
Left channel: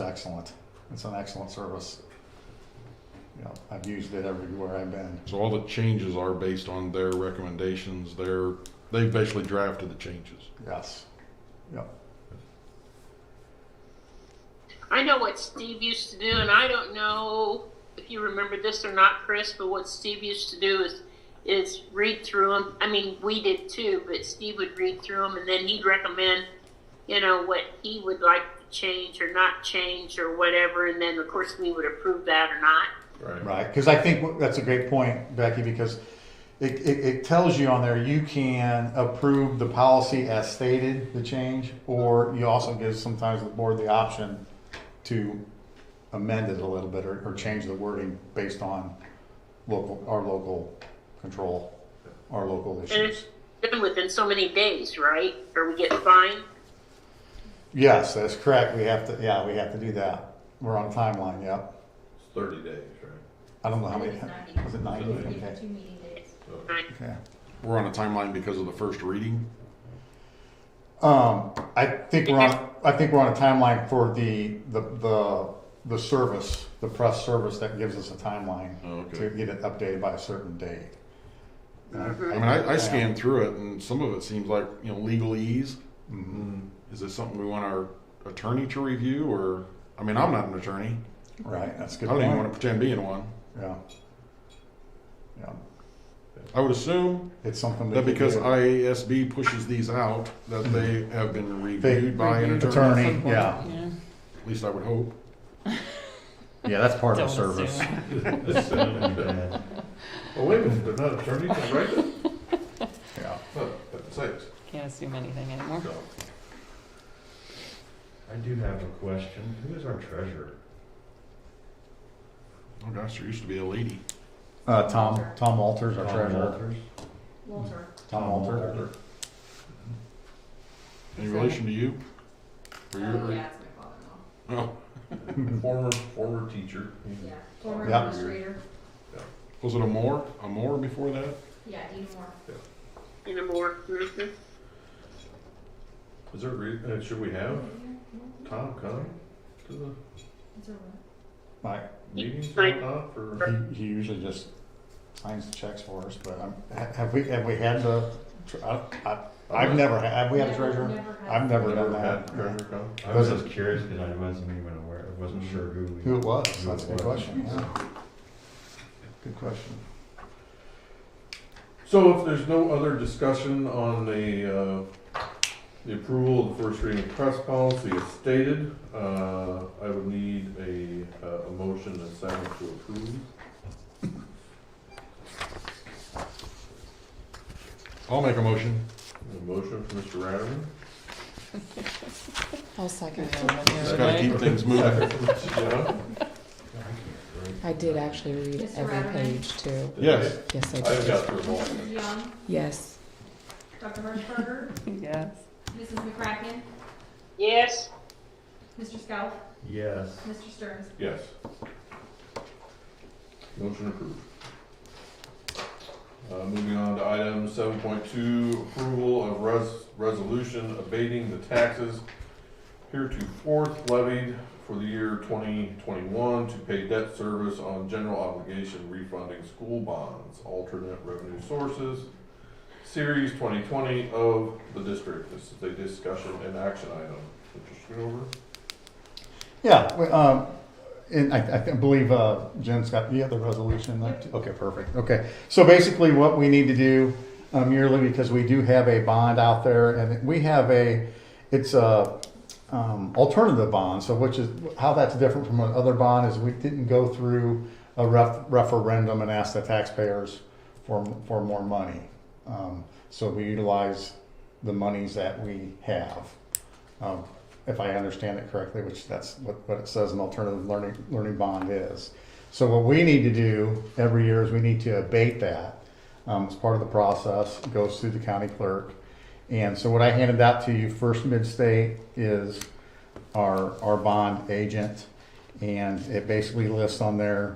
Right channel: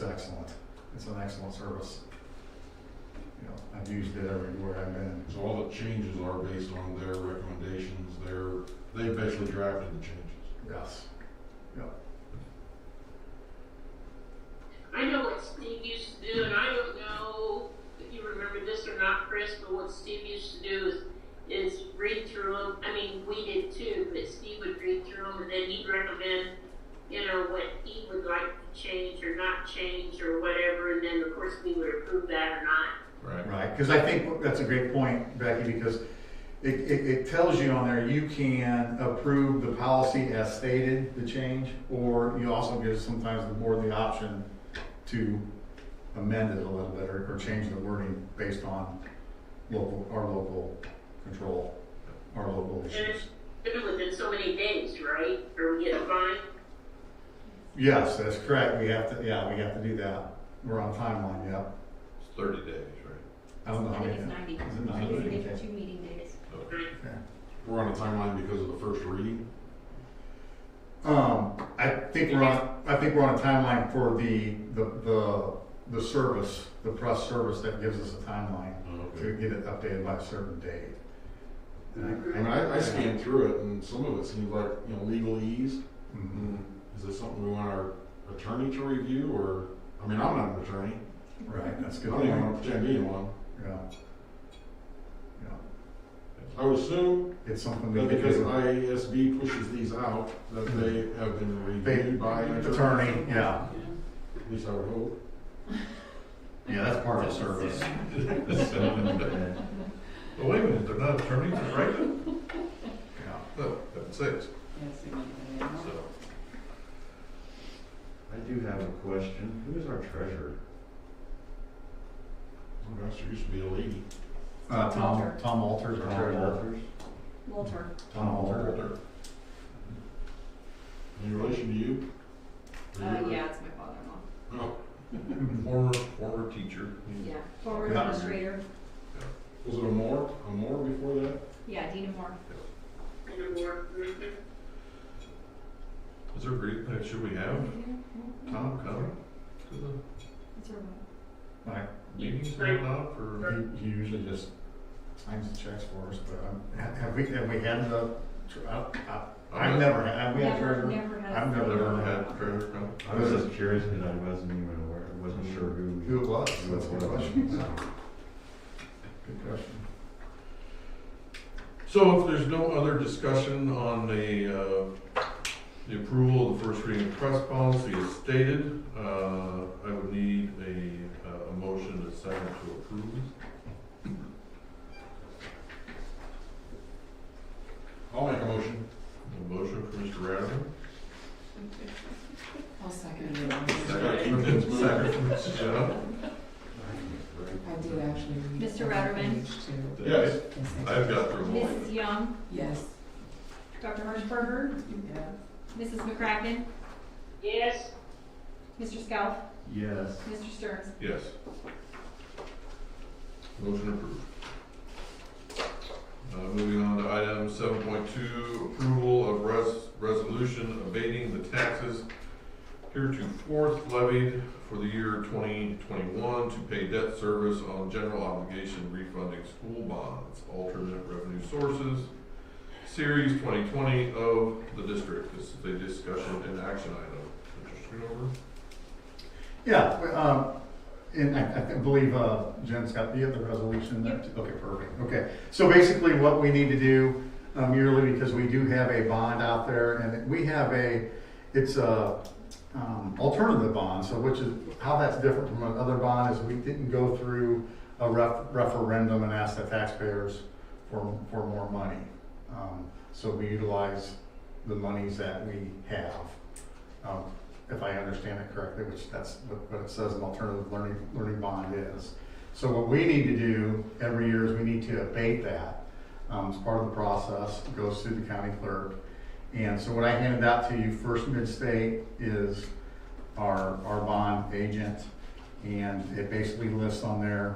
an excellent service. I've used it everywhere I've been. So all the changes are based on their recommendations. They've basically drafted the changes. Yes. Yep. I know what Steve used to do, and I don't know if you remember this or not, Chris, but what Steve used to do is read through them. I mean, we did too, but Steve would read through them and then he'd recommend, you know, what he would like to change or not change or whatever, and then of course we would approve that or not. Right, because I think that's a great point, Becky, because it tells you on there you can approve the policy as stated, the change, or you also give sometimes the board the option to amend it a little bit or change the wording based on our local control, our local And issues. it's done within so many days, right? Or we get fined? Yes, that's correct. We have to do that. We're on timeline, yep. It's 30 days, right? I don't know how I many. think it's 90. Is it 90? It's Okay. 2 meeting days. Okay. We're on a timeline because of the first reading. I think we're on a timeline for the service, the press service that gives us a timeline to get it updated by a certain date. I mean, I scanned through it, and some of it seems like, you know, legalese. Mm-hmm. Is this something we want our attorney to review, or? I mean, I'm not an attorney. Right, that's a good I don't even point. want to pretend being one. Yeah. I would assume It's something we that can because do. IASB pushes these out, that they have been reviewed by an attorney. Attorney, yeah. At least I would hope. Yeah, that's part of the Don't service. Well, wait a minute, they're not attorneys, they're right? Yeah. No, that's 6. Can't assume anything anymore. So, I do have a question. Who is our treasurer? oh gosh, there used to be a lady. Tom Walters, our Tom treasurer. Walters? Walter. Tom Walters. Any relation to you? Or you're- Yeah, it's my father-in-law. Oh, former teacher. Yeah. Former Yeah. administrator. Was it a Moore before that? Yeah, Dina Moore. In a more, mhm. Is there a reason, should we have Tom come to the Right. meetings or not for? He usually just signs the checks for us, but have we had the, I've never, have we had a treasurer? I've never done that. Treasurer come? I was just curious because I wasn't even aware, I wasn't sure who Who it was, that's a good question. Good question. So if there's no other discussion on the approval of the first reading press policy as stated, I would need a motion and a second to approve. I'll make a motion. A motion from Mr. Ratterman. I'll second Just gotta keep things moving. Second from Mrs. Jenna. I did actually read Mr. every Ratterman? page too. Yes. Yes, I I've did. got the vote. Mrs. Young. Yes. Dr. Hirschberger. Yes. Mrs. McCracken. Yes. Mr. Scout. Yes. Mr. Stearns. Yes. Motion approved. Moving on to item 7.2, approval of resolution abating the taxes heretofore levied for the year 2021 to pay debt service on general obligation refunding school bonds, alternate revenue sources, Series 2020 of the district. This is a discussion and action item. Mr. Schoonover? Yeah, and I believe Jen's got, you have the resolution? Okay, perfect. Okay, so basically what we need to do yearly, because we do have a bond out there, and we have it's a alternative bond, so which is, how that's different from another bond is we didn't go through a referendum and ask the taxpayers for more money. So we utilize the monies that we have. If I understand it correctly, which that's what it says an alternative learning bond is. So what we need to do every year is we need to abate that. It's part of the process. It goes through the county clerk. And so what I handed out to you, First Mid-State, is our bond agent. And it basically lists on there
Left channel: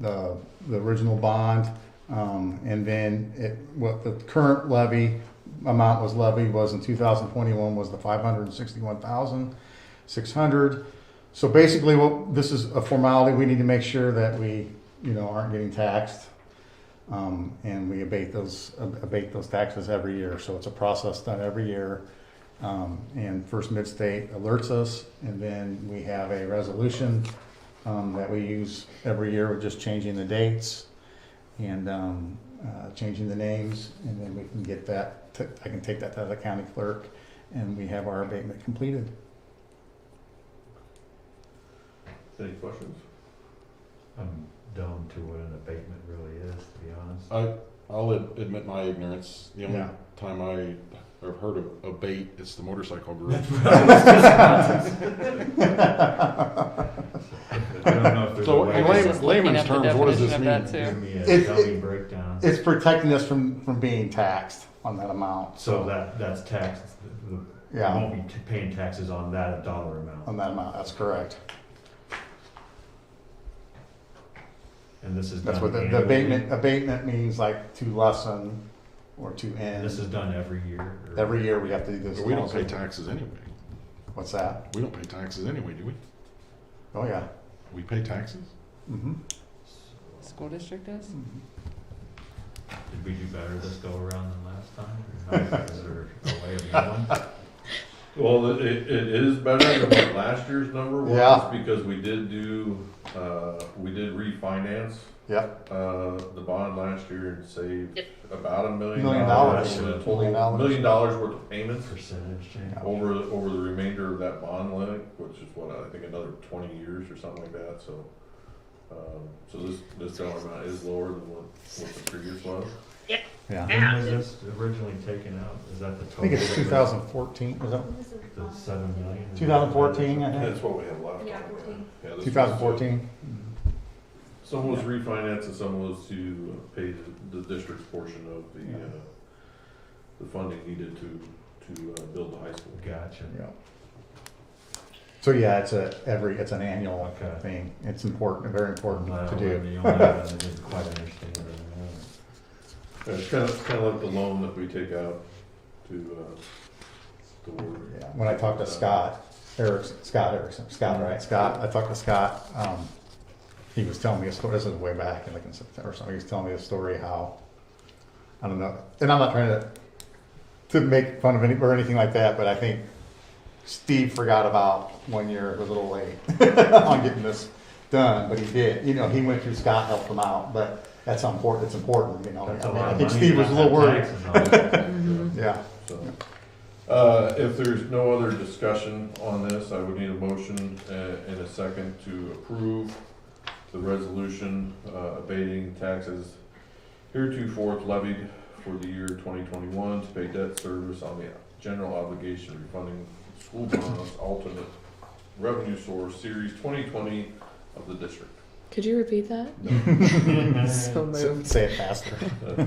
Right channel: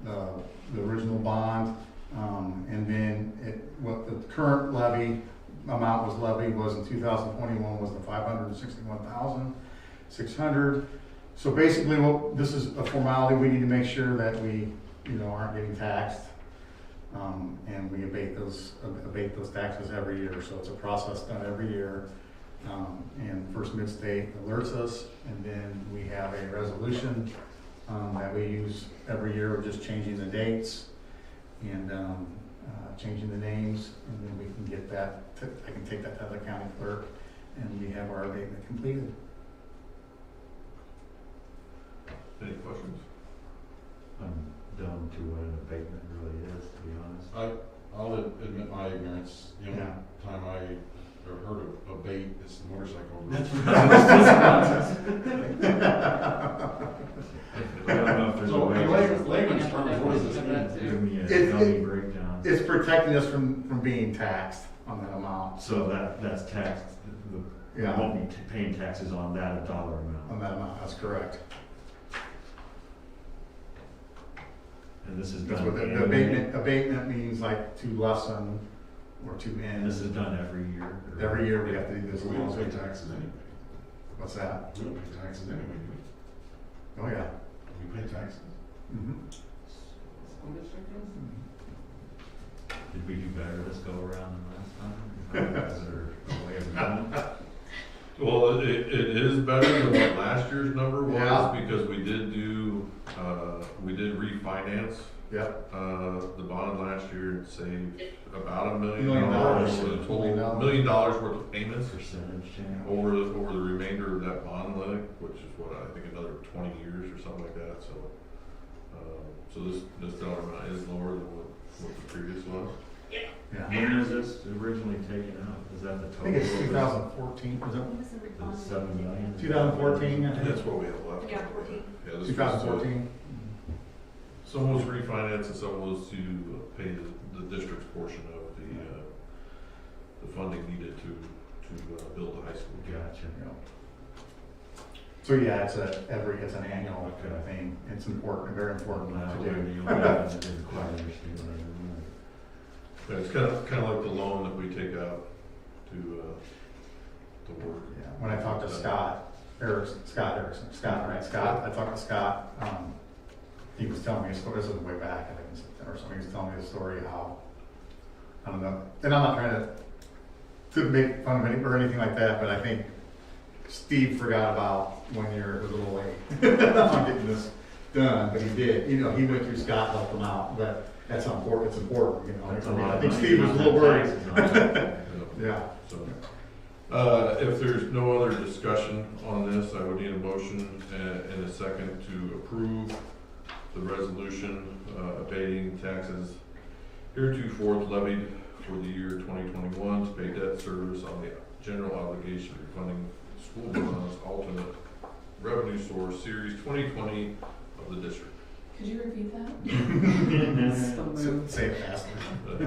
the original bond. And then what the current levy amount was levied was in 2021 was the $561,600. So basically, this is a formality. We need to make sure that we, aren't getting taxed, and we abate those taxes every year. So it's a process done every year, and First Mid-State alerts us, and then we have a resolution that we use every year. We're just changing the dates and changing the names, and then we can get that, I can take that to the county clerk, and we have our abatement completed. Any questions? I'm dumb to what an abatement really is, to be honest. I'll admit my ignorance. The only Yeah. time I have heard of abate is the motorcycle group. I don't know if there's So a way in to- layman's Looking up the terms, what does this definition of mean? that, Give me a It- dummy it- breakdown. It's protecting us from being taxed on that amount. So that's taxed, we Yeah, won't be paying taxes on that dollar amount. on that amount, that's correct. And this is That's done what the annually? abatement means, like to lessen or to And end. this is done every year? or- Every year we have to do this. We don't pay taxes anyway. What's that? We don't pay taxes anyway, do we? Oh, yeah. We pay taxes? Mm-hmm. School district does? Did we do better this go around than last time? Or is there a way of going? Well, it is better than what last year's number was. Yeah. Because we did do, we did refinance, Yep. the bond last year and saved about $1 million. $1 million. $1 million worth of payments Percentage change. over the remainder of that bond limit, which is what, I think another 20 years or something like that, so. So this dollar amount is lower than what the previous was. Yeah. When was this originally taken out? Is that the I total? think it's 2014, was that? The 7 million? 2014, I think. That's what we have left. Yeah, Yeah, this was 2014. Some was refinance and some was to pay the district's portion of the funding needed to build the high school. Gotcha. Yeah. So yeah, it's an annual Okay. thing. It's important, very important Well, to the do. only one I didn't quite understand what it was. It's kind of like the loan that we take out to work. Yeah. When I talked to Scott, I talked to Scott, he was telling me a story, this is way back, like in September or something, he was telling me a story how, I don't know, and I'm not trying to make fun of anybody or anything like that, but I think Steve forgot about 1 year, it was a little late on getting this done, but he did. You know, he went through Scott, helped him out, but that's how important, it's important, you know. That's a I mean, lot I of think money Steve was a not little worried. taxes on it. Yeah. So, if there's no other discussion on this, I would need a motion and a second to approve the resolution abating taxes heretofore levied for the year 2021 to pay debt service on the general obligation refunding school bonds alternate revenue source series 2020 of the district. Could you repeat that? So moved. Say it faster.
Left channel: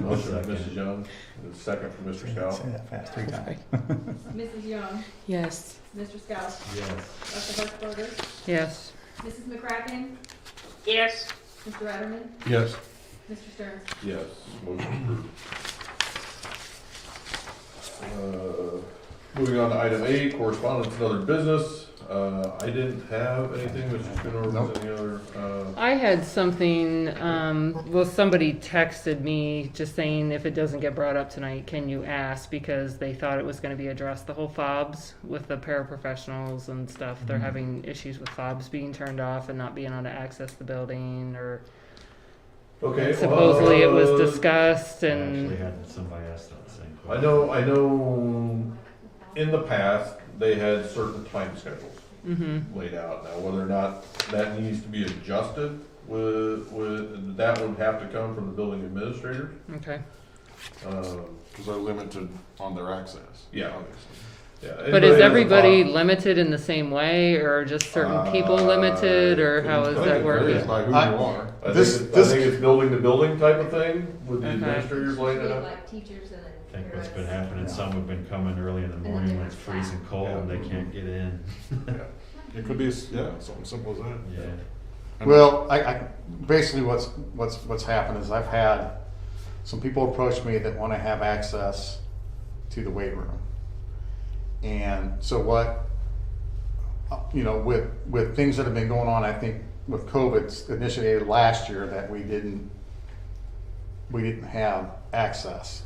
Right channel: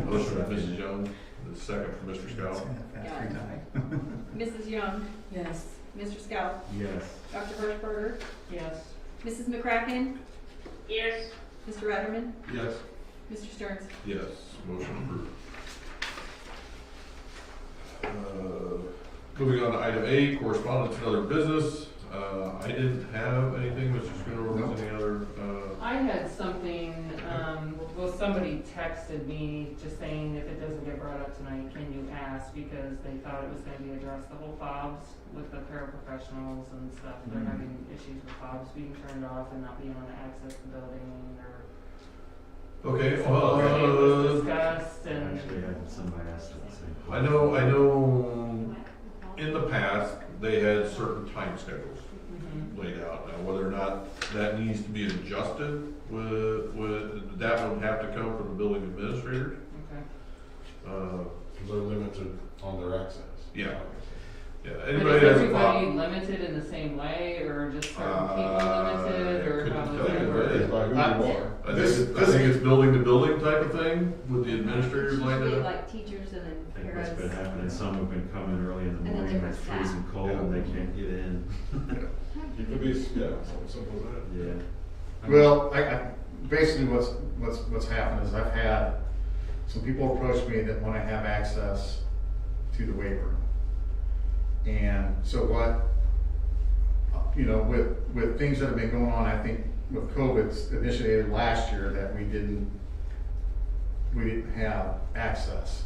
Motion by Mrs. Young, and a second from Mr. Scout. Say that fast 3 times. Mrs. Young, Yes. Mr. Scout, Yes. Dr. Burkharder, Yes. Mrs. McCracken, Yes. Mr. Ratterman, Yes. Mr. Stearns. Yes, motion approved. Moving on to item 8, correspondence and other business. I didn't have anything, Mr. Schooner, was any other, I had something, well, somebody texted me just saying if it doesn't get brought up tonight, can you ask? Because they thought it was gonna be addressed, the whole fobs with the paraprofessionals and stuff. They're having issues with fobs being turned off and not being able to access the building, or okay. supposedly it was discussed and, Actually, had somebody ask that same I question. know in the past, they had certain time schedules mhm. laid out. Now, whether or not that needs to be adjusted that would have to come from the building administrator. Okay. Because they're limited on their access. Yeah. Yeah. But is Anybody has a everybody problem- limited in the same way, or just certain people limited, or how is that working? By who you are. I This- think this- it's building to building type of thing with the Okay. administrators laying it out. Like teachers and then. I think what's been happening, some have been coming early in the then morning they when it's were freezing cold and they can't get in. It could be, something simple as that. Yeah. Well, I basically what's happened is I've had some people approach me that want to have access to the weight room. And so what, you know, with things that have been going on, I think with COVID initiated last year, that we didn't have access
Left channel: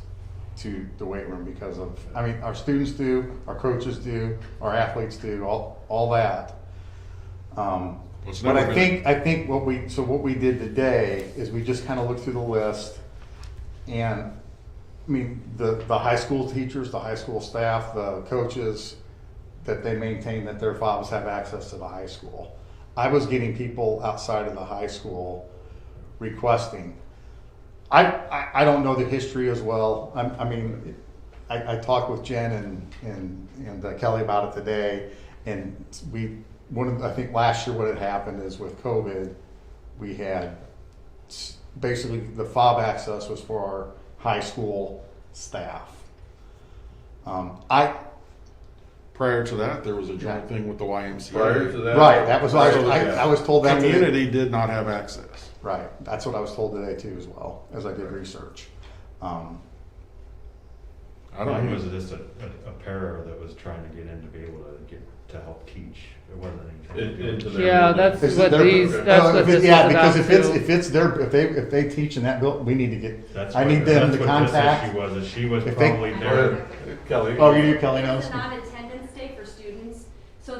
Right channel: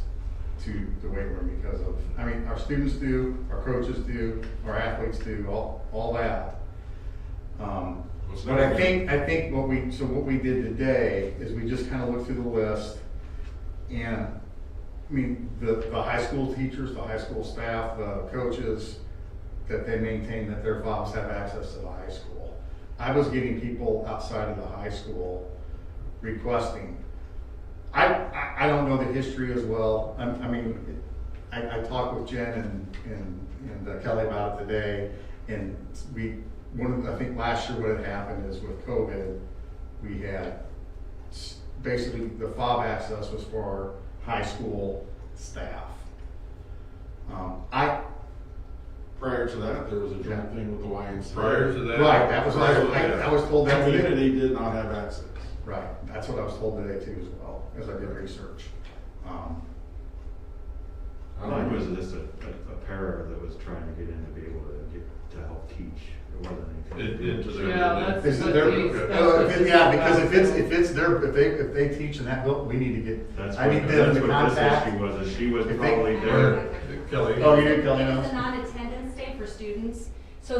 to the weight room because of, I mean, our students do, our coaches do, our athletes do, all that. But I think what we did today is we just kind of looked through the list, and I mean, the high school teachers, the high school staff, the coaches, that they maintain that their files have access to the high school. I was getting people outside of the high school requesting. I don't know the history as well. I talked with Jen and Kelly about it today, and I think last year what had happened is with COVID, we had basically the fob access was for our high school staff. Prior to that, there was a joint thing with the YMCA. Prior to that? Right, that was, I was told that. Community did not have access. Right, that's what I was told today too as well, as I did research. I don't know, it was just a para that was trying to get in to be able to help teach. It wasn't. Yeah, that's what these, that's what this is Yeah, about because too. if it's their, if they teach in that building, we need to get, I need them to That's what contact. this issue was, that she was If probably there. Kelly. Oh, you did, Kelly? It's a non-attendance day for students, so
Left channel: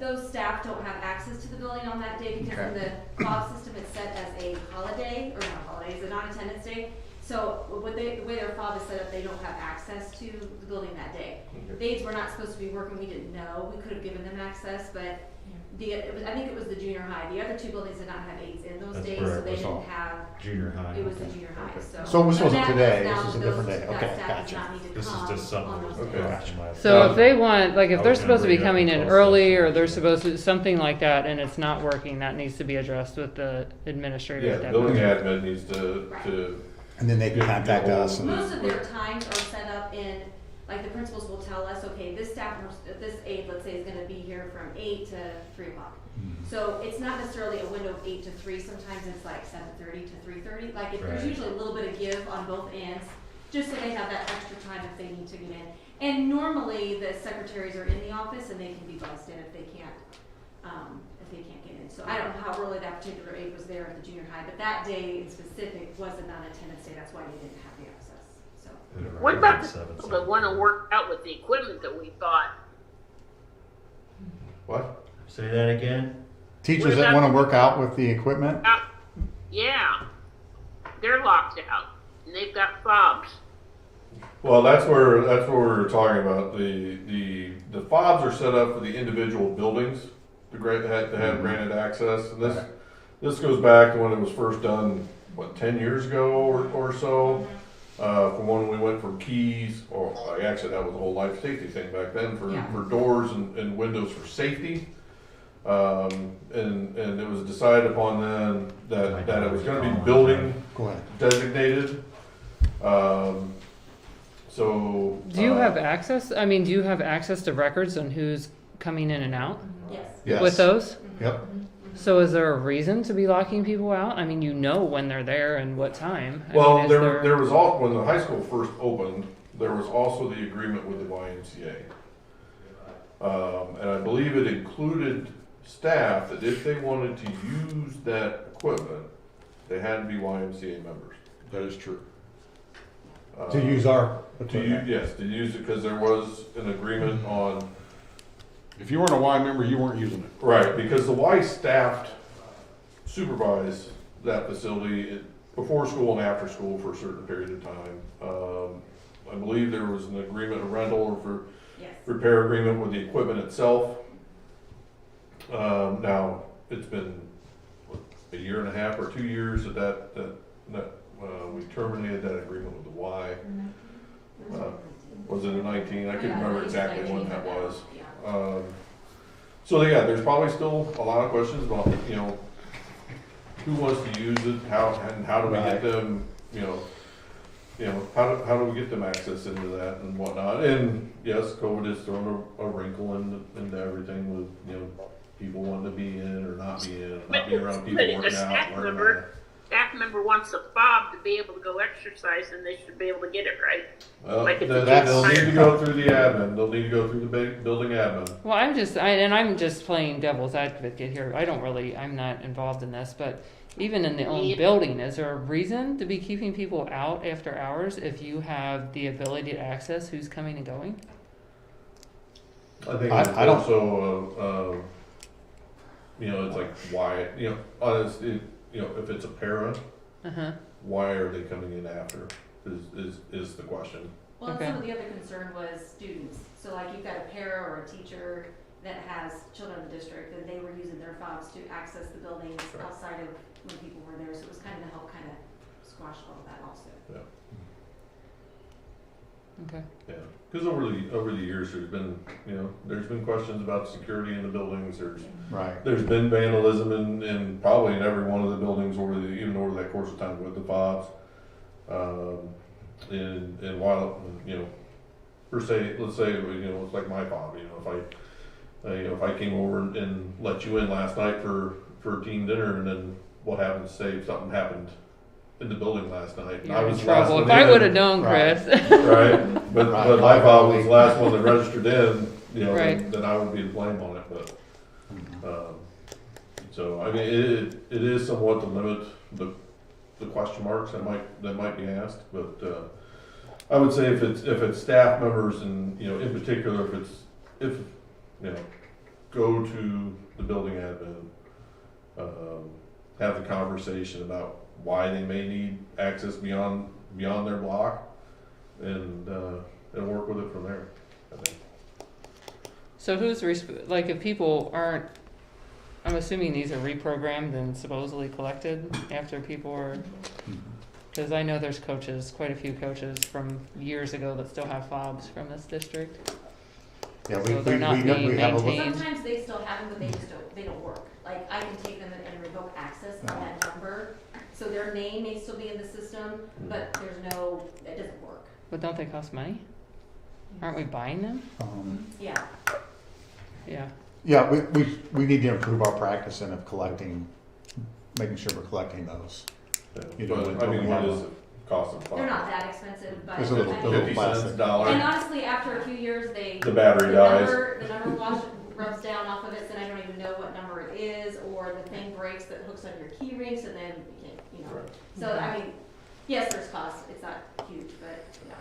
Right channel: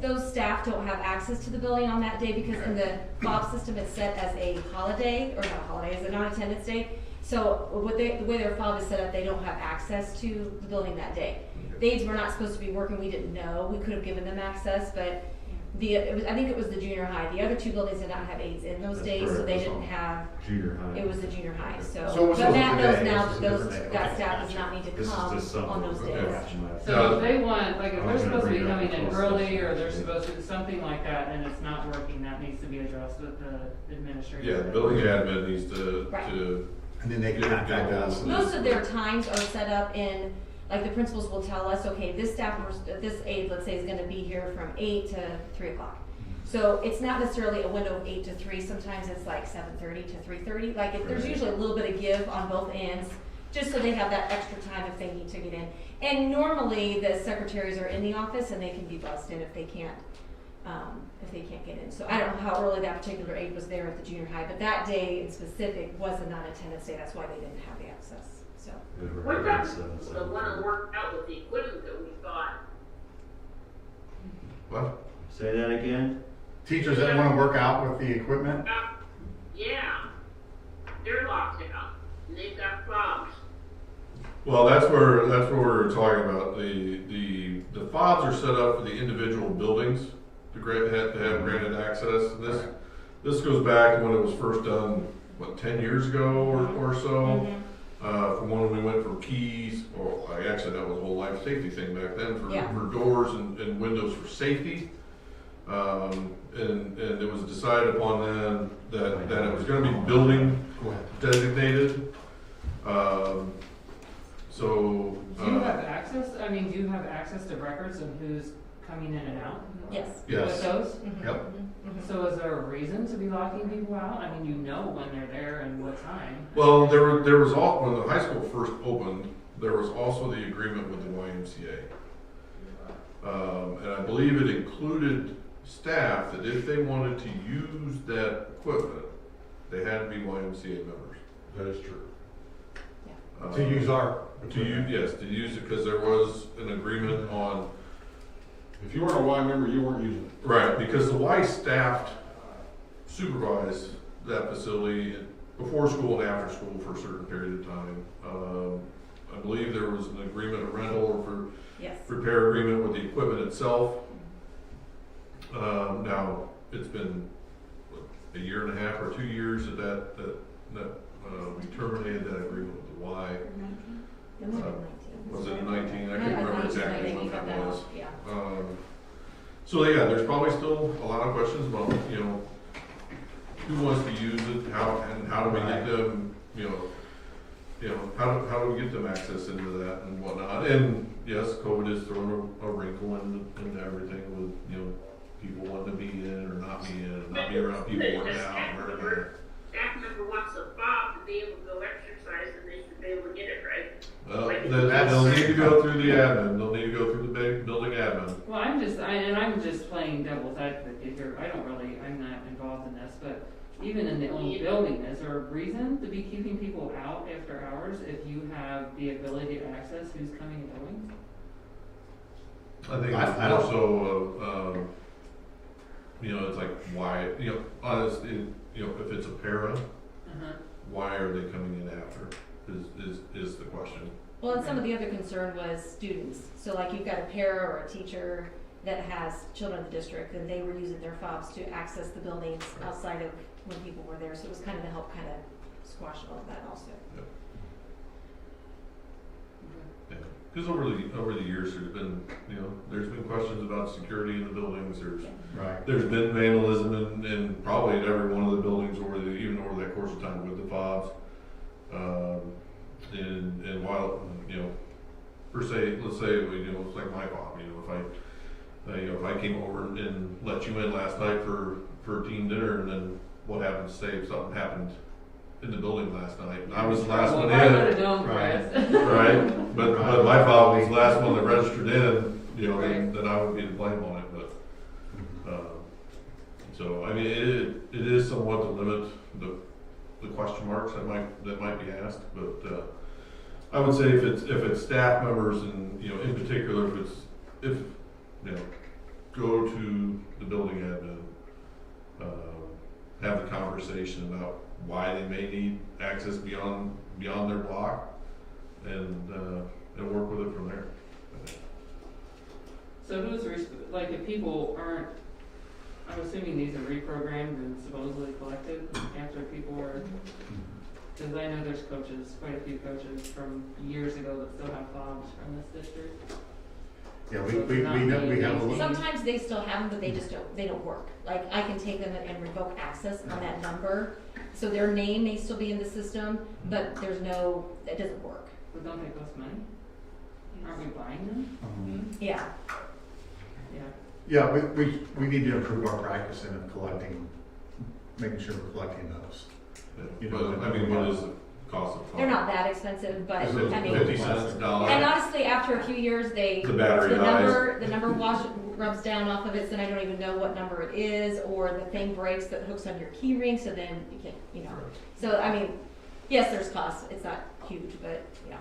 those staff don't have access to the building on that day because in the fob system it's set as a holiday, or not holiday, it's a non-attendance day. So the way their fob is set up, they don't have access to the building that day. Days we're not supposed to be working, we didn't know, we could have given them access, but I think it was the junior high. The other two buildings did not have aides in those days, so they didn't have. Junior high. It was the junior high, so. So this wasn't Matt today, knows now this is a that different day. that Okay, staff does gotcha. not need to This is come just something. on those days. Okay. So if they want, like if I they're was gonna supposed to be bring that coming in up early, also. or they're supposed to, something like that, and it's not working, that needs to be addressed with the administrator. Yeah, at the that building point. admin needs to. And then they can contact us. Most of their times are set up in, like the principals will tell us, okay, this this aide, let's say, is gonna be here from 8 to 3 o'clock. So it's not necessarily a window of 8 to 3, sometimes it's like 7:30 to 3:30, like there's usually a little bit of give on both ends, just so they have that extra time if they need to get in. And normally the secretaries are in the office and they can be buzzed in if they can't get in. So I don't know how early that particular aide was there at the junior high, but that day in specific was a non-attendance day, that's why they didn't have the access, so. What about people that want to work out with the equipment that we thought? What? Say that again? Teachers that want to work out with the equipment? Yeah, they're locked out, and they've got fobs. Well, that's where we're talking about. The fobs are set up for the individual buildings to have granted access. And this goes back to when it was first done, 10 years ago or so. From when we went for keys, or actually that was a whole life safety thing back then for doors and windows for safety. And it was decided upon then that it was going to be building designated. So. Do you have access? I mean, do you have access to records on who's coming in and out? Yes. With those? Yep. So is there a reason to be locking people out? I mean, you know when they're there and what time. Well, there was all, when the high school first opened, there was also the agreement with the YMCA. And I believe it included staff that if they wanted to use that equipment, they had to be YMCA members. That is true. To use our equipment. Yes, to use it, because there was an agreement on. If you weren't a Y member, you weren't using it. Right, because the Y staff supervised that facility before school and after school for a certain period of time. I believe there was an agreement, a rental or for repair agreement with the equipment itself. Now, it's been a year and a half or 2 years that we terminated that agreement with the Y. Was it in 19? I can't remember exactly when that was. So yeah, there's probably still a lot of questions about, who wants to use it, how do we get them, how do we get them access into that and whatnot. And yes, COVID has thrown a wrinkle into everything with, people wanting to be in or not be in, or not be around people But working a out. staff member wants a fob to be able to go exercise, and they should be able to get it, right? They'll need to go through the admin. They'll need to go through the building admin. Well, I'm just playing devil's advocate here. I'm not involved in this, but even in the own building, is there a reason to be keeping people out after hours if you have the ability to access who's coming and going? I think it's also you know, it's like, why, you know, honestly, you know, if it's a parent, Uh-huh. why are they coming in after, is the question. Well, and Okay. some of the other concern was students. So like you've got a para or a teacher that has children in the district, and they were using their fobs to access the buildings outside of when people were there. So it was kind of to help kind of squash all of that also. Okay. Yeah, because over the years, there's been, you know, there's been questions about security in the buildings, Right. there's been vandalism in probably in every one of the buildings even over that course of time with the fobs. And while, you know, per se, let's say, you know, it's like my fob, you know, if I came over and let you in last night for teen dinner, and then what happens, say if something happened in the building last night, and I You're was in the last trouble. one If I in, would have known, Chris. right, but my fob was the last one that registered in, you know, Right. then I would be to blame on it, but, so, I mean, it is somewhat to limit the question marks that might be asked, but, I would say if it's staff members and, you know, in particular, if, you know, go to the building admin, have the conversation about why they may need access beyond their block, and work with it from there, I think. So who's like if people aren't, I'm assuming these are reprogrammed and supposedly collected after people are, because I know there's coaches, quite a few coaches from years ago that still have fobs from this district. Yeah, So they're not being we have a list. maintained. Sometimes they still have them, but they don't work. Like I can take them and revoke access on that number. So their name may still be in the system, but it doesn't work. But don't they cost money? Aren't we buying them? Yeah. Yeah. Yeah, we need to improve our practice in making sure we're collecting those. You know, But, I mean, what is the cost of fobs? They're not that expensive, but Is it I mean, 50 cents, $1. and honestly, after a few years, The battery dies. the number rubs down off of it, so then I don't even know what number it is, or the thing breaks that hooks on your key ring, so then you can't, you know. So, I mean, yes, there's costs, it's not huge, but, yeah.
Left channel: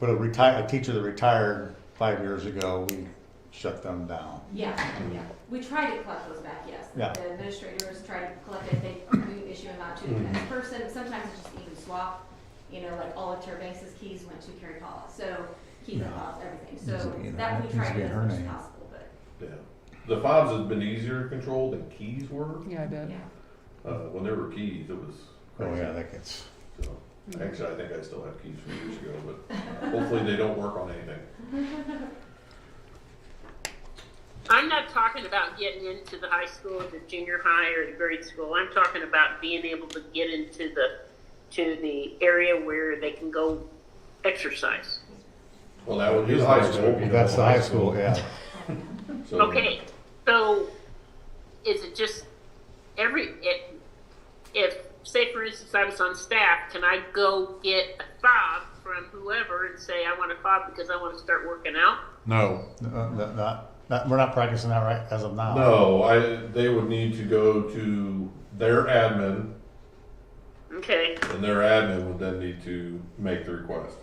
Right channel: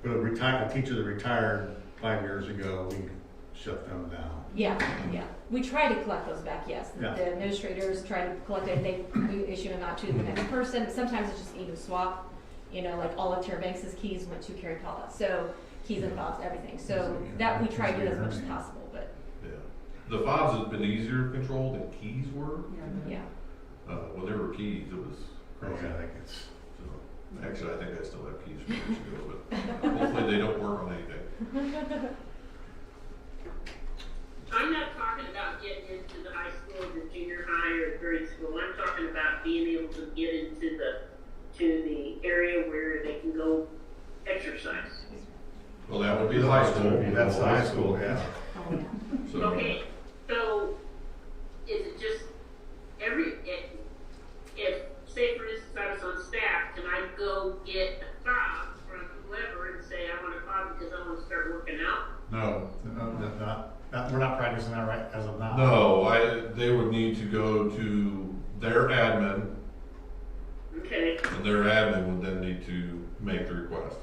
But a teacher that retired 5 years ago, we shut them down. Yeah, yeah. We try to collect those back, yes. Yeah. The administrators try to collect it, we issue them out to the next person. Sometimes it's just even swap, you know, like all of Terbanks' keys went to Carrie Paula, so keys and fobs, everything. So that we try to do as much as possible, but. Yeah. The fobs has been easier to control than keys were. Yeah, I bet. Yeah. When there were keys, it was. Oh, yeah, that gets. So, actually, I think I still have keys from years ago, but hopefully they don't work on anything. I'm not talking about getting into the high school, the junior high, or the grade school. I'm talking about being able to get into the area where they can go exercise. Well, that would be the high school. That's the high school, yeah. So, Okay, so is it just if say for instance I was on staff, can I go get a fob from whoever and say I want a fob because I want to start working out? No. We're not practicing that right as of now. No, they would need to go to their admin, Okay, and their admin would then need to make the request.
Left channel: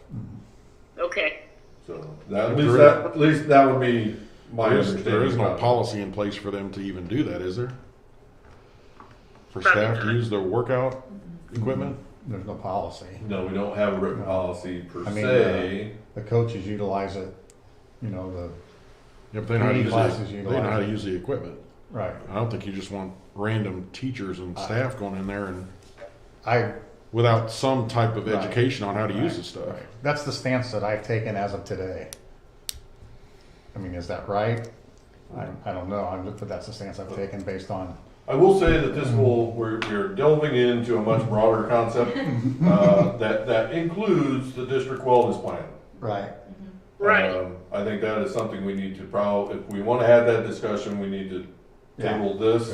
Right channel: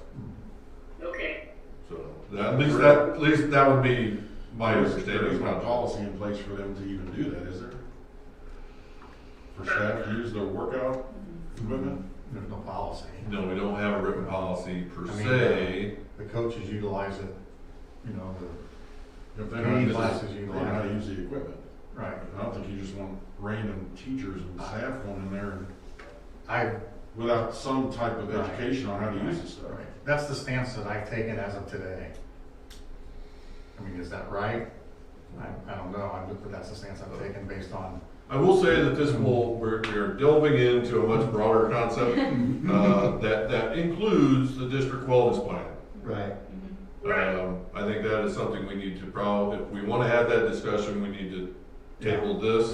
okay. So at least that would be my understanding. There is no about it. policy in place for them to even do that, is there? For staff to use their workout equipment? There's no policy. No, we don't have a written policy per I mean, se. The coaches utilize it, you know, If they know how to use classes it, you they know how to like. use the equipment. Right. I don't think you just want random teachers and staff going in there and I without some type of Right. education on how to use the stuff. Right. That's the stance that I've taken as of today. I mean, is that right? I don't know, but that's the stance I've taken based on. I will say that we're delving into a much broader concept that includes the district wellness plan. Right. Right. I think that is something we need to if we want to have that discussion, we need to table this,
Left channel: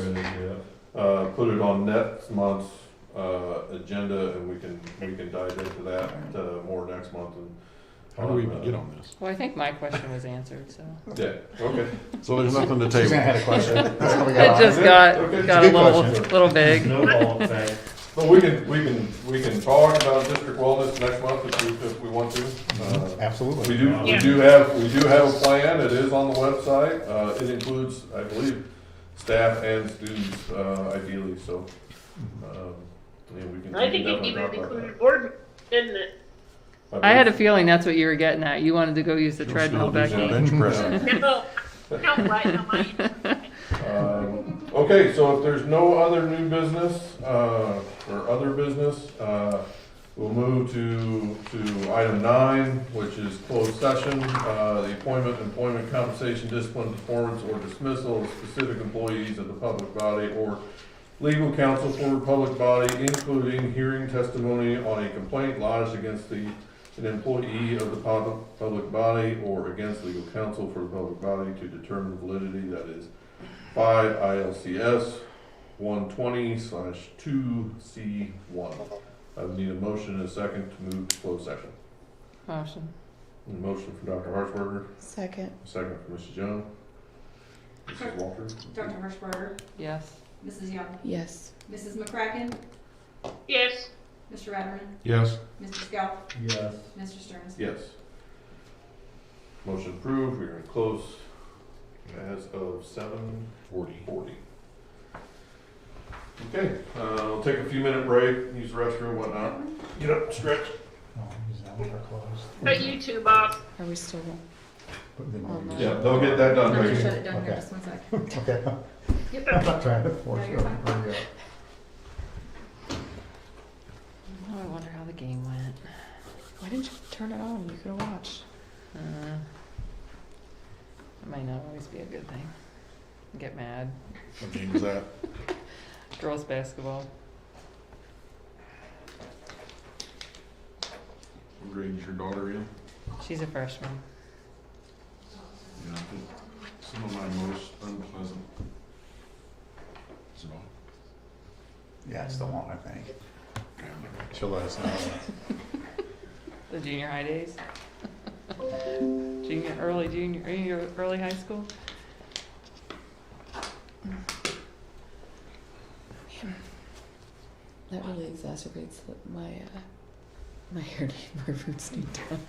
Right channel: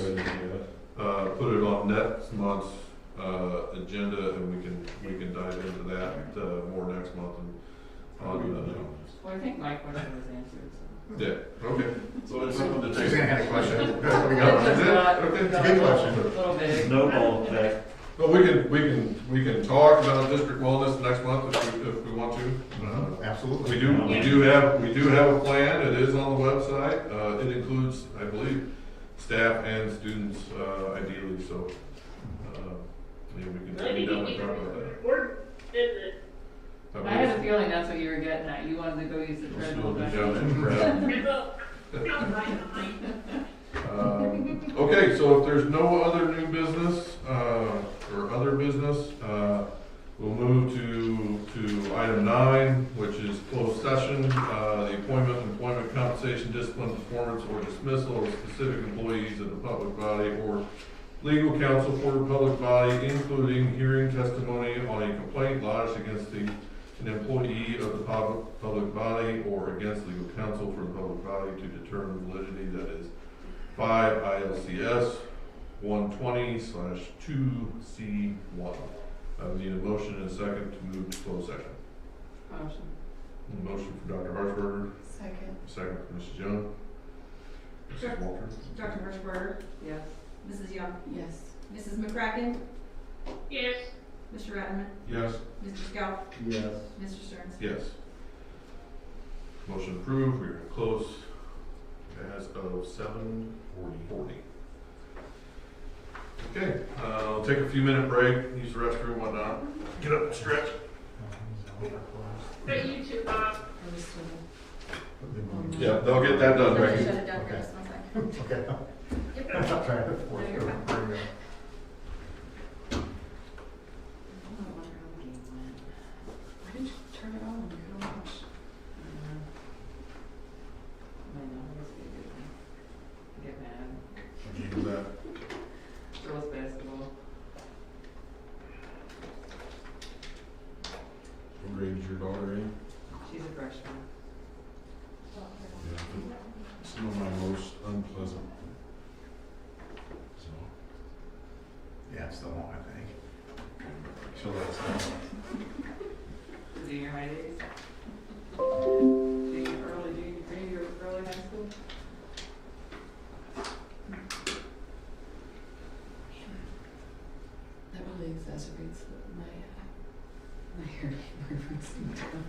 put it on next month's agenda, and we can dive into that more next month. How do we get on this? Well, I think my question was answered, so. Yeah, okay. So there's nothing to take. Suzanne had a question. That's what we It got. just got Okay. a Good little question. big. Snowball effect. But we can talk about district wellness next month if we want to. Absolutely. We do have a plan. It is on the website. It includes, I believe, staff and students, ideally, so, maybe we can. I think it even included board, didn't it? I had a feeling that's what you were getting at. You wanted to go use the treadmill, Becky. No, don't mind. Okay, so if there's no other new business, or other business, we'll move to item 9, which is closed session, the appointment, employment, compensation, discipline, performance, or dismissal of specific employees of the public body or legal counsel for the public body, including hearing testimony on a complaint lodged against an employee of the public body or against legal counsel for the public body to determine validity, that is 5 ILCS 120/2C1. I would need a motion and a second to move to closed session. Motion. A motion from Dr. Harshbarger, Second. second from Mrs. Jones. Mrs. Walter? Dr. Hirschberger, Yes. Mrs. Young, Yes. Mrs. McCracken, Yes. Mr. Ratterman, Yes. Mr. Scout, Yes. Mr. Stearns. Yes. Motion approved, we're in close as of 7:40. Okay, I'll take a few minute break, use the restroom, whatnot. Get up, stretch. But you too, Bob. Are we still? Yep, they'll get that done, Shut right? it down here, just one second. Okay. I'm not trying to force it. Oh, I wonder how the game went. Why didn't you turn it on? You could have watched. It might not always be a good thing. I get mad. What's that? Girls basketball. What grade is your daughter in? She's a freshman. Yeah, some of my most unpleasant. So, Yeah, it's the one, I think. Till last night. The junior high days. early high school. That really exacerbates my hair, my roots need done.